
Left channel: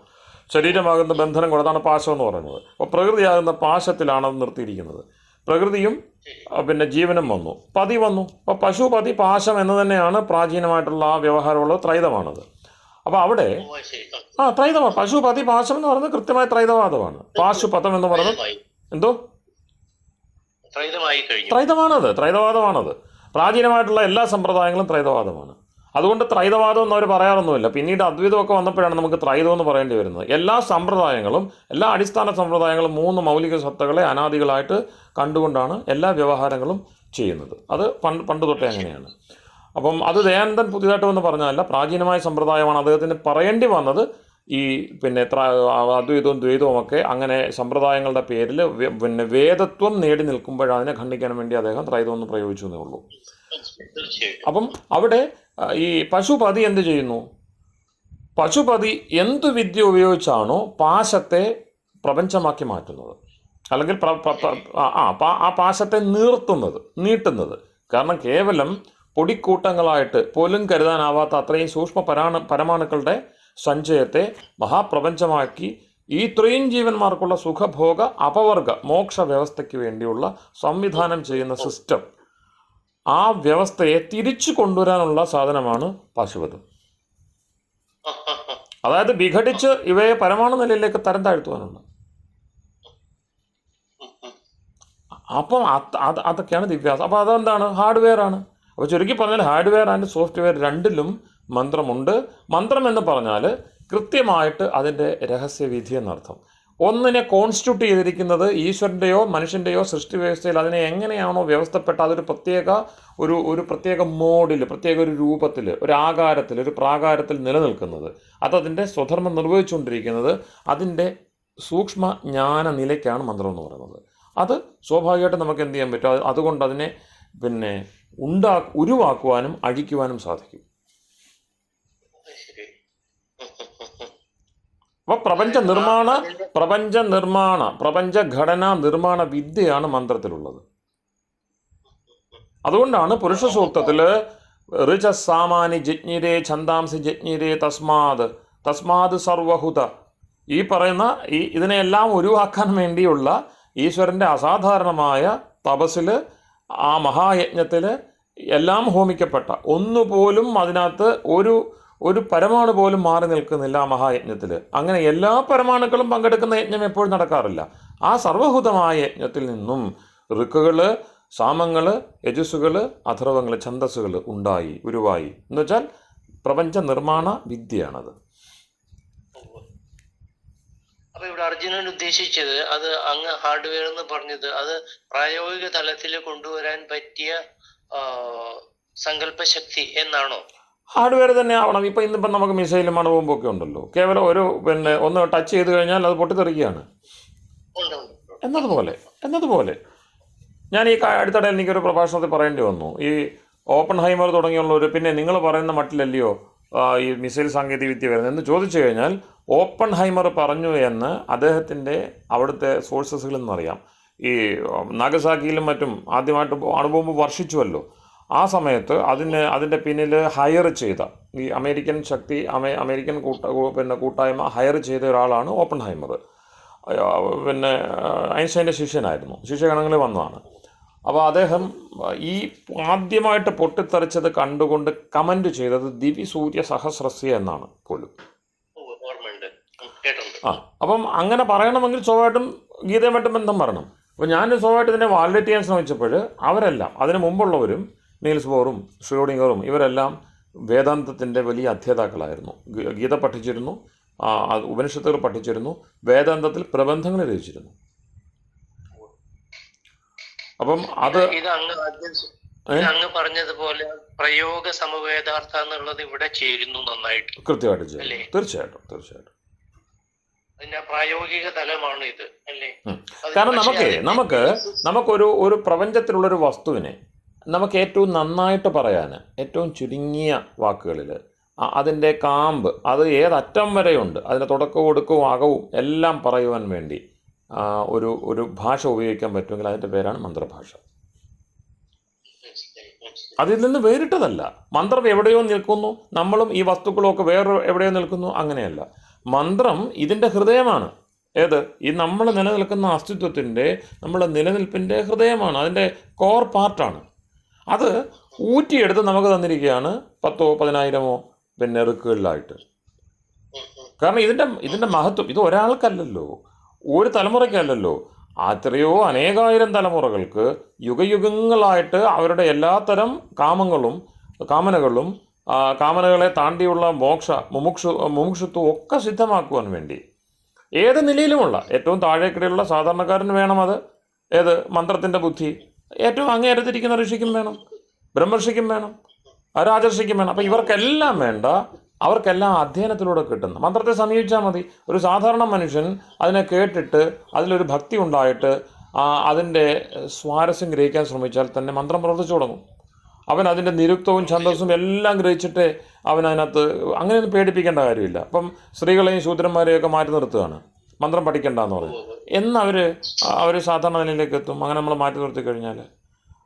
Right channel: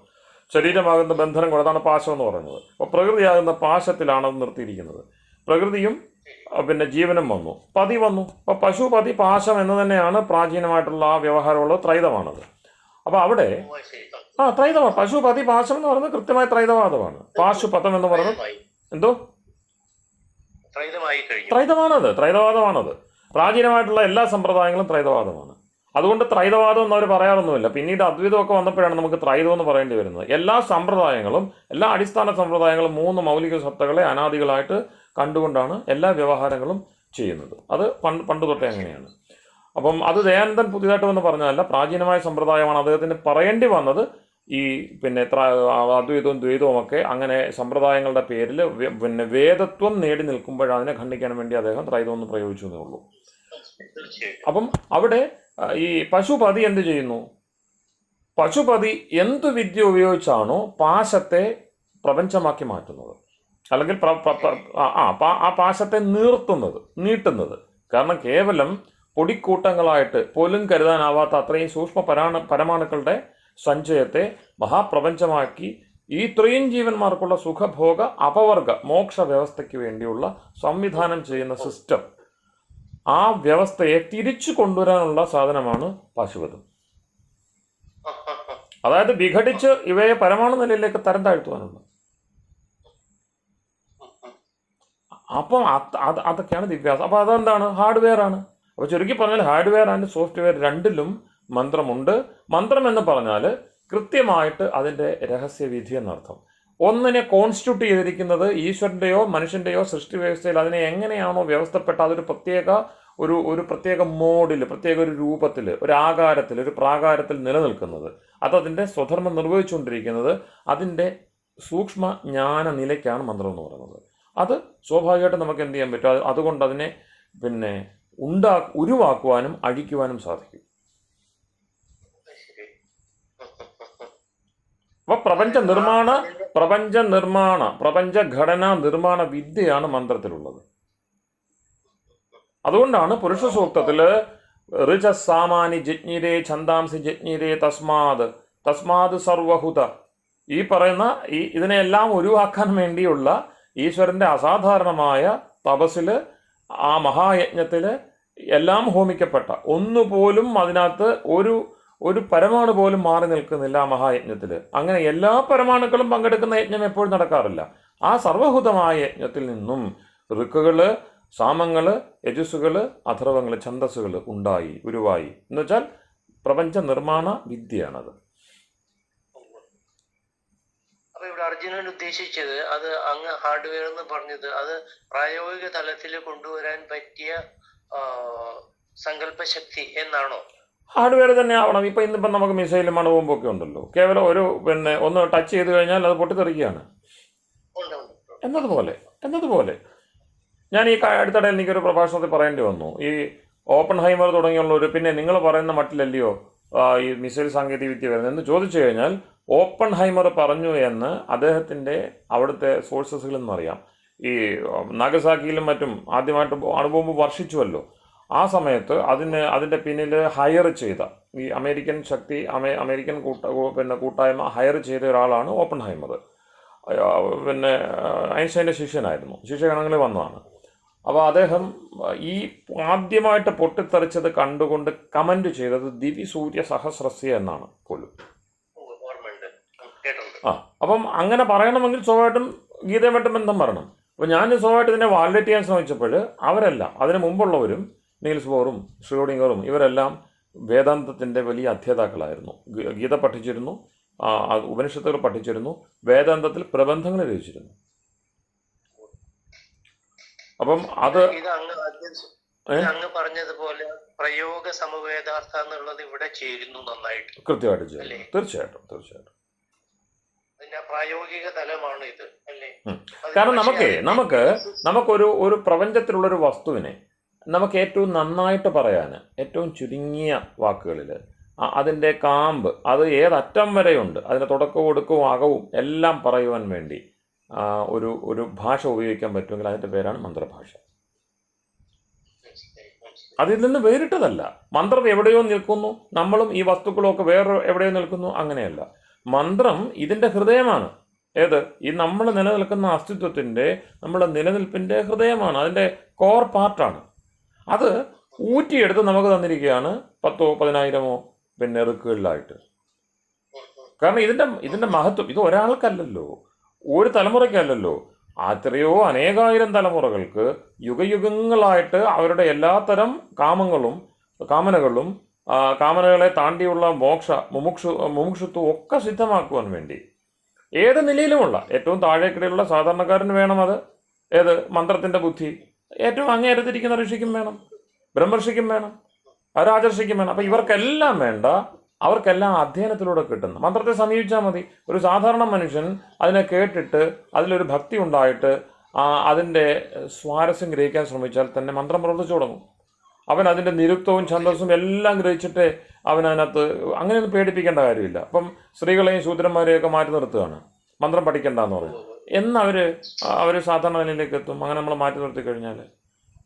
ശരീരമാകുന്ന ബന്ധനം കൊണ്ടതാണ് പാശം എന്ന് പറയുന്നത്. അപ്പോൾ പ്രകൃതിയാകുന്ന പാശത്തിലാണ് അത് നിർത്തിയിരിക്കുന്നത്. പ്രകൃതിയും പിന്നെ ജീവനും വന്നു, പതി വന്നു. അപ്പോൾ പശു പതി പാശം എന്ന് തന്നെയാണ് പ്രാചീനമായിട്ടുള്ള ആ വ്യവഹാരമുള്ളത്. ത്രൈതമാണത്. അപ്പോൾ അവിടെ ത്രൈതമാണ്. പശു പതി പാശം എന്ന് പറയുന്നത് കൃത്യമായ ത്രൈതവാദമാണ്. പാശുപതം എന്ന് പറയുന്നത് എന്തോ ത്രൈതവാദമാണത്. പ്രാചീനമായിട്ടുള്ള എല്ലാ സമ്പ്രദായങ്ങളും ത്രൈതവാദമാണ്. അതുകൊണ്ട് ത്രൈതവാദം എന്നവർ പറയാറൊന്നുമില്ല. പിന്നീട് അദ്വൈതമൊക്കെ വന്നപ്പോഴാണ് നമുക്ക് ത്രൈതം എന്ന് പറയേണ്ടി വരുന്നത്. എല്ലാ സമ്പ്രദായങ്ങളും, എല്ലാ അടിസ്ഥാന സമ്പ്രദായങ്ങളും 3 മൗലിക സത്തകളെ അനാദികളായിട്ട് കണ്ടുകൊണ്ടാണ് എല്ലാ വ്യവഹാരങ്ങളും ചെയ്യുന്നത്. അത് പണ്ട് തൊട്ടേ അങ്ങനെയാണ്. അപ്പം അത് ദയാനന്ദൻ പുതിയതായിട്ട് വന്ന് പറഞ്ഞതല്ല, പ്രാചീനമായ സമ്പ്രദായമാണ്. അദ്ദേഹത്തിന് പറയേണ്ടി വന്നത് ഈ പിന്നെ അദ്വൈതവും ദ്വൈതവും ഒക്കെ അങ്ങനെ സമ്പ്രദായങ്ങളുടെ പേരിൽ പിന്നെ വേദത്വം നേടി നിൽക്കുമ്പോൾ അതിനെ ഖണ്ഡിക്കാൻ വേണ്ടി അദ്ദേഹം ത്രൈതം എന്ന് പ്രയോഗിച്ചു എന്നേ ഉള്ളൂ. അപ്പം അവിടെ ഈ പശുപതി എന്ത് ചെയ്യുന്നു? പശുപതി എന്ത് വിദ്യ ഉപയോഗിച്ചാണോ പാശത്തെ പ്രപഞ്ചമാക്കി മാറ്റുന്നത്, അല്ലെങ്കിൽ ആ പാശത്തെ നീട്ടുന്നത്. കാരണം കേവലം പൊടിക്കൂട്ടങ്ങളായിട്ട് പോലും കരുതാനാവാത്ത അത്രയും സൂക്ഷ്മ പരമാണുക്കളുടെ സഞ്ചയത്തെ മഹാപ്രപഞ്ചമാക്കി ഈ ഇത്രയും ജീവന്മാർക്കുള്ള സുഖഭോഗ അപവർഗ മോക്ഷ വ്യവസ്ഥയ്ക്ക് വേണ്ടിയുള്ള സംവിധാനം ചെയ്യുന്ന സിസ്റ്റം, ആ വ്യവസ്ഥയെ തിരിച്ചു കൊണ്ടുവരാനുള്ള സാധനമാണ് പാശുപതം. അതായത് വിഘടിച്ച് ഇവയെ പരമാണു നിലയിലേക്ക് തരം താഴ്ത്തുവാനുണ്ട്. അപ്പം അതൊക്കെയാണ് ദിവ്യാസം. അപ്പോൾ അതെന്താണ്? ഹാർഡ്വെയർ ആണ്. അപ്പോൾ ചുരുക്കി പറഞ്ഞാൽ ഹാർഡ്വെയർ ആൻഡ് സോഫ്റ്റ്വെയർ രണ്ടിലും മന്ത്രമുണ്ട്. മന്ത്രം എന്ന് പറഞ്ഞാൽ കൃത്യമായിട്ട് അതിൻ്റെ രഹസ്യവിധി എന്നർത്ഥം. ഒന്നിനെ കോൺസ്റ്റിറ്റ്യൂട്ട് ചെയ്തിരിക്കുന്നത് ഈശ്വരൻ്റെയോ മനുഷ്യൻ്റെയോ സൃഷ്ടി വ്യവസ്ഥയിൽ അതിനെ എങ്ങനെയാണോ വ്യവസ്ഥപ്പെട്ട അതൊരു പ്രത്യേക മോഡിൽ, പ്രത്യേക ഒരു രൂപത്തിൽ, ഒരു ആകാരത്തിൽ, ഒരു പ്രാകാരത്തിൽ നിലനിൽക്കുന്നത്, അതതിൻ്റെ സ്വധർമ്മം നിർവഹിച്ചുകൊണ്ടിരിക്കുന്നത് അതിൻ്റെ സൂക്ഷ്മ ജ്ഞാന നിലയ്ക്കാണ് മന്ത്രം എന്ന് പറയുന്നത്. അത് സ്വാഭാവികമായിട്ട് നമുക്ക് എന്ത് ചെയ്യാൻ പറ്റും? അതുകൊണ്ട് അതിനെ പിന്നെ ഉരുവാക്കുവാനും അഴിക്കുവാനും സാധിക്കും. അപ്പോൾ പ്രപഞ്ചഘടനാ നിർമ്മാണ വിദ്യയാണ് മന്ത്രത്തിലുള്ളത്. അതുകൊണ്ടാണ് പുരുഷ സൂക്തത്തിൽ ഋചസാമാനി ജജ്ഞിരേ ഛന്ദാംസി ജജ്ഞിരേ തസ്മാത് സർവഹുത, ഈ പറയുന്ന ഇതിനെല്ലാം ഒഴിവാക്കാൻ വേണ്ടിയുള്ള ഈശ്വരൻ്റെ അസാധാരണമായ തപസ്സിൽ, ആ മഹായജ്ഞത്തിൽ എല്ലാം ഹോമിക്കപ്പെട്ട ഒന്നുപോലും അതിനകത്ത് ഒരു പരമാണു പോലും മാറി നിൽക്കുന്നില്ല ആ മഹായജ്ഞത്തിൽ. അങ്ങനെ എല്ലാ പരമാണുക്കളും പങ്കെടുക്കുന്ന യജ്ഞം എപ്പോഴും നടക്കാറില്ല. ആ സർവഭൂതമായ യജ്ഞത്തിൽ നിന്നും ഋക്കുകൾ, സാമങ്ങൾ, യജസ്സുകൾ, അഥർവങ്ങൾ, ഛന്ദസ്സുകൾ ഉരുവായി എന്ന് വെച്ചാൽ പ്രപഞ്ച നിർമ്മാണ വിദ്യയാണത്. അപ്പൊ ഇവിടെ അർജുനൻ ഉദ്ദേശിച്ചത് അത് അങ്ങ് ഹാർഡ്വെയർ എന്ന് പറഞ്ഞത് അത് പ്രായോഗിക തലത്തിൽ കൊണ്ടുവരാൻ പറ്റിയ സങ്കല്പശക്തി എന്നാണോ? ഹാർഡ്വെയർ തന്നെ ആവണം. ഇപ്പം ഇന്നിപ്പം നമുക്ക് മിസൈലും അണുബോംബൊക്കെ ഉണ്ടല്ലോ, കേവലം ഒരു ഒന്ന് ടച്ച് ചെയ്ത് കഴിഞ്ഞാൽ അത് പൊട്ടിത്തെറിക്കുകയാണ് എന്നതുപോലെ ഞാൻ ഈ അടുത്തിടെ എനിക്കൊരു പ്രഭാഷണത്തിൽ പറയേണ്ടി വന്നു. ഈ ഓപ്പൺഹൈമർ തുടങ്ങിയുള്ളവർ പിന്നെ നിങ്ങൾ പറയുന്ന മട്ടിലല്ലയോ ഈ മിസൈൽ സാങ്കേതികവിദ്യ വരുന്നത് എന്ന് ചോദിച്ചു കഴിഞ്ഞാൽ, ഓപ്പൺഹൈമർ പറഞ്ഞു എന്ന് അദ്ദേഹത്തിൻ്റെ അവിടുത്തെ സോഴ്സസുകളിൽ നിന്നറിയാം. ഈ നാഗസാക്കിയിലും മറ്റും ആദ്യമായിട്ട് അണുബോംബ് വർഷിച്ചുവല്ലോ, ആ സമയത്ത് അതിൻ്റെ പിന്നിൽ ഹയർ ചെയ്ത ഈ അമേരിക്കൻ ശക്തി അമേരിക്കൻ കൂട്ടായ്മ ഹയർ ചെയ്ത ഒരാളാണ് ഓപ്പൺഹൈമർ. ഐൻസ്റ്റൈൻ്റെ ശിഷ്യഗണങ്ങളിൽ വന്നതാണ്. അപ്പോൾ അദ്ദേഹം ഈ ആദ്യമായിട്ട് പൊട്ടിത്തെറിച്ചത് കണ്ടുകൊണ്ട് കമൻറ്റ് ചെയ്തത് ദിവ്യസൂര്യ സഹസ്രസ്യ എന്നാണ് പോലും. അപ്പം അങ്ങനെ പറയണമെങ്കിൽ സ്വാഭാവികമായിട്ടും ഗീതയുമായിട്ട് ബന്ധം പറയണം. അപ്പോൾ ഞാൻ സ്വാഭാവികമായിട്ട് ഇതിനെ വാലിഡേറ്റ് ചെയ്യാൻ ശ്രമിച്ചപ്പോൾ അവരെല്ലാം, അതിന് മുമ്പുള്ളവരും നീൽസ് ബോറും ഷ്രോഡിംഗറും ഇവരെല്ലാം വേദാന്തത്തിൻ്റെ വലിയ അധ്യേതാക്കളായിരുന്നു. ഗീത പഠിച്ചിരുന്നു, ഉപനിഷത്തുകൾ പഠിച്ചിരുന്നു, വേദാന്തത്തിൽ പ്രബന്ധങ്ങൾ രചിച്ചിരുന്നു. അപ്പം അത് അങ്ങ് പറഞ്ഞതുപോലെ പ്രയോഗ സമവേദാർത്ഥം എന്നുള്ളത് ഇവിടെ ചേരുന്നു നന്നായിട്ട്. കൃത്യമായിട്ട് ചേരുന്നു. തീർച്ചയായിട്ടും അതിന്റെ പ്രായോഗിക തലമാണ് ഇത്, അല്ലേ? കാരണം നമുക്കൊരു പ്രപഞ്ചത്തിലുള്ളൊരു വസ്തുവിനെ നമുക്ക് ഏറ്റവും നന്നായിട്ട് പറയാൻ, ഏറ്റവും ചുരുങ്ങിയ വാക്കുകളിൽ അതിൻ്റെ കാമ്പ്, അത് ഏതറ്റം വരെയുണ്ട്, അതിൻ്റെ തുടക്കവും ഒടുക്കവും അകവും എല്ലാം പറയുവാൻ വേണ്ടി ഒരു ഭാഷ ഉപയോഗിക്കാൻ പറ്റുമെങ്കിൽ അതിൻ്റെ പേരാണ് മന്ത്രഭാഷ. അതിൽ നിന്ന് വേറിട്ടതല്ല. മന്ത്രം എവിടെയോ നിൽക്കുന്നു, നമ്മളും ഈ വസ്തുക്കളും ഒക്കെ വേറെ എവിടെയോ നിൽക്കുന്നു, അങ്ങനെയല്ല. മന്ത്രം ഇതിൻ്റെ ഹൃദയമാണ്. ഏത്? ഈ നമ്മൾ നിലനിൽക്കുന്ന അസ്തിത്വത്തിൻ്റെ, നമ്മുടെ നിലനിൽപ്പിൻ്റെ ഹൃദയമാണ്, അതിൻ്റെ കോർ പാർട്ടാണ്. അത് ഊറ്റിയെടുത്ത് നമുക്ക് തന്നിരിക്കുകയാണ് 10,000-10,000 ഋക്കുകളിലായിട്ട്. കാരണം ഇതിൻ്റെ മഹത്വം ഇത് ഒരാൾക്കല്ലല്ലോ, ഒരു തലമുറയ്ക്കല്ലല്ലോ, അത്രയോ അനേകായിരം തലമുറകൾക്ക് യുഗയുഗങ്ങളായിട്ട് അവരുടെ എല്ലാത്തരം കാമനകളും കാമനകളെ താണ്ടിയുള്ള മുമുക്ഷുത്വം ഒക്കെ സിദ്ധമാക്കുവാൻ വേണ്ടി ഏത് നിലയിലുമുള്ള ഏറ്റവും താഴേക്കിടെയുള്ള സാധാരണക്കാരന് വേണം അത്. ഏത്? മന്ത്രത്തിൻ്റെ ബുദ്ധി ഏറ്റവും അങ്ങേയറ്റത്തിരിക്കുന്ന ഋഷിക്കും വേണം, ബ്രഹ്മർഷിക്കും വേണം, രാജർഷിക്കും വേണം. അപ്പം ഇവർക്കെല്ലാം വേണ്ട, അവർക്കെല്ലാം അധ്യയനത്തിലൂടെ കിട്ടുന്നു. മന്ത്രത്തെ സമീപിച്ചാൽ മതി. ഒരു സാധാരണ മനുഷ്യൻ അതിനെ കേട്ടിട്ട് അതിലൊരു ഭക്തി ഉണ്ടായിട്ട് അതിൻ്റെ സ്വാരസ്യം ഗ്രഹിക്കാൻ ശ്രമിച്ചാൽ തന്നെ മന്ത്രം പ്രവർത്തിച്ചു തുടങ്ങും. അവൻ അതിൻ്റെ നിരുക്തവും ഛന്ദസ്സും എല്ലാം ഗ്രഹിച്ചിട്ട് അവനതിനകത്ത് അങ്ങനെയൊന്നും പേടിപ്പിക്കേണ്ട കാര്യമില്ല. അപ്പം സ്ത്രീകളെയും ശൂദ്രന്മാരെയൊക്കെ മാറ്റി നിർത്തുകയാണ്, മന്ത്രം പഠിക്കേണ്ടെന്ന് പറഞ്ഞു അവർ സാധാരണ നിലയിലേക്ക് എത്തും. അങ്ങനെ നമ്മൾ മാറ്റി നിർത്തി കഴിഞ്ഞാൽ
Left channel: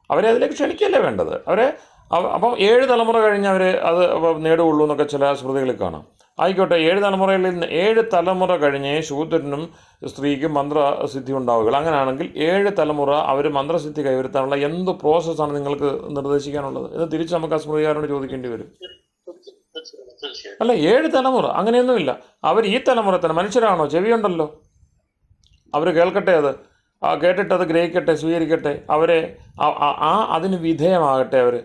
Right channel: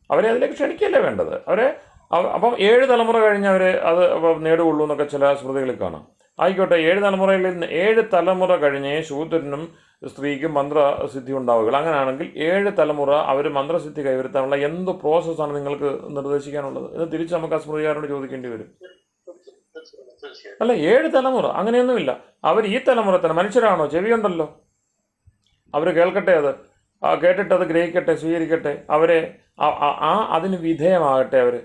അവരെ അതിലേക്ക് ക്ഷണിക്കല്ലേ വേണ്ടത്. അപ്പം 7 തലമുറ കഴിഞ്ഞ് അവർ അത് നേടുകയുള്ളൂ എന്നൊക്കെ ചില സ്മൃതികളിൽ കാണാം. ആയിക്കോട്ടെ, 7 തലമുറ കഴിഞ്ഞ് ശൂദ്രനും സ്ത്രീക്കും മന്ത്രസിദ്ധി ഉണ്ടാവുകയുള്ളൂ. അങ്ങനെയാണെങ്കിൽ 7 തലമുറ അവർ മന്ത്രസിദ്ധി കൈവരുത്താനുള്ള എന്ത് പ്രോസസ്സാണ് നിങ്ങൾക്ക് നിർദ്ദേശിക്കാനുള്ളത് എന്ന് തിരിച്ച് നമുക്ക് ആ സ്മൃതികാരനോട് ചോദിക്കേണ്ടി വരും. അല്ല, 7 തലമുറ അങ്ങനെയൊന്നുമില്ല. അവർ ഈ തലമുറ തന്നെ മനുഷ്യരാണോ? ചെവിയുണ്ടല്ലോ, അവർ കേൾക്കട്ടെ, അത് കേട്ടിട്ട് അത് ഗ്രഹിക്കട്ടെ, സ്വീകരിക്കട്ടെ, അവരെ അതിന് വിധേയമാകട്ടെ അവർ.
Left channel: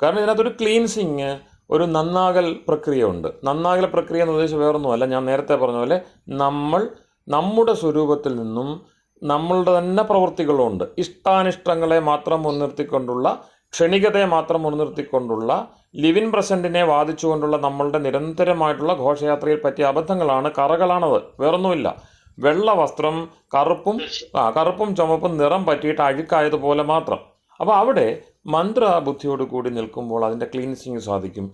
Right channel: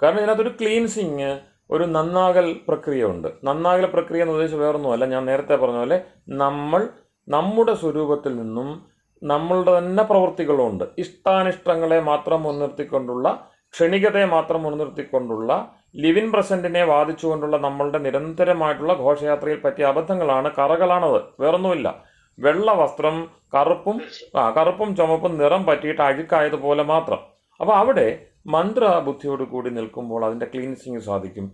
കാരണം ഇതിനകത്തൊരു ക്ലീൻസിങ്, ഒരു നന്നാകൽ പ്രക്രിയ ഉണ്ട്. നന്നാകൽ പ്രക്രിയ എന്ന് ഉദ്ദേശിച്ച് വേറൊന്നുമല്ല, ഞാൻ നേരത്തെ പറഞ്ഞ പോലെ നമ്മുടെ സ്വരൂപത്തിൽ നിന്നും നമ്മളുടെ തന്നെ പ്രവൃത്തികളുണ്ട്. ഇഷ്ടാനിഷ്ടങ്ങളെ മാത്രം മുൻനിർത്തിക്കൊണ്ടുള്ള, ക്ഷണികതയെ മാത്രം മുൻനിർത്തിക്കൊണ്ടുള്ള, ലിവിൻ പ്രസൻറ്റിനെ വാദിച്ചുകൊണ്ടുള്ള നമ്മളുടെ നിരന്തരമായിട്ടുള്ള ഘോഷയാത്രയിൽ പറ്റിയ അബദ്ധങ്ങളാണ്, കറകളാണത്, വേറൊന്നുമില്ല. വെള്ള വസ്ത്രം കറുപ്പും ചുമപ്പും നിറം പറ്റിയിട്ട് അഴുക്കായതുപോലെ മാത്രം. അപ്പോൾ അവിടെ മന്ത്രബുദ്ധിയോട് കൂടി നിൽക്കുമ്പോൾ അതിൻ്റെ ക്ലീൻസിങ് സാധിക്കും.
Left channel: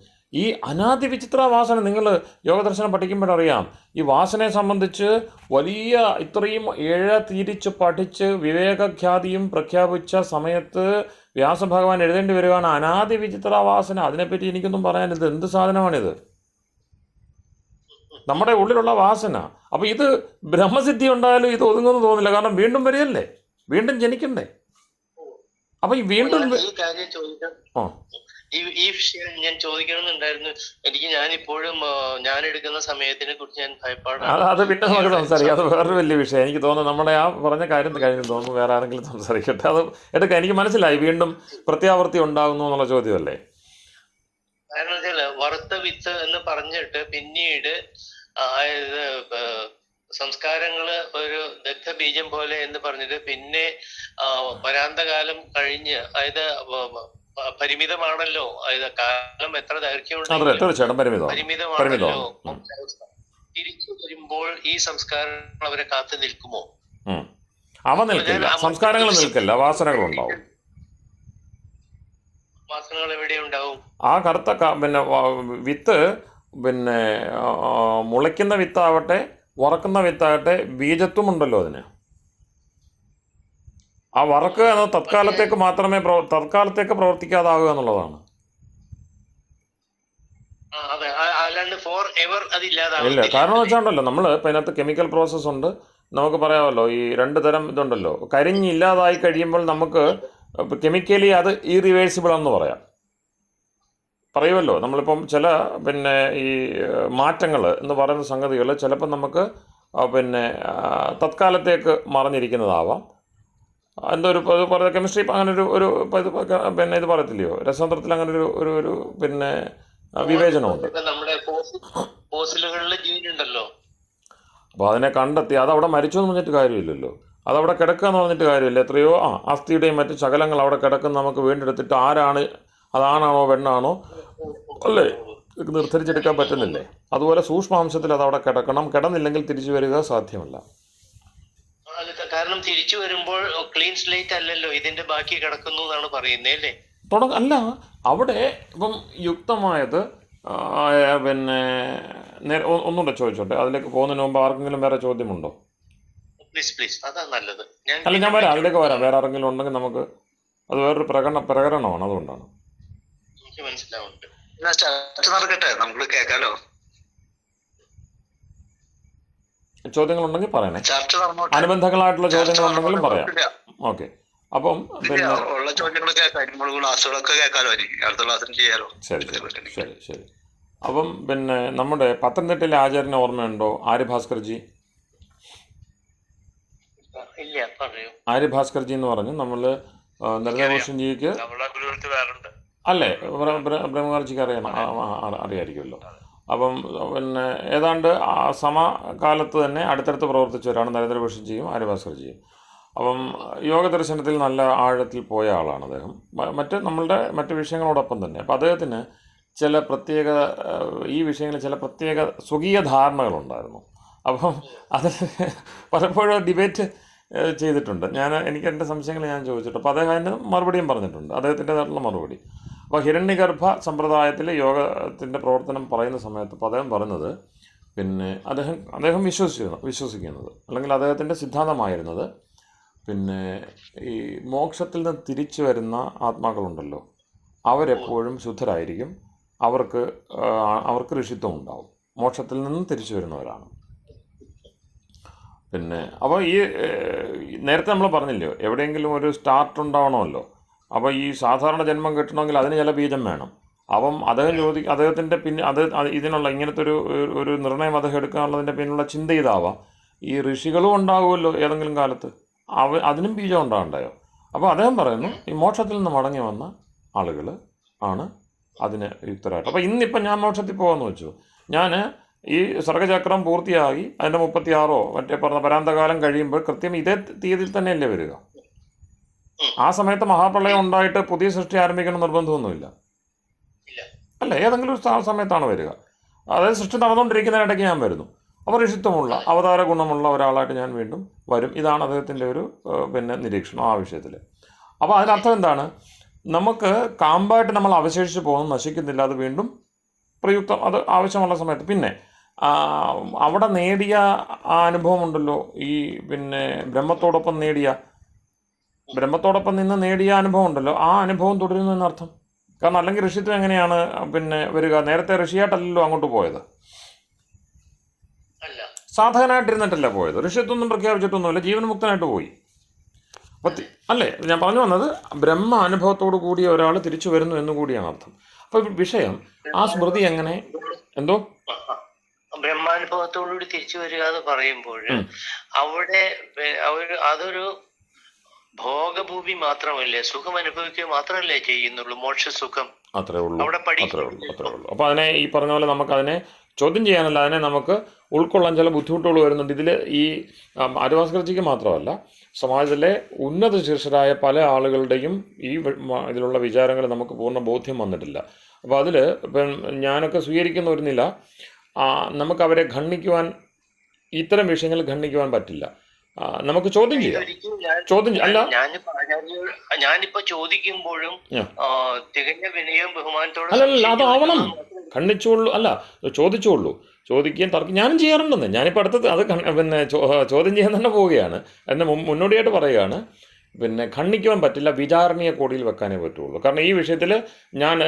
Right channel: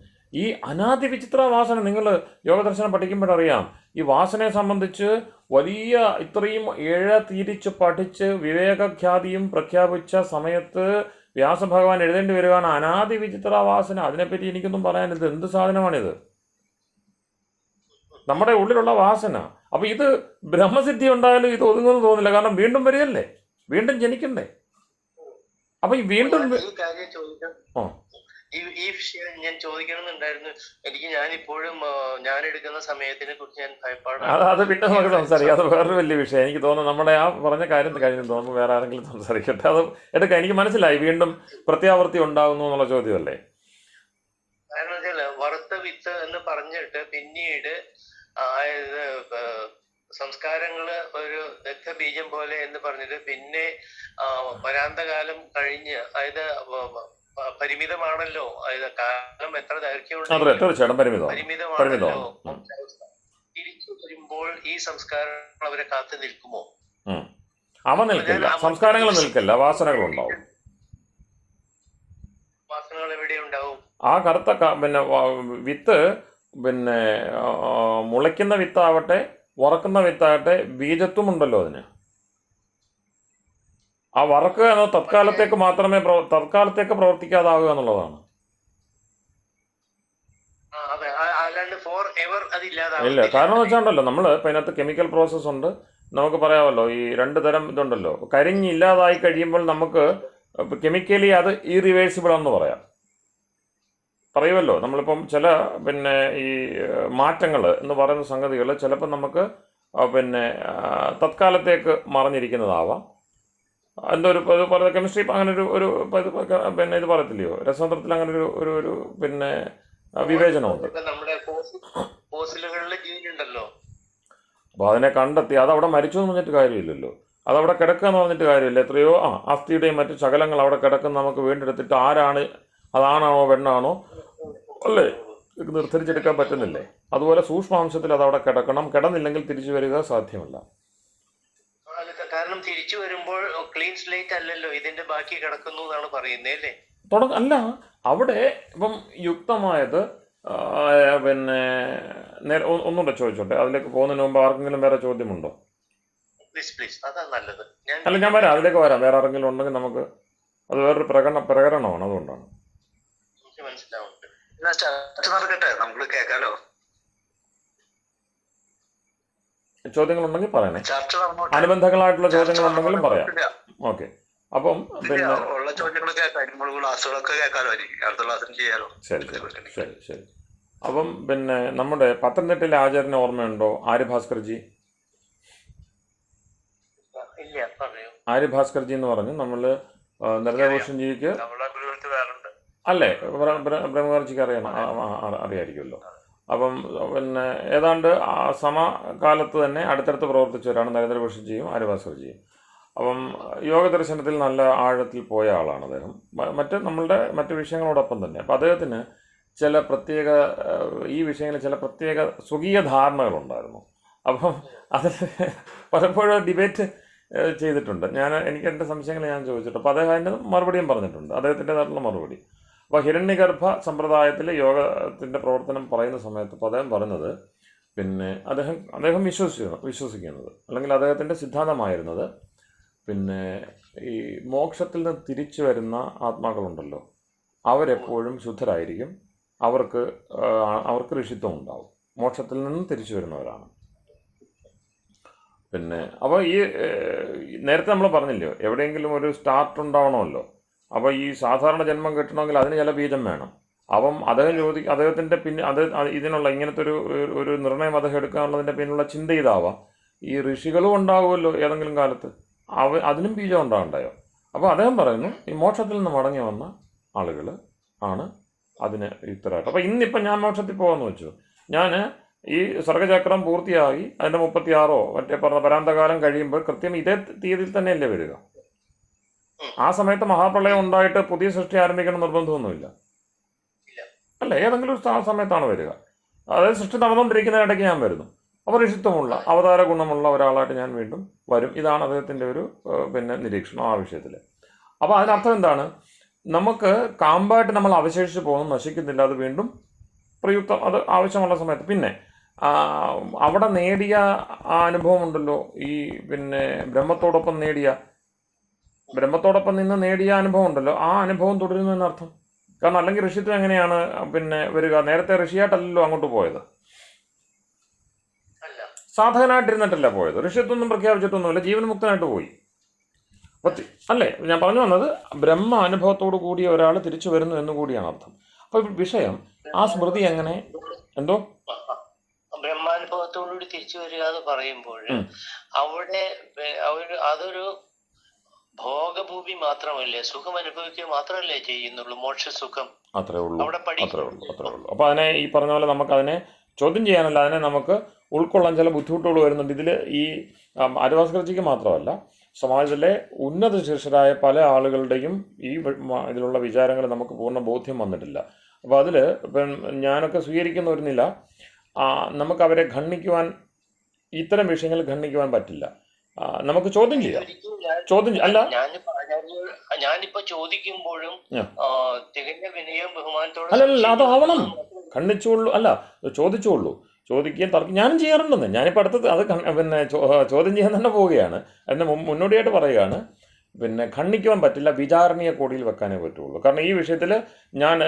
ഈ അനാദി വിചിത്ര വാസന, നിങ്ങൾ യോഗദർശനം പഠിക്കുമ്പോഴറിയാം, ഈ വാസനയെ സംബന്ധിച്ച് വലിയ ഇത്രയും തിരിച്ച് പഠിച്ച് വിവേകഖ്യാതിയും പ്രഖ്യാപിച്ച സമയത്ത് വ്യാസഭഗവാൻ എഴുതേണ്ടി വരികയാണ് അനാദി വിചിത്ര വാസന. അതിനെപ്പറ്റി എനിക്കൊന്നും പറയാനിത് എന്ത് സാധനമാണിത്? നമ്മുടെ ഉള്ളിലുള്ള വാസന. അപ്പോൾ ഇത് ബ്രഹ്മസിദ്ധി ഉണ്ടായാലും ഇത് ഒതുങ്ങുമെന്ന് തോന്നില്ല. കാരണം വീണ്ടും വരികയല്ലേ, വീണ്ടും ജനിക്കണ്ടേ. അപ്പൊ ഈ വീണ്ടും ഈ വിഷയം ഞാൻ ചോദിക്കണമെന്നുണ്ടായിരുന്നു. ഞാനിപ്പോഴും ഞാൻ എടുക്കുന്ന സമയത്തിനെ കുറിച്ച് ഞാൻ ഭയപ്പാടാണ്. അത് പിന്നെ നമുക്ക് സംസാരിക്കാം, അത് വേറൊരു വലിയ വിഷയം. എനിക്ക് തോന്നുന്നു നമ്മുടെ ആ പറഞ്ഞ കാര്യം കഴിഞ്ഞു തോന്നുന്നു, വേറെ ആരെങ്കിലും സംസാരിക്കട്ടെ. അത് എടുക്കാം. എനിക്ക് മനസ്സിലായി, വീണ്ടും പ്രത്യാവർത്തി ഉണ്ടാകുന്നു എന്നുള്ള ചോദ്യമല്ലേ. കാരണം വെച്ചാൽ വറുത്ത വിത്ത് എന്ന് പറഞ്ഞിട്ട് പിന്നീട് സംസ്കാരങ്ങള് ഒരു ദഗ്ധബീജം പോലെ എന്ന് പറഞ്ഞിട്ട് പിന്നെ വരാന്തകാലം കഴിഞ്ഞ്, അതായത് പരിമിതമാണല്ലോ, അതായത് കാലം എത്ര ദൈർഘ്യമുണ്ടെങ്കിലും പരിമിതമാണല്ലോ. തിരിച്ചു വരുമ്പോൾ ഈ സംസ്കാരങ്ങൾ അവരെ കാത്തു നിൽക്കുമോ? അവ നിൽക്കില്ല, സംസ്കാരങ്ങൾ നിൽക്കില്ല, വാസനകളുണ്ടാവും. വാസനകൾ എവിടെ ഉണ്ടാവും? ആ കറുത്ത പിന്നെ വിത്ത്, പിന്നെ മുളയ്ക്കുന്ന വിത്താവട്ടെ വറക്കുന്ന വിത്താകട്ടെ, ബീജത്വം ഉണ്ടല്ലോ അതിന്. ആ വറക്കുക എന്നത് തത്കാലത്തേക്ക് മാത്രമേ തത്കാലത്തേക്ക് പ്രവർത്തിക്കാതാവുക എന്നുള്ളതാണ്. ഇല്ല, കാരണം വെച്ചാണ്ടല്ലോ നമ്മൾ ഇപ്പം അതിനകത്ത് കെമിക്കൽ പ്രോസസ്സ് ഉണ്ട്. നമുക്ക് പറയാമല്ലോ, ഈ 2 തരം ഇതുണ്ടല്ലോ. കരിഞ്ഞില്ലാതായി കഴിയുമ്പോൾ നമുക്ക് കെമിക്കലി അത് ഇറിവേഴ്സിബിൾ എന്ന് പറയുമല്ലോ. നമ്മളിപ്പം ചില പിന്നെ ഈ മാറ്റങ്ങൾ എന്ന് പറയുന്ന സംഗതികൾ ചിലപ്പോൾ നമുക്ക് പിന്നെ തത്കാലത്തേക്ക് മറഞ്ഞിരിക്കുന്നതാവാം. എന്തോ ഒരു പറയുക കെമിസ്ട്രി അങ്ങനെ ഒരു പിന്നെ ഇത് പറയത്തില്ലയോ, രസതന്ത്രത്തിൽ അങ്ങനെ ഒരു പിന്നെ വിവേചനമുണ്ട്. അപ്പോൾ അതിനെ കണ്ടെത്തി അതവിടെ മരിച്ചു എന്ന് പറഞ്ഞിട്ട് കാര്യമില്ലല്ലോ, അതവിടെ കിടക്കുക എന്ന് പറഞ്ഞിട്ട് കാര്യമില്ല. എത്രയോ അസ്ഥിയുടെയും മറ്റു ശകലങ്ങൾ അവിടെ കിടക്കുന്ന നമുക്ക് വീണ്ടെടുത്തിട്ട് ആരാണ്, അതാണാണോ പെണ്ണാണോ അല്ലേ, നിർദ്ധരിച്ചെടുക്കാൻ പറ്റുന്നില്ലേ? അതുപോലെ സൂക്ഷ്മാംശത്തിൽ അതവിടെ കിടക്കണം. കിടന്നില്ലെങ്കിൽ തിരിച്ചു വരിക സാധ്യമല്ല. കാരണം തിരിച്ചു വരുമ്പോൾ ക്ലീൻ സ്ലേറ്റ് അല്ലല്ലോ, ഇതിന്റെ ബാക്കി കിടക്കുന്നു എന്നാണ് പറയുന്നത് അല്ലേ? അല്ല, അവിടെ ഇപ്പം യുക്തമായത് പിന്നെ ഒന്നുകൂടെ ചോദിച്ചോട്ടെ, അതിലേക്ക് പോകുന്നതിന് മുമ്പ് ആർക്കെങ്കിലും വേറെ ചോദ്യമുണ്ടോ? അല്ല, ഞാൻ വരാം, അതിലേക്ക് വരാം. വേറെ ആരെങ്കിലും ഉണ്ടെങ്കിൽ നമുക്ക് അത് വേറൊരു പ്രകടനമാണ്, അതുകൊണ്ടാണ്. ചോദ്യങ്ങളുണ്ടെങ്കിൽ പറയണേ, അനുബന്ധങ്ങളായിട്ടുള്ള ചോദ്യങ്ങളുണ്ടെങ്കിലും പറയാം. ഓക്കെ, അപ്പം പിന്നെ ശരി. അപ്പം പിന്നെ നമ്മുടെ പത്തനംതിട്ടയിലെ ആചാര്യനെ ഓർമ്മയുണ്ടോ? ആര്യഭാസ്കർജി. ആര്യഭാസ്കർജി എന്ന് പറഞ്ഞ് നമ്മൾ നരേന്ദ്രഭൂഷൺജിക്ക് അല്ലേ, ബ്രഹ്മകാർജിക്ക് അറിയായിരിക്കുമല്ലോ. അപ്പം പിന്നെ ഏതാണ്ട് സമകാലത്ത് തന്നെ അടുത്തടുത്ത് പ്രവർത്തിച്ചവരാണ് നരേന്ദ്രഭൂഷൺജിയും ആര്യഭാസ്കർജിയും. അപ്പം യോഗ ദർശനത്തിൽ നല്ല ആഴത്തിൽ പോയ ആളാണ് അദ്ദേഹം, മറ്റ് വിഷയങ്ങളോടൊപ്പം തന്നെ. അപ്പം അദ്ദേഹത്തിന് ചില പ്രത്യേക ഈ വിഷയങ്ങളിൽ ചില പ്രത്യേക സ്വകീയ ധാരണകളുണ്ടായിരുന്നു. അപ്പം അത് പലപ്പോഴും ഡിബേറ്റ് ചെയ്തിട്ടുണ്ട്. എനിക്ക് എൻ്റെ സംശയങ്ങൾ ഞാൻ ചോദിച്ചിട്ടുണ്ട്. അപ്പോൾ അദ്ദേഹം അതിന് മറുപടിയും പറഞ്ഞിട്ടുണ്ട്, അദ്ദേഹത്തിൻ്റെതായിട്ടുള്ള മറുപടി. അപ്പോൾ ഹിരണ്യഗർഭ സമ്പ്രദായത്തിൽ യോഗത്തിൻ്റെ പ്രവർത്തനം പറയുന്ന സമയത്ത് ഇപ്പോൾ അദ്ദേഹം പറഞ്ഞത്, പിന്നെ അദ്ദേഹം വിശ്വസിക്കുന്നത് അല്ലെങ്കിൽ അദ്ദേഹത്തിൻ്റെ സിദ്ധാന്തമായിരുന്നത്, പിന്നെ ഈ മോക്ഷത്തിൽ നിന്ന് തിരിച്ചു വരുന്ന ആത്മാക്കളുണ്ടല്ലോ, അവരെപ്പോഴും ശുദ്ധരായിരിക്കും, അവർക്ക് ഋഷിത്വം ഉണ്ടാവും, മോക്ഷത്തിൽ നിന്നും തിരിച്ചു വരുന്നവരാണ്. പിന്നെ അപ്പോൾ ഈ നേരത്തെ നമ്മൾ പറഞ്ഞില്ലയോ, എവിടെയെങ്കിലും ഒരു സ്റ്റാർട്ട് ഉണ്ടാവണമല്ലോ. അപ്പോൾ ഈ സാധാരണ ജന്മം കിട്ടണമെങ്കിൽ അതിന് ചില ബീജം വേണം. അപ്പം അദ്ദേഹത്തിൻ്റെ പിന്നെ ഇതിനുള്ള ഇങ്ങനത്തെ ഒരു നിർണയം അദ്ദേഹം എടുക്കാനുള്ളതിൻ്റെ പിന്നിലുള്ള ചിന്ത ഇതാവാം. ഈ ഋഷികളും ഉണ്ടാകുമല്ലോ ഏതെങ്കിലും കാലത്ത്, അതിനും ബീജം ഉണ്ടാകണ്ടായോ? അപ്പോൾ അദ്ദേഹം പറയുന്നു, ഈ മോക്ഷത്തിൽ നിന്ന് മടങ്ങി വന്ന ആളുകൾ ആണ് അതിന് യുക്തരായിട്ട്. അപ്പോൾ ഇന്നിപ്പം ഞാൻ മോക്ഷത്തിൽ പോകാമെന്ന് വെച്ചു, ഞാൻ ഈ സർഗചക്രം പൂർത്തിയായി അതിൻ്റെ 36 മറ്റേ പറഞ്ഞ പരാന്തകാലം കഴിയുമ്പോൾ കൃത്യം ഇതേ തീയതിയിൽ തന്നെയല്ലേ വരിക. ആ സമയത്ത് മഹാപ്രളയം ഉണ്ടായിട്ട് പുതിയ സൃഷ്ടി ആരംഭിക്കണം നിർബന്ധമൊന്നുമില്ല അല്ലേ, ഏതെങ്കിലും ഒരു സമയത്താണ് വരിക. അതായത് സൃഷ്ടി നടന്നുകൊണ്ടിരിക്കുന്നതിനിടയ്ക്ക് ഞാൻ വരുന്നു. അപ്പോൾ ഋഷിത്വമുള്ള അവതാര ഗുണമുള്ള ഒരാളായിട്ട് ഞാൻ വീണ്ടും വരും. ഇതാണ് അദ്ദേഹത്തിൻ്റെ ഒരു പിന്നെ നിരീക്ഷണം ആ വിഷയത്തിൽ. അപ്പോൾ അതിനർത്ഥം എന്താണ്? നമുക്ക് കാമ്പായിട്ട് നമ്മൾ അവശേഷിച്ച് പോകുന്നു, നശിക്കുന്നില്ല, അത് വീണ്ടും പ്രയുക്തം, അത് ആവശ്യമുള്ള സമയത്ത്. പിന്നെ അവിടെ നേടിയ ആ അനുഭവം ഉണ്ടല്ലോ, ഈ പിന്നെ ബ്രഹ്മത്തോടൊപ്പം നിന്ന് നേടിയ അനുഭവം ഉണ്ടല്ലോ, ആ അനുഭവം തുടരുന്നു എന്നർത്ഥം. കാരണം അല്ലെങ്കിൽ ഋഷിത്വം എങ്ങനെയാണ് പിന്നെ വരിക? നേരത്തെ ഋഷിയായിട്ടല്ലല്ലോ അങ്ങോട്ട് പോയത്, സാധകനായിട്ടിരുന്നിട്ടല്ല പോയത്. ഋഷിത്വമൊന്നും പ്രഖ്യാപിച്ചിട്ടൊന്നുമില്ല, ജീവൻമുക്തനായിട്ട് പോയി. അല്ലേ, ഞാൻ പറഞ്ഞു വന്നത് ബ്രഹ്മ അനുഭവത്തോടു കൂടി ഒരാൾ തിരിച്ചു വരുന്നു എന്നുകൂടിയാണ് അർത്ഥം. അപ്പോൾ വിഷയം ആ സ്മൃതി എങ്ങനെ എന്തോ ബ്രഹ്മാനുഭവത്തോടുകൂടി തിരിച്ചു വരിക എന്ന് പറയുമ്പോൾ അവിടെ അതൊരു ഭോഗഭൂമി മാത്രമല്ലേ, സുഖം അനുഭവിക്കുക മാത്രമല്ലേ ചെയ്യുന്നുള്ളൂ, മോക്ഷസുഖം അത്രേ ഉള്ളൂ. അപ്പോൾ അതിനെ ഈ പറഞ്ഞ പോലെ നമുക്കതിനെ ചോദ്യം ചെയ്യാനല്ല, അതിനെ നമുക്ക് ഉൾക്കൊള്ളാൻ ചില ബുദ്ധിമുട്ടുകൾ വരുന്നുണ്ട്. ഇതിൽ ഈ ആര്യഭാസ്കർജിക്ക് മാത്രമല്ല, സമാജത്തിലെ ഉന്നത ശീർഷരായ പല ആളുകളുടെയും ഈ ഇതിലുള്ള വിചാരങ്ങൾ നമുക്ക് പൂർണ്ണ ബോധ്യം വന്നിട്ടില്ല. അപ്പോൾ അതിൽ ഇപ്പം ഞാനൊക്കെ സ്വീകരിക്കുന്ന ഒരു നില, നമുക്കവരെ ഖണ്ഡിക്കുവാൻ, ഇത്തരം വിഷയങ്ങൾ ഖണ്ഡിക്കുവാൻ പറ്റില്ല. നമുക്ക് ചോദ്യം ചെയ്യാം. അല്ല, ഞാനിപ്പോ ചോദിക്കുമ്പോഴും തികഞ്ഞ വിനയവും ബഹുമാനത്തോടെ അല്ലല്ല, അതാവണം. ഖണ്ഡിച്ചോളൂ, അല്ല ചോദിച്ചോളൂ, ചോദിക്കുകയും തർക്കം ഞാനും ചെയ്യാറുണ്ടെന്ന്. ഞാനിപ്പോൾ അടുത്തത് അത് പിന്നെ ചോദ്യം ചെയ്യാൻ തന്നെ പോവുകയാണ്. അതിന് മുന്നോടിയായിട്ട് പറയുകയാണ്, പിന്നെ ഖണ്ഡിക്കുവാൻ പറ്റില്ല, വിചാരണീയ കോടിയിൽ വെക്കാനേ പറ്റുള്ളൂ. കാരണം ഈ വിഷയത്തിൽ ഞാൻ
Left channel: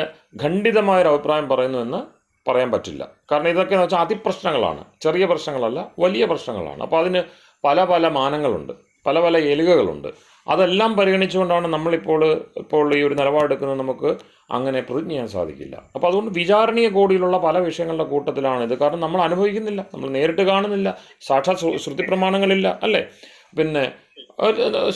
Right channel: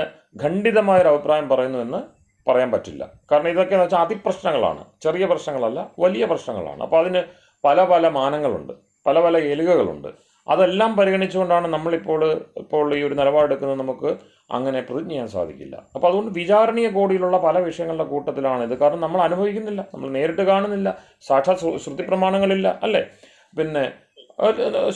ഖണ്ഡിതമായൊരു അഭിപ്രായം പറയുന്നു എന്ന് പറയാൻ പറ്റില്ല. കാരണം ഇതൊക്കെ എന്ന് വെച്ചാൽ അതിപ്രശ്നങ്ങളാണ്, ചെറിയ പ്രശ്നങ്ങളല്ല, വലിയ പ്രശ്നങ്ങളാണ്. അപ്പോൾ അതിന് പല പല മാനങ്ങളുണ്ട്, പല പല എലുകകളുണ്ട്. അതെല്ലാം പരിഗണിച്ചുകൊണ്ടാണ് ഇപ്പോൾ ഈ ഒരു നിലപാടെടുക്കുന്നത്. നമുക്ക് അങ്ങനെ പ്രതിജ്ഞ ചെയ്യാൻ സാധിക്കില്ല. അപ്പോൾ അതുകൊണ്ട് വിചാരണീയ കോടിയിലുള്ള പല വിഷയങ്ങളുടെ കൂട്ടത്തിലാണിത്. കാരണം നമ്മൾ അനുഭവിക്കുന്നില്ല, നമ്മൾ നേരിട്ട് കാണുന്നില്ല, സാക്ഷാത് ശ്രുതി പ്രമാണങ്ങളില്ല, അല്ലേ? പിന്നെ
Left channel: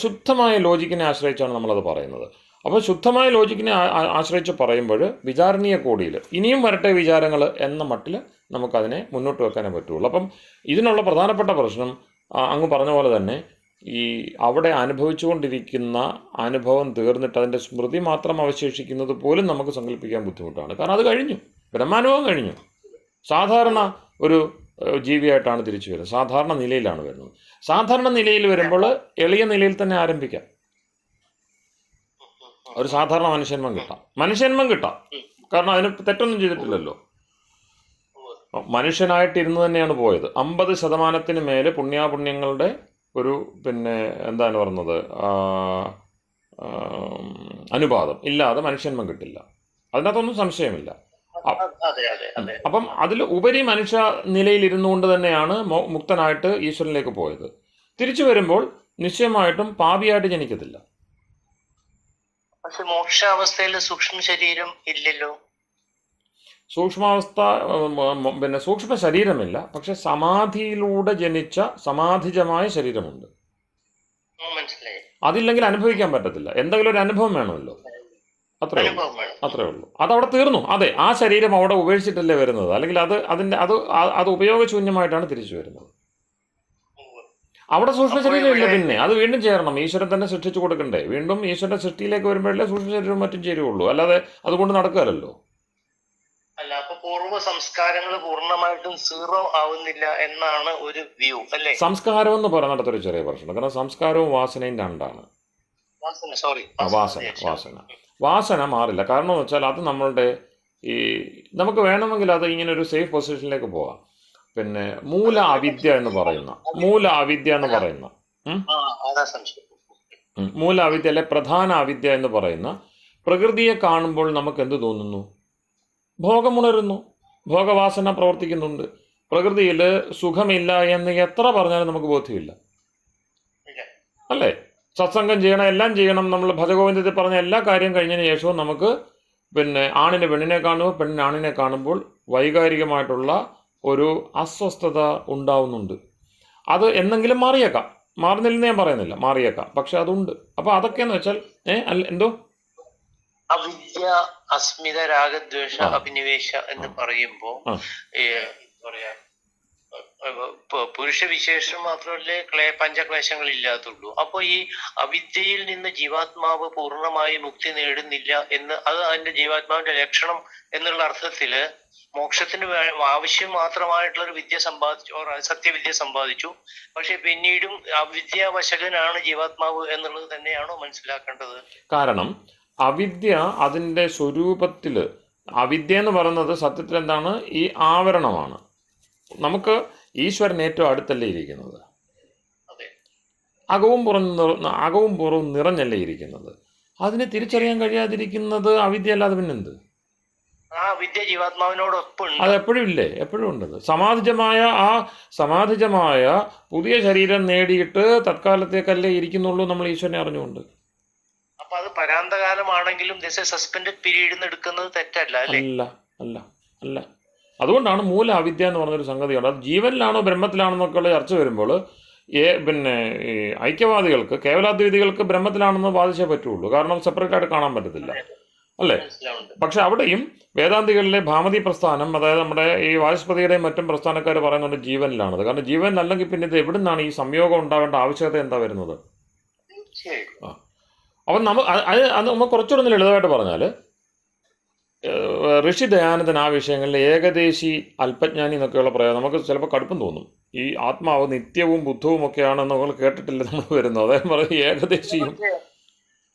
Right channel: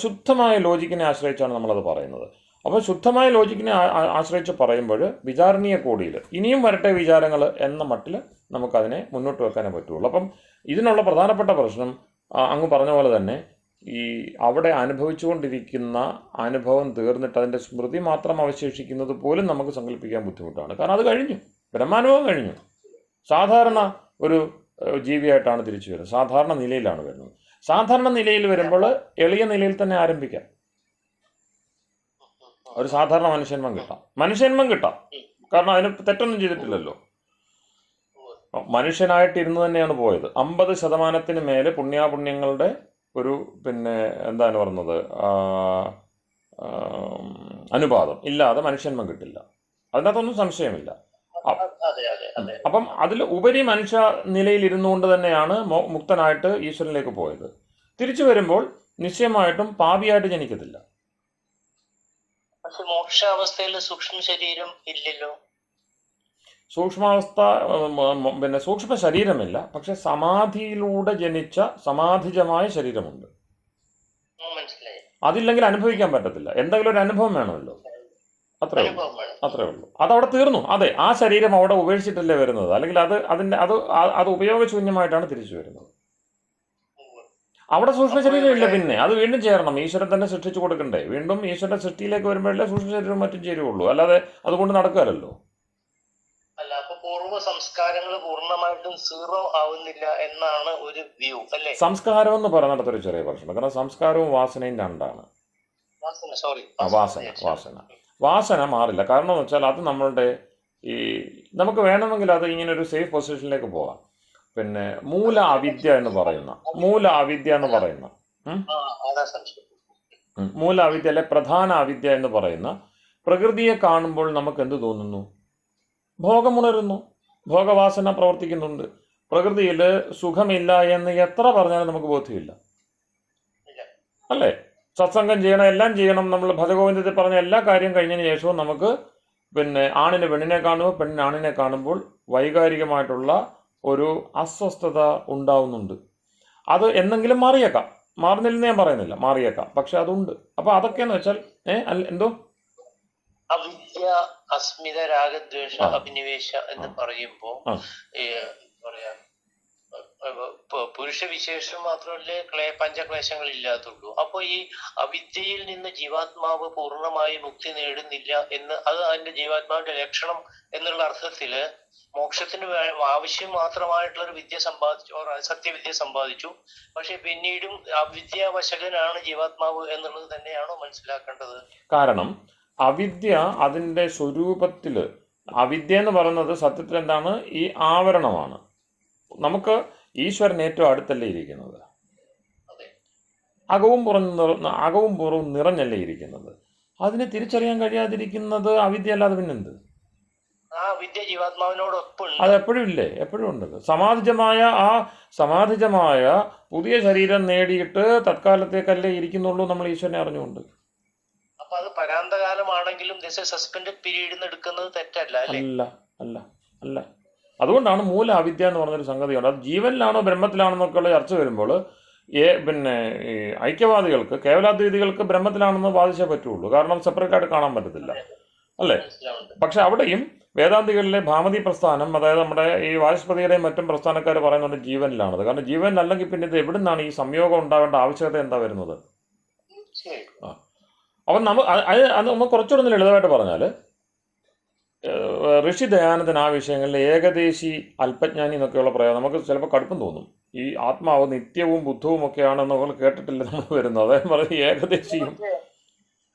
ശുദ്ധമായ ലോജിക്കിനെ ആശ്രയിച്ചാണ് നമ്മളത് പറയുന്നത്. അപ്പോൾ ശുദ്ധമായ ലോജിക്കിനെ ആശ്രയിച്ച് പറയുമ്പോൾ വിചാരണീയ കോടിയിൽ ഇനിയും വരട്ടെ വിചാരങ്ങൾ എന്ന മട്ടിൽ നമുക്കതിനെ മുന്നോട്ട് വെക്കാനേ പറ്റുള്ളൂ. അപ്പം ഇതിനുള്ള പ്രധാനപ്പെട്ട പ്രശ്നം അങ്ങ് പറഞ്ഞ പോലെ തന്നെ ഈ അവിടെ അനുഭവിച്ചുകൊണ്ടിരിക്കുന്ന അനുഭവം തീർന്നിട്ട് അതിൻ്റെ സ്മൃതി മാത്രം അവശേഷിക്കുന്നത് പോലും നമുക്ക് സങ്കല്പിക്കാൻ ബുദ്ധിമുട്ടാണ്. കാരണം അത് കഴിഞ്ഞു, ബ്രഹ്മാനുഭവം കഴിഞ്ഞു. സാധാരണ ഒരു ജീവിയായിട്ടാണ് തിരിച്ചു വരുന്നത്, സാധാരണ നിലയിലാണ് വരുന്നത്. സാധാരണ നിലയിൽ വരുമ്പോൾ എളിയ നിലയിൽ തന്നെ ആരംഭിക്കാം. ഒരു സാധാരണ മനുഷ്യന്മം കിട്ടാം. കാരണം അതിന് തെറ്റൊന്നും ചെയ്തിട്ടില്ലല്ലോ. മനുഷ്യനായിട്ടിരുന്ന് തന്നെയാണ് പോയത്. 50% മേലെ പുണ്യാപുണ്യങ്ങളുടെ ഒരു പിന്നെ എന്താണ് പറഞ്ഞത് അനുപാതം ഇല്ലാതെ മനുഷ്യന്മം കിട്ടില്ല. അതിനകത്തൊന്നും സംശയമില്ല. അപ്പം അതിൽ ഉപരി മനുഷ്യ നിലയിൽ ഇരുന്നുകൊണ്ട് തന്നെയാണ് മുക്തനായിട്ട് ഈശ്വരനിലേക്ക് പോയത്. തിരിച്ചു വരുമ്പോൾ നിശ്ചയമായിട്ടും പാപിയായിട്ട് ജനിക്കത്തില്ല. പക്ഷെ മോക്ഷാവസ്ഥയിൽ സൂക്ഷ്മ ശരീരം ഇല്ലല്ലോ. സൂക്ഷ്മാവസ്ഥ പിന്നെ സൂക്ഷ്മ ശരീരമില്ല, പക്ഷെ സമാധിയിലൂടെ ജനിച്ച സമാധിജമായ ശരീരമുണ്ട്. അതില്ലെങ്കിൽ അനുഭവിക്കാൻ പറ്റത്തില്ല. എന്തെങ്കിലും ഒരു അനുഭവം വേണമല്ലോ, അത്രേ ഉള്ളൂ. അതവിടെ തീർന്നു. അതെ, ആ ശരീരം അവിടെ ഉപേക്ഷിച്ചിട്ടല്ലേ വരുന്നത്, അല്ലെങ്കിൽ അത് ഉപയോഗശൂന്യമായിട്ടാണ് തിരിച്ചു വരുന്നത്. അവിടെ സൂക്ഷ്മ ശരീരം ഇല്ല, പിന്നെ അത് വീണ്ടും ചേരണം. ഈശ്വരൻ തന്നെ സൃഷ്ടിച്ചു കൊടുക്കണ്ടേ? വീണ്ടും ഈശ്വരന്റെ സൃഷ്ടിയിലേക്ക് വരുമ്പോഴല്ലേ സൂക്ഷ്മ ശരീരവും മറ്റും ചേരുള്ളൂ, അല്ലാതെ അതുകൊണ്ട് നടക്കുകയല്ലോ. അല്ല, അപ്പൊ പൂർവ്വ സംസ്കാരങ്ങൾ പൂർണ്ണമായിട്ടും സീറോ ആവുന്നില്ല എന്നാണ് ഒരു വ്യൂ, അല്ലേ? സംസ്കാരം എന്ന് പറയുന്നിടത്തൊരു ചെറിയ പ്രശ്നം. കാരണം സംസ്കാരവും വാസനയും രണ്ടാണ്. വാസന മാറില്ല. കാരണം എന്ന് വെച്ചാൽ അത് നമ്മളുടെ നമുക്ക് വേണമെങ്കിൽ അത് ഇങ്ങനെ ഒരു സേഫ് പൊസിഷനിലേക്ക് പോകാം. പിന്നെ മൂല അവിദ്യ എന്ന് പറയുന്ന അല്ലെ പ്രധാന അവിദ്യ എന്ന് പറയുന്ന പ്രകൃതിയെ കാണുമ്പോൾ നമുക്ക് എന്ത് തോന്നുന്നു? ഭോഗമുണരുന്നു, ഭോഗവാസന പ്രവർത്തിക്കുന്നുണ്ട്. പ്രകൃതിയിൽ സുഖമില്ല എന്ന് എത്ര പറഞ്ഞാലും നമുക്ക് ബോധ്യമില്ല, അല്ലേ? സത്സംഗം ചെയ്യണം, എല്ലാം ചെയ്യണം. നമ്മൾ ഭജഗോവിന്ദത്തിൽ പറഞ്ഞ എല്ലാ കാര്യം കഴിഞ്ഞതിന് ശേഷവും നമുക്ക് പിന്നെ ആണിന് പെണ്ണിനെ കാണുമ്പോൾ പെണ്ണിന് ആണിനെ കാണുമ്പോൾ വൈകാരികമായിട്ടുള്ള ഒരു അസ്വസ്ഥത ഉണ്ടാവുന്നുണ്ട്. അത് എന്തെങ്കിലും മാറിയേക്കാം, മാറുന്നില്ലെന്ന് ഞാൻ പറയുന്നില്ല, മാറിയേക്കാം, പക്ഷെ അതുണ്ട്. അപ്പൊ അതൊക്കെയെന്ന് വെച്ചാൽ എന്തോ അവിദ്യ, അസ്മിത, രാഗദ്വേഷ, അഭിനിവേശ എന്ന് പറയുമ്പോ പറയാ പുരുഷ വിശേഷം മാത്രമല്ലേ പഞ്ചക്ലേശങ്ങൾ ഇല്ലാത്തുള്ളൂ. അപ്പൊ ഈ അവിദ്യയിൽ നിന്ന് ജീവാത്മാവ് പൂർണ്ണമായി മുക്തി നേടുന്നില്ല എന്ന്, അത് അതിന്റെ ജീവാത്മാവിന്റെ ലക്ഷണം എന്നുള്ള അർത്ഥത്തില് മോക്ഷത്തിന് ആവശ്യം മാത്രമായിട്ടുള്ള ഒരു വിദ്യ സമ്പാദിച്ചു, സത്യവിദ്യ സമ്പാദിച്ചു. പക്ഷെ പിന്നീടും അവിദ്യാവശകനാണ് ജീവാത്മാവ് എന്നുള്ളത് തന്നെയാണോ മനസ്സിലാക്കേണ്ടത്? കാരണം അവിദ്യ അതിൻ്റെ സ്വരൂപത്തില്, അവിദ്യ എന്ന് പറയുന്നത് സത്യത്തിൽ എന്താണ്? ഈ ആവരണമാണ്. നമുക്ക് ഈശ്വരൻ ഏറ്റവും അടുത്തല്ലേ ഇരിക്കുന്നത്, അകവും പുറവും നിറഞ്ഞല്ലേ ഇരിക്കുന്നത്. അതിനെ തിരിച്ചറിയാൻ കഴിയാതിരിക്കുന്നത് അവിദ്യ അല്ലാതെ പിന്നെന്ത്? അത് എപ്പോഴും ഇല്ലേ, എപ്പോഴും ഉണ്ടത്. സമാധിജമായ പുതിയ ശരീരം നേടിയിട്ട് തത്കാലത്തേക്കല്ലേ ഇരിക്കുന്നുള്ളൂ നമ്മൾ ഈശ്വരനെ അറിഞ്ഞുകൊണ്ട്. അപ്പൊ അത് പരാന്തകാലമാണെങ്കിലും സസ്പെൻഡഡ് പീരീഡ് എടുക്കുന്നത് തെറ്റല്ല, അല്ല. അതുകൊണ്ടാണ് മൂല അവിദ്യ എന്ന് പറഞ്ഞൊരു സംഗതിയുണ്ട്. അത് ജീവനിലാണോ ബ്രഹ്മത്തിലാണെന്നൊക്കെയുള്ള ചർച്ച വരുമ്പോൾ പിന്നെ ഈ ഐക്യവാദികൾക്ക്, കേവലാദ്വൈതികൾക്ക് ബ്രഹ്മത്തിലാണെന്ന് വാദിച്ചേ പറ്റുള്ളൂ. കാരണം സെപ്പറേറ്റ് ആയിട്ട് കാണാൻ പറ്റത്തില്ല. അല്ലേ? മനസ്സിലാവുന്നുണ്ട്. പക്ഷെ അവിടെയും വേദാന്തികളിലെ ഭാമതി പ്രസ്ഥാനം, അതായത് നമ്മുടെ ഈ വാചസ്പതിയുടെയും മറ്റും പ്രസ്ഥാനക്കാർ പറയുന്നുണ്ട് ജീവനിലാണത്. കാരണം ജീവനിലല്ലെങ്കിൽ പിന്നെ ഇത് എവിടെ നിന്നാണ് ഈ സംയോഗം ഉണ്ടാവേണ്ട ആവശ്യകത എന്താ വരുന്നത്? തീർച്ചയായും. ആ അപ്പം അത് നമ്മൾ കുറച്ചുകൂടെ ലളിതമായിട്ട് പറഞ്ഞാൽ, ഋഷി ദയാനന്ദൻ ആ വിഷയങ്ങളിൽ ഏകദേശി അല്പജ്ഞാനി എന്നൊക്കെയുള്ള പ്രയോഗം നമുക്ക് ചിലപ്പോൾ കടുപ്പം തോന്നും. ഈ ആത്മാവ് നിത്യവും ബുദ്ധവും ഒക്കെയാണെന്ന് നമ്മൾ കേട്ടിട്ടില്ല നമ്മൾ വരുന്നത്. അദ്ദേഹം പറയും ഏകദേശിയും.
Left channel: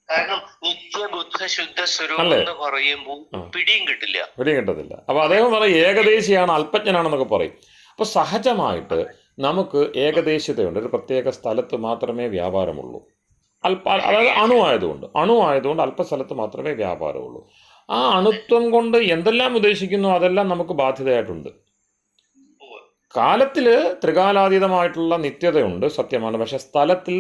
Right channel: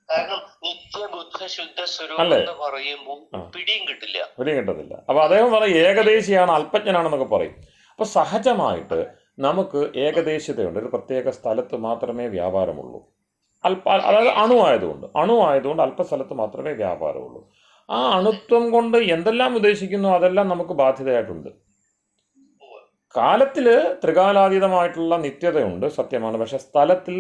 കാരണം നിത്യബുദ്ധ ശുദ്ധ സ്വരൂപം അല്ലേ? എന്ന് പറയുമ്പോൾ പിടിയും കിട്ടില്ല. പിടിയും കിട്ടത്തില്ല. അപ്പോൾ അദ്ദേഹം പറയും ഏകദേശിയാണ്, അല്പജ്ഞനാണെന്നൊക്കെ പറയും. അപ്പോൾ സഹജമായിട്ട് നമുക്ക് ഏകദേശിതയുണ്ട്. ഒരു പ്രത്യേക സ്ഥലത്ത് മാത്രമേ വ്യാപാരമുള്ളൂ. അതായത് അണുവായതുകൊണ്ട് അല്പസ്ഥലത്ത് മാത്രമേ വ്യാപാരമുള്ളൂ. ആ അണുത്വം കൊണ്ട് എന്തെല്ലാം ഉദ്ദേശിക്കുന്നു അതെല്ലാം നമുക്ക് ബാധ്യതയായിട്ടുണ്ട്. കാലത്തിൽ ത്രികാലാതീതമായിട്ടുള്ള നിത്യതയുണ്ട്, സത്യമാണ്. പക്ഷെ സ്ഥലത്തിൽ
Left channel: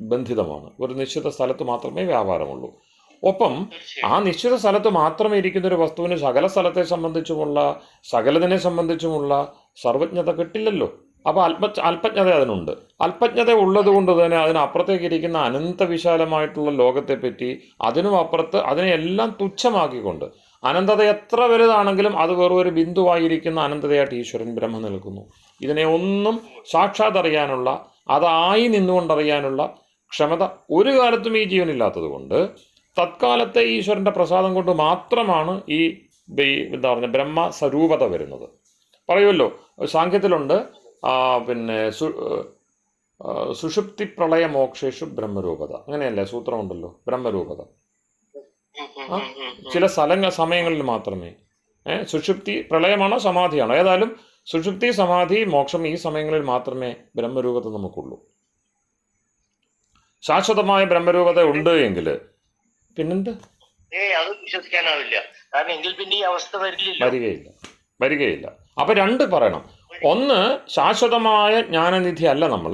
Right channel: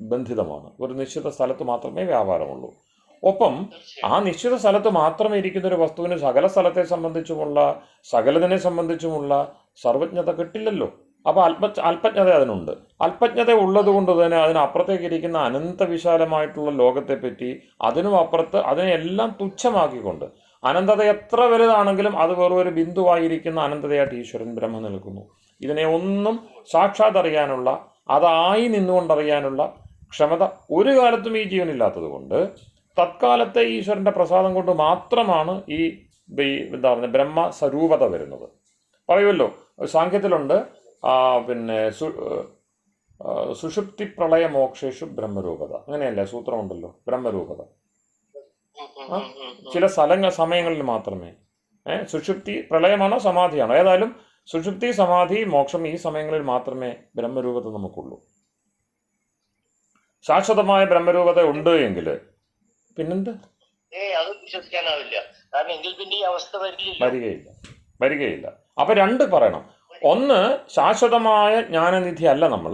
ബന്ധിതമാണ്. ഒരു നിശ്ചിത സ്ഥലത്ത് മാത്രമേ വ്യാപാരമുള്ളൂ. ഒപ്പം ആ നിശ്ചിത സ്ഥലത്ത് മാത്രമേ ഇരിക്കുന്ന ഒരു വസ്തുവിന് സകല സ്ഥലത്തെ സംബന്ധിച്ചുമുള്ള, സകലതിനെ സംബന്ധിച്ചുമുള്ള സർവജ്ഞത കിട്ടില്ലല്ലോ. അപ്പോൾ അല്പജ്ഞത അതിനുണ്ട്. അല്പജ്ഞത ഉള്ളത് കൊണ്ട് തന്നെ അതിനപ്പുറത്തേക്ക് ഇരിക്കുന്ന അനന്തവിശാലമായിട്ടുള്ള ലോകത്തെപ്പറ്റി, അതിനും അപ്പുറത്ത് അതിനെല്ലാം തുച്ഛമാക്കിക്കൊണ്ട്, അനന്തത എത്ര വലുതാണെങ്കിലും അത് വെറും ഒരു ബിന്ദുവായിരിക്കുന്ന അനന്തതയായിട്ട് ഈശ്വരൻ ബ്രഹ്മം നിൽക്കുന്നു. ഇതിനെ ഒന്നും സാക്ഷാത് അറിയാനുള്ള, അതായി നിന്നുകൊണ്ടറിയാനുള്ള ക്ഷമത ഒരു കാലത്തും ഈ ജീവനില്ലാത്തത് കൊണ്ട് തത്കാലത്തെ ഈശ്വരൻ്റെ പ്രസാദം കൊണ്ട് മാത്രമാണ് ഈ എന്താ പറയുക ബ്രഹ്മസ്വരൂപത വരുന്നത്. പറയുമല്ലോ, സാഖ്യത്തിലുണ്ട് പിന്നെ സുഷുപ്തി പ്രളയ മോക്ഷേഷു ബ്രഹ്മരൂപത, അങ്ങനെയല്ലേ സൂത്രമുണ്ടല്ലോ, ബ്രഹ്മരൂപത. ചില സമയങ്ങളിൽ മാത്രമേ. സുഷുപ്തി പ്രളയമാണോ സമാധിയാണോ, ഏതായാലും സുഷുപ്തി സമാധി മോക്ഷം ഈ സമയങ്ങളിൽ മാത്രമേ ബ്രഹ്മരൂപത നമുക്കുള്ളൂ. ശാശ്വതമായ ബ്രഹ്മരൂപത ഉണ്ട് എങ്കിൽ പിന്നെന്ത്? അത് വിശ്വസിക്കാനാവില്ല. കാരണം എങ്കിൽ പിന്നെ ഈ അവസ്ഥ വരികയില്ല. അപ്പൊ രണ്ട് പറയണം. ഒന്ന്, ശാശ്വതമായ ജ്ഞാനനിധി അല്ല നമ്മൾ.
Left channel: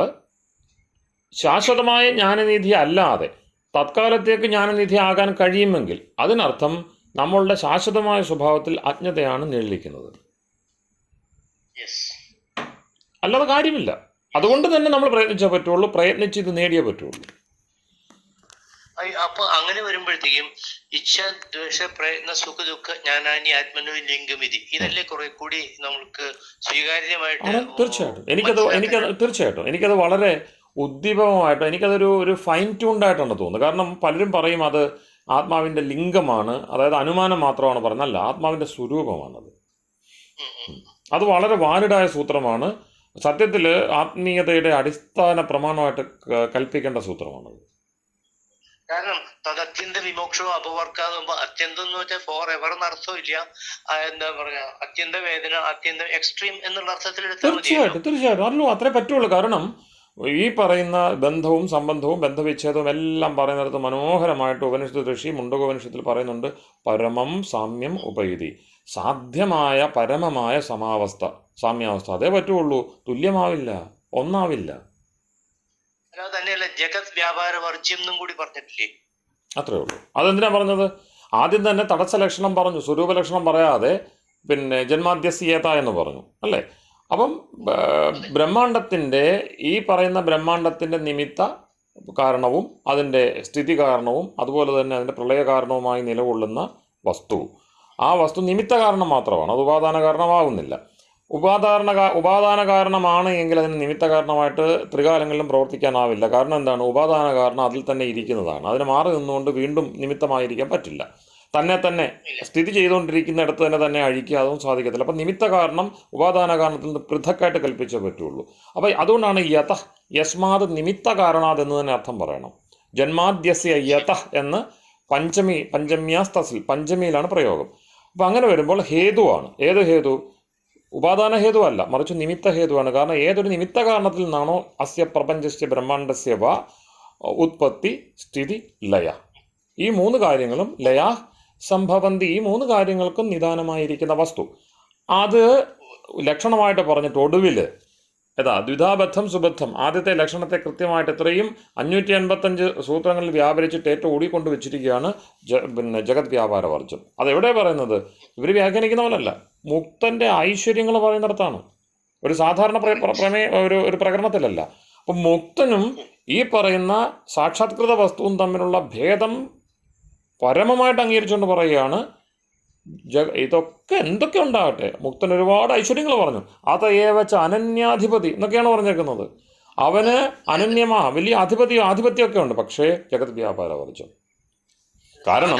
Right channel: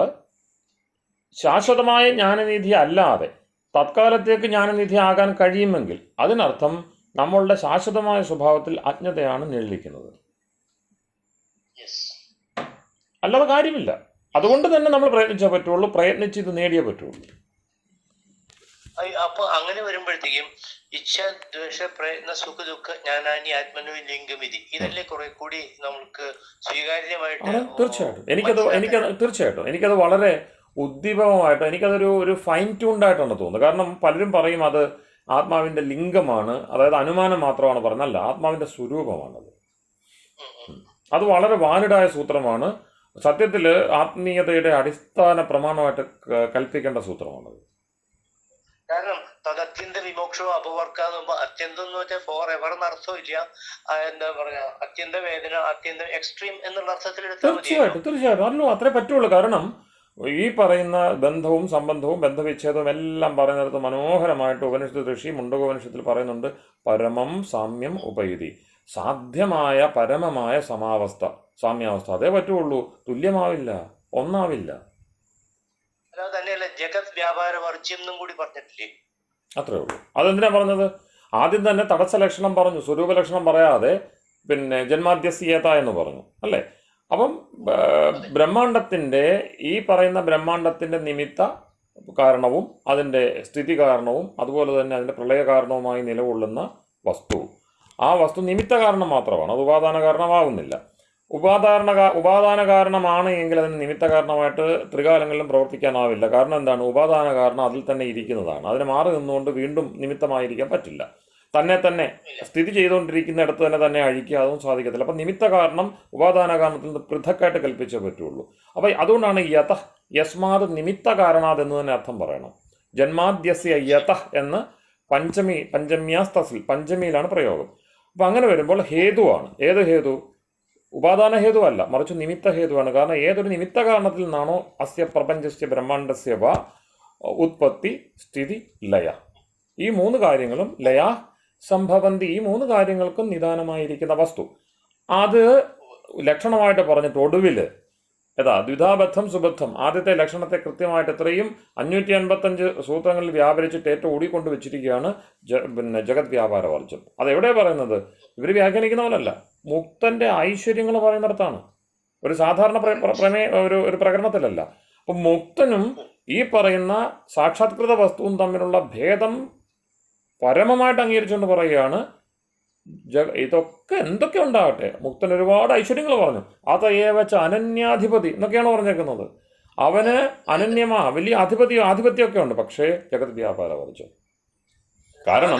ശാശ്വതമായ ജ്ഞാനനിധി അല്ലാതെ തത്കാലത്തേക്ക് ജ്ഞാനനിധി ആകാൻ കഴിയുമെങ്കിൽ അതിനർത്ഥം നമ്മളുടെ ശാശ്വതമായ സ്വഭാവത്തിൽ അജ്ഞതയാണ് നിഴലിക്കുന്നത്. അല്ലാതെ കാര്യമില്ല. അതുകൊണ്ട് തന്നെ നമ്മൾ പ്രയത്നിച്ചേ പറ്റുള്ളൂ, പ്രയത്നിച്ച് ഇത് നേടിയേ പറ്റുള്ളൂ. അപ്പൊ അങ്ങനെ വരുമ്പോഴത്തേക്കും ഇച്ഛ, ദ്വേഷ, പ്രയത്ന, സുഖ, ദുഃഖ, ജ്ഞാനാനി, ആത്മനോ, ലിംഗമിതി, ഇതല്ലേ കുറെ കൂടി നമുക്ക് സ്വീകാര്യമായിട്ട്. തീർച്ചയായിട്ടും എനിക്കത് വളരെ ഉദ്ദീപകമായിട്ട്, എനിക്കതൊരു ഫൈൻ ട്യൂൺഡായിട്ടാണ് തോന്നുന്നത്. കാരണം പലരും പറയും അത് ആത്മാവിൻ്റെ ലിംഗമാണ്, അതായത് അനുമാനം മാത്രമാണ് പറയുന്നത്. അല്ല, ആത്മാവിൻ്റെ സ്വരൂപമാണത്. അത് വളരെ വാലിഡായ സൂത്രമാണ്. സത്യത്തിൽ ആത്മീയതയുടെ അടിസ്ഥാന പ്രമാണമായിട്ട് കൽപ്പിക്കേണ്ട സൂത്രമാണത്. കാരണം തദത്യന്ത വിമോക്ഷവും അപവർക്കാതുമ്പോ അത്യന്തം എന്ന് വെച്ചാൽ ഫോർ എവർ എന്നർത്ഥമില്ല. എന്താ പറയാ, അത്യന്ത വേദന, അത്യന്തം എക്സ്ട്രീം എന്നുള്ള അർത്ഥത്തിൽ തീർച്ചയായിട്ടും അല്ലോ, അത്രേ പറ്റുള്ളൂ. കാരണം ഈ പറയുന്ന ബന്ധവും സംബന്ധവും ബന്ധവിച്ഛേദവും എല്ലാം പറയുന്നിടത്ത് മനോഹരമായിട്ട് ഉപനിഷത്ത് ഋഷി മുണ്ടകോപനിഷത്തിൽ പറയുന്നുണ്ട്, പരമം സാമ്യം ഉപയുതി. സാധ്യമായ പരമമായ സാമ്യാവസ്ഥ അതേ പറ്റുള്ളൂ, തുല്യമാവില്ല, ഒന്നാവില്ല. തന്നെയല്ല ജഗത് വ്യാപാര വർജ്യം എന്നും കൂടി പറഞ്ഞിട്ടില്ലേ? അത്രേ ഉള്ളൂ. അതെന്തിനാ പറഞ്ഞത്? ആദ്യം തന്നെ തടസ്സ ലക്ഷണം പറഞ്ഞു, സ്വരൂപ ലക്ഷണം പറയാതെ പിന്നെ ജന്മാദ്യസ്യേത എന്ന് പറഞ്ഞു, അല്ലേ? അപ്പം ബ്രഹ്മാണ്ടത്തിൻ്റെ ഈ പറയുന്ന ബ്രഹ്മാണ്ടത്തിൻ്റെ നിമിത്ത കാരണവും അതിൻ്റെ സ്ഥിതി കാരണവും അതുപോലെ തന്നെ അതിൻ്റെ പ്രളയ കാരണവുമായി നിലകൊള്ളുന്ന വസ്തു, ആ വസ്തു നിമിത്ത കാരണം മാത്രമാണ്, അത് ഉപാദാന കാരണമാവുന്നില്ല. ഉപാദാന കാരണമാണ് എങ്കിൽ അതിന് നിമിത്ത കാരണമായിട്ട് ത്രികാലങ്ങളിലും പ്രവർത്തിക്കാനാവില്ല. കാരണം എന്താണ്? ഉപാദാന കാരണം അതിൽ തന്നെ ഇരിക്കുന്നതാണ്. അതിന് മാറി നിന്നുകൊണ്ട് വീണ്ടും നിമിത്തമായിരിക്കാൻ പറ്റില്ല. തന്നെ സ്ഥിതി ചെയ്തുകൊണ്ടിരിക്കുന്നിടത്ത് തന്നെ അഴിക്കുക, അതും സാധിക്കത്തില്ല. അപ്പം നിമിത്ത കാരണം ഉപാദാന കാരണത്തിൽ നിന്ന് പൃഥക്കായിട്ട് കൽപ്പിച്ചേ പറ്റുള്ളൂ. അപ്പം അതുകൊണ്ടാണ് യതഃ യസ്മാത് നിമിത്ത കാരണാത് എന്ന് തന്നെ അർത്ഥം പറയണം. ജന്മാദ്യസ്യ യതഃ എന്ന് പഞ്ചമ്യാസ്തസിൽ പഞ്ചമിയിലാണ് പ്രയോഗം. അപ്പം അങ്ങനെ വരുമ്പോൾ ഹേതുവാണ്. ഏത് ഹേതു? ഉപാദാന ഹേതു അല്ല, മറിച്ച് നിമിത്ത ഹേതുവാണ്. കാരണം ഏതൊരു നിമിത്ത കാരണത്തിൽ നിന്നാണോ അസ്യ പ്രപഞ്ചസ്യ ബ്രഹ്മാണ്ടസ്യ വ ഉത്പത്തി സ്ഥിതി ലയ, ഈ മൂന്ന് കാര്യങ്ങളും ലയാ സംഭവന്തി, ഈ മൂന്ന് കാര്യങ്ങൾക്കും നിദാനമായിരിക്കുന്ന വസ്തു, അത് ലക്ഷണമായിട്ട് പറഞ്ഞിട്ട് ഒടുവിൽ ദ്വിധാബദ്ധം സുബദ്ധം, ആദ്യത്തെ ലക്ഷണത്തെ കൃത്യമായിട്ട് എത്രയും 555 സൂത്രങ്ങളിൽ വ്യാപരിച്ചിട്ട് ഏറ്റവും ഓടിക്കൊണ്ട് വെച്ചിരിക്കുകയാണ് പിന്നെ ജഗത് വ്യാപാര വർജ്യം. അതെവിടെ പറയുന്നത്? ഇവർ വ്യാഖ്യാനിക്കുന്ന പോലല്ല, മുക്തൻ്റെ ഐശ്വര്യങ്ങൾ പറയുന്നിടത്താണ്, ഒരു സാധാരണ ഒരു പ്രകരണത്തിലല്ല. അപ്പം മുക്തനും ഈ പറയുന്ന സാക്ഷാത്കൃത വസ്തുവും തമ്മിലുള്ള ഭേദം പരമമായിട്ട് അംഗീകരിച്ചുകൊണ്ട് പറയുകയാണ്, ഇതൊക്കെ എന്തൊക്കെ ഉണ്ടാകട്ടെ, മുക്തൻ ഒരുപാട് ഐശ്വര്യങ്ങൾ പറഞ്ഞു, അതയേവച്ച അനന്യാധിപതി എന്നൊക്കെയാണ് പറഞ്ഞേക്കുന്നത്. അവന് വലിയ ആധിപത്യമൊക്കെ ഉണ്ട്, പക്ഷേ ജഗത് വ്യാപാര വർജ്യം. കാരണം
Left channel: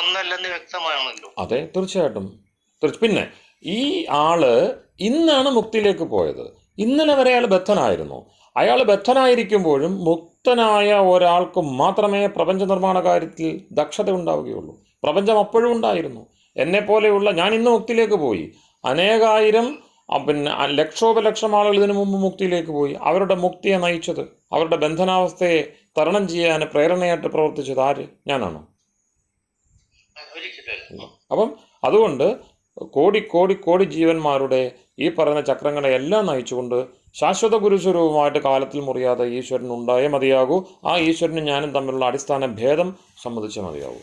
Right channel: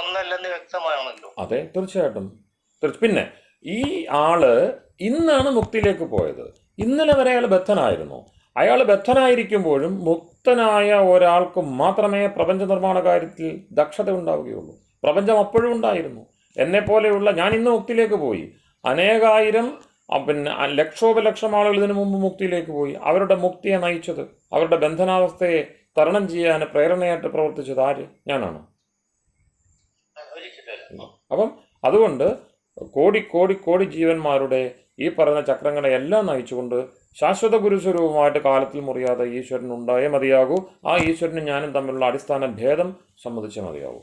ഒന്നല്ലെന്ന് വ്യക്തമാണല്ലോ. അതെ, തീർച്ചയായിട്ടും. പിന്നെ ഈ ആള് ഇന്നാണ് മുക്തിയിലേക്ക് പോയത്. ഇന്നലെ വരെ അയാൾ ബദ്ധനായിരുന്നു. അയാൾ ബദ്ധനായിരിക്കുമ്പോഴും മുക്തനായ ഒരാൾക്ക് മാത്രമേ പ്രപഞ്ച നിർമ്മാണ കാര്യത്തിൽ ദക്ഷത ഉണ്ടാവുകയുള്ളൂ. പ്രപഞ്ചം അപ്പോഴും ഉണ്ടായിരുന്നു. എന്നെപ്പോലെയുള്ള ഞാൻ ഇന്ന് മുക്തിയിലേക്ക് പോയി. അനേകായിരം ലക്ഷോപലക്ഷം ആളുകൾ ഇതിനു മുമ്പ് മുക്തിയിലേക്ക് പോയി. അവരുടെ മുക്തിയെ നയിച്ചത്, അവരുടെ ബന്ധനാവസ്ഥയെ തരണം ചെയ്യാൻ പ്രേരണയായിട്ട് പ്രവർത്തിച്ചത് ആര്? ഞാനാണോ? അപ്പം അതുകൊണ്ട് കോടി കോടി കോടി ജീവന്മാരുടെ ഈ പറഞ്ഞ ചക്രങ്ങളെ എല്ലാം നയിച്ചുകൊണ്ട് ശാശ്വത ഗുരുസ്വരൂപമായിട്ട് കാലത്തിൽ മുറിയാതെ ഈശ്വരൻ ഉണ്ടായേ മതിയാകൂ. ആ ഈശ്വരനും ഞാനും തമ്മിലുള്ള അടിസ്ഥാന ഭേദം സമ്മതിച്ചേ മതിയാകൂ.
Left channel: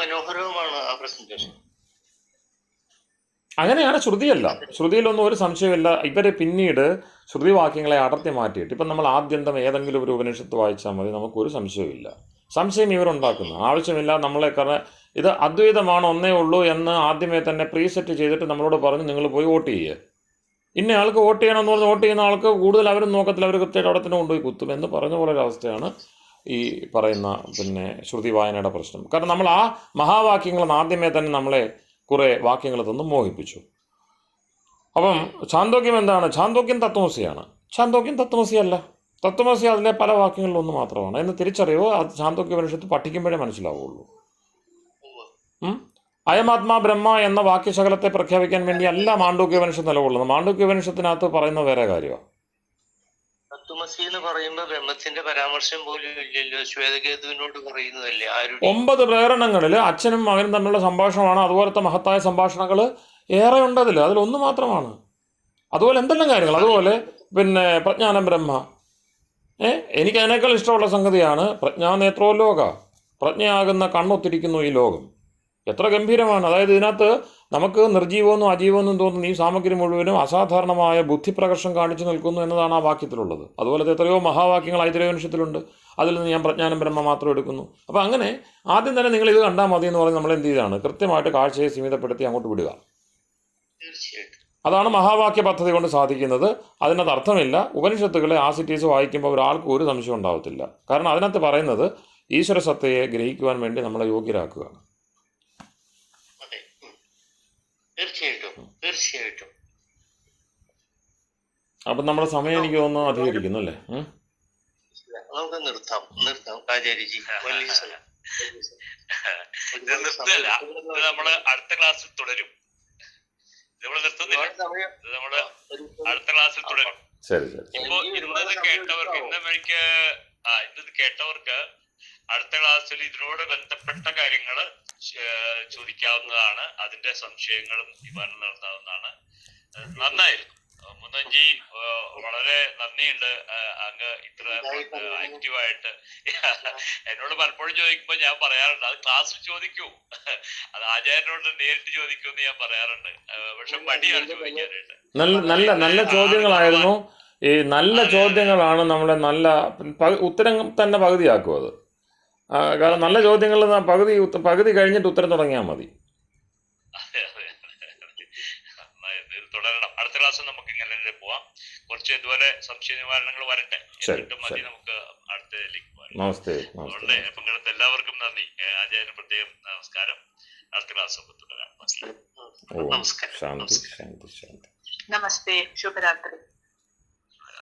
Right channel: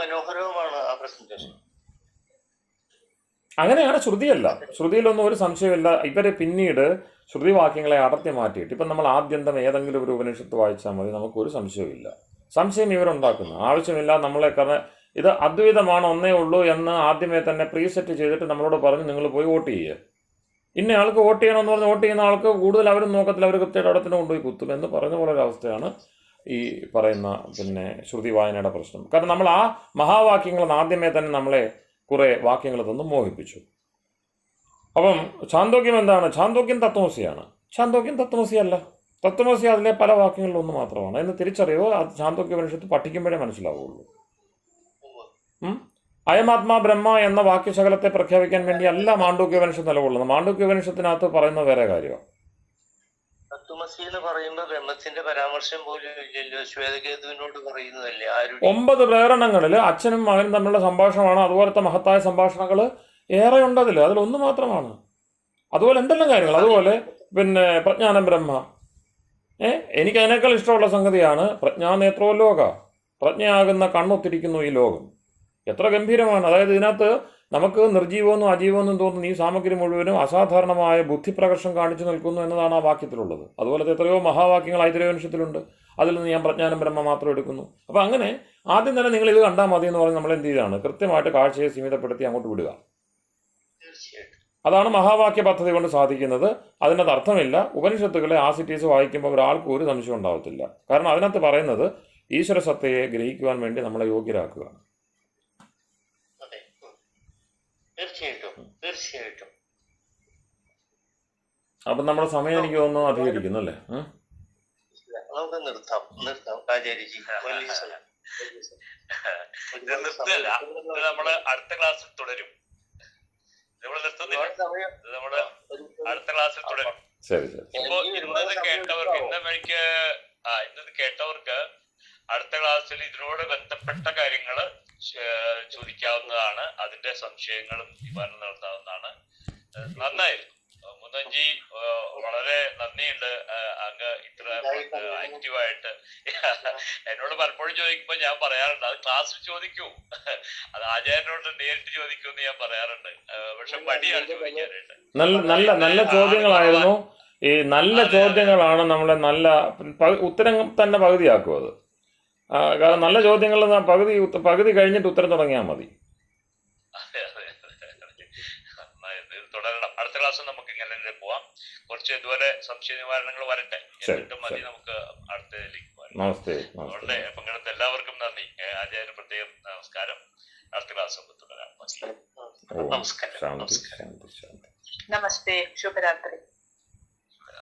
മനോഹരവുമാണ് ആ പ്രസന്റേഷൻ. അങ്ങനെയാണ്. ശ്രുതിയല്ല, ശ്രുതിയിലൊന്നും ഒരു സംശയമില്ല. ഇവരെ പിന്നീട് ശ്രുതിവാക്യങ്ങളെ അടർത്തി മാറ്റിയിട്ട് ഇപ്പം നമ്മൾ ആദ്യന്തം ഏതെങ്കിലും ഒരു ഉപനിഷത്ത് വായിച്ചാൽ മതി, നമുക്കൊരു സംശയമില്ല. സംശയം ഇവരുണ്ടാക്കുന്നു, ആവശ്യമില്ല. നമ്മളെ കാരണം ഇത് അദ്വൈതമാണ്, ഒന്നേ ഉള്ളൂ എന്ന് ആദ്യമേ തന്നെ പ്രീസെറ്റ് ചെയ്തിട്ട് നമ്മളോട് പറഞ്ഞ് നിങ്ങൾ പോയി വോട്ട് ചെയ്യുക. ഇന്ന ആൾക്ക് വോട്ട് ചെയ്യണമെന്ന് പറഞ്ഞ് വോട്ട് ചെയ്യുന്ന ആൾക്ക് കൂടുതൽ അവരും നോക്കത്തില്ല, അവർ കൃത്യമായിട്ട് അവിടെ തന്നെ കൊണ്ടുപോയി കുത്തും എന്ന് പറഞ്ഞ പോലെ ഒരവസ്ഥയാണ് ഈ പറയുന്ന ശ്രുതി വായനയുടെ പ്രശ്നം. കാരണം നമ്മൾ ആ മഹാവാക്യങ്ങൾ ആദ്യമേ തന്നെ നമ്മളെ കുറേ വാക്യങ്ങൾ തന്ന് മോഹിപ്പിച്ചു. അപ്പം ഛാന്തോക്യം എന്താണ്? ഛാന്തോക്യം തത്വമസിയാണ്. ഛാന്തോക്യം തത്വമസിയല്ല. തത്വമസി അതിലെ പല വാക്യങ്ങളിലൊന്ന് മാത്രമാണ് എന്ന് തിരിച്ചറിയുമോ അത് ഛാന്തോക്യ ഉപനിഷത്ത് പഠിക്കുമ്പോഴേ മനസ്സിലാവുള്ളൂ. അയമാത്മാ ബ്രഹ്മ എന്ന വാക്യശകലത്തെ പ്രഖ്യാപിക്കാൻ വേണ്ടി അല്ല മാണ്ഡൂക്യ ഉപനിഷത്ത് നിലകൊള്ളുന്നത്. മാണ്ഡൂക്യ ഉപനിഷത്തിനകത്ത് പറയുന്നത് വേറെ കാര്യമാണ്. തത്വമസി എന്ന് പറയുമ്പോൾ ബ്രഹ്മത്തിന്റെ പരാമർശം പോലും ഇല്ലല്ലോ. ശ്വേതകേതുവിനോട് പറയുന്നതല്ലേ. 9 പ്രേരണങ്ങളിൽ അച്ഛനും മകനും തമ്മിലുള്ള സംഭാഷണമാണ്. അതുപോലത്തെ മഹത്തായ സംഭാഷണങ്ങൾ ഏറെ ഉണ്ട് അതിലൊന്ന് മാത്രമാണ്. അതുപോലെ എന്തെല്ലാം കാര്യങ്ങൾ, അതുപോലെ പ്രജ്ഞാനം ബ്രഹ്മ. എനിക്ക് അതിനേക്കാൾ ഇഷ്ടമുള്ള സംഗതിയാണ് പ്രജ്ഞാനേത്രോ ലോക, പ്രജ്ഞയാകുന്ന കണ്ണൊത്തിരിക്കുന്നു ഈ ലോകം. എത്ര ഗംഭീരമാണ്. അതായത് ഇതിനകത്ത് നമുക്ക് നിർജീവമെന്നും അജീവമെന്നും തോന്നുന്ന ഈ സാമഗ്രി മുഴുവനും അസാധാരണമായ ബുദ്ധിപ്രകർഷം കാണിച്ചു നിൽക്കുന്നു എന്നതാണ് ആ വാക്യത്തിലുള്ളത്. അതുപോലത്തെ എത്രയോ മഹാവാക്യങ്ങൾ ഐതരേയോപനിഷത്തിലുണ്ട്. അതിൽ നിന്ന് ഞാൻ പ്രജ്ഞാനം ബ്രഹ്മ മാത്രം എടുക്കുന്നു. അപ്പോൾ അങ്ങനെ ആദ്യം തന്നെ നിങ്ങൾ ഇത് കണ്ടാൽ മതി എന്ന് പറഞ്ഞ് നമ്മൾ എന്ത് ചെയ്താണ്, കൃത്യമായിട്ട് കാഴ്ചയെ സീമിതപ്പെടുത്തി അങ്ങോട്ട് വിടുക. അതാണ് മഹാവാക്യ പദ്ധതി കൊണ്ട് സാധിക്കുന്നത്. അതിനകത്ത് അർത്ഥമില്ല. ഉപനിഷത്തുകളെ ആസിറ്റീസ് വായിക്കുമ്പോൾ ഒരാൾക്ക് ഒരു സംശയം ഉണ്ടാവത്തില്ല. കാരണം അതിനകത്ത് പറയുന്നത് ഈശ്വര സത്തയെ ഗ്രഹിക്കുവാൻ വേണ്ടി നമ്മളെ യോഗ്യരാക്കുകയാണ്. തീർച്ചയായിട്ടും. അപ്പം നമ്മുടെ സമയം എനിക്ക് തോന്നുന്നു അധികരിക്കുന്നു അല്ലേ? നമുക്ക് നിർത്താം. നമ്മള് അടുത്ത ക്ലാസ്സിൽ തുടരും. നമ്മള് അടുത്ത ക്ലാസ്സിൽ തുടരും. ഇപ്പൊ ഇന്നത് കേട്ടവർക്ക് അടുത്ത ക്ലാസ്സിൽ ഇതിനോട് ബന്ധപ്പെട്ട കാര്യങ്ങൾ ചോദിക്കാവുന്നതാണ്. അതിന്റെ സംശയങ്ങളും നിവാരണം നടത്താവുന്നതാണ്. നന്നായിരുന്നു മുതൻജി, വളരെ നന്ദിയുണ്ട്. അങ്ങ് ഇത്ര ആക്റ്റീവായിട്ട് എന്നോട് പലപ്പോഴും ചോദിക്കുമ്പോ ഞാൻ പറയാറുണ്ട് അത് ക്ലാസ്സിൽ ചോദിക്കൂ, അത് ആചാര്യനോട് നേരിട്ട് ചോദിക്കൂ എന്ന് ഞാൻ പറയാറുണ്ട്. പക്ഷെ മടിയാണ് ചോദിക്കാനായിട്ട്. നല്ല ചോദ്യങ്ങളായിരുന്നു. ഈ നല്ല ചോദ്യങ്ങളാണ് നമ്മളെ നല്ല ഉത്തരം തന്നെ പകുതിയാക്കും അത്. കാരണം നല്ല ചോദ്യങ്ങൾ പകുതി കഴിഞ്ഞിട്ട് ഉത്തരം തുടങ്ങിയാൽ മതി. തുടരണം. അടുത്ത ക്ലാസ്സിൽ നമുക്ക് ഇങ്ങനെ പോവാം. കുറച്ച് ഇതുപോലെ സംശയ നിവാരണങ്ങൾ വരട്ടെ, എന്നിട്ട് മതി നമുക്ക് അടുത്തതിലേക്ക് പോകാം. അതുകൊണ്ട് പങ്കെടുത്ത എല്ലാവർക്കും നന്ദി. ആചാര്യന് പ്രത്യേകം നമസ്കാരം. അടുത്ത ക്ലാസ് തുടരാം. നമസ്കാരം. നമസ്തേ. ശുഭരാത്രി.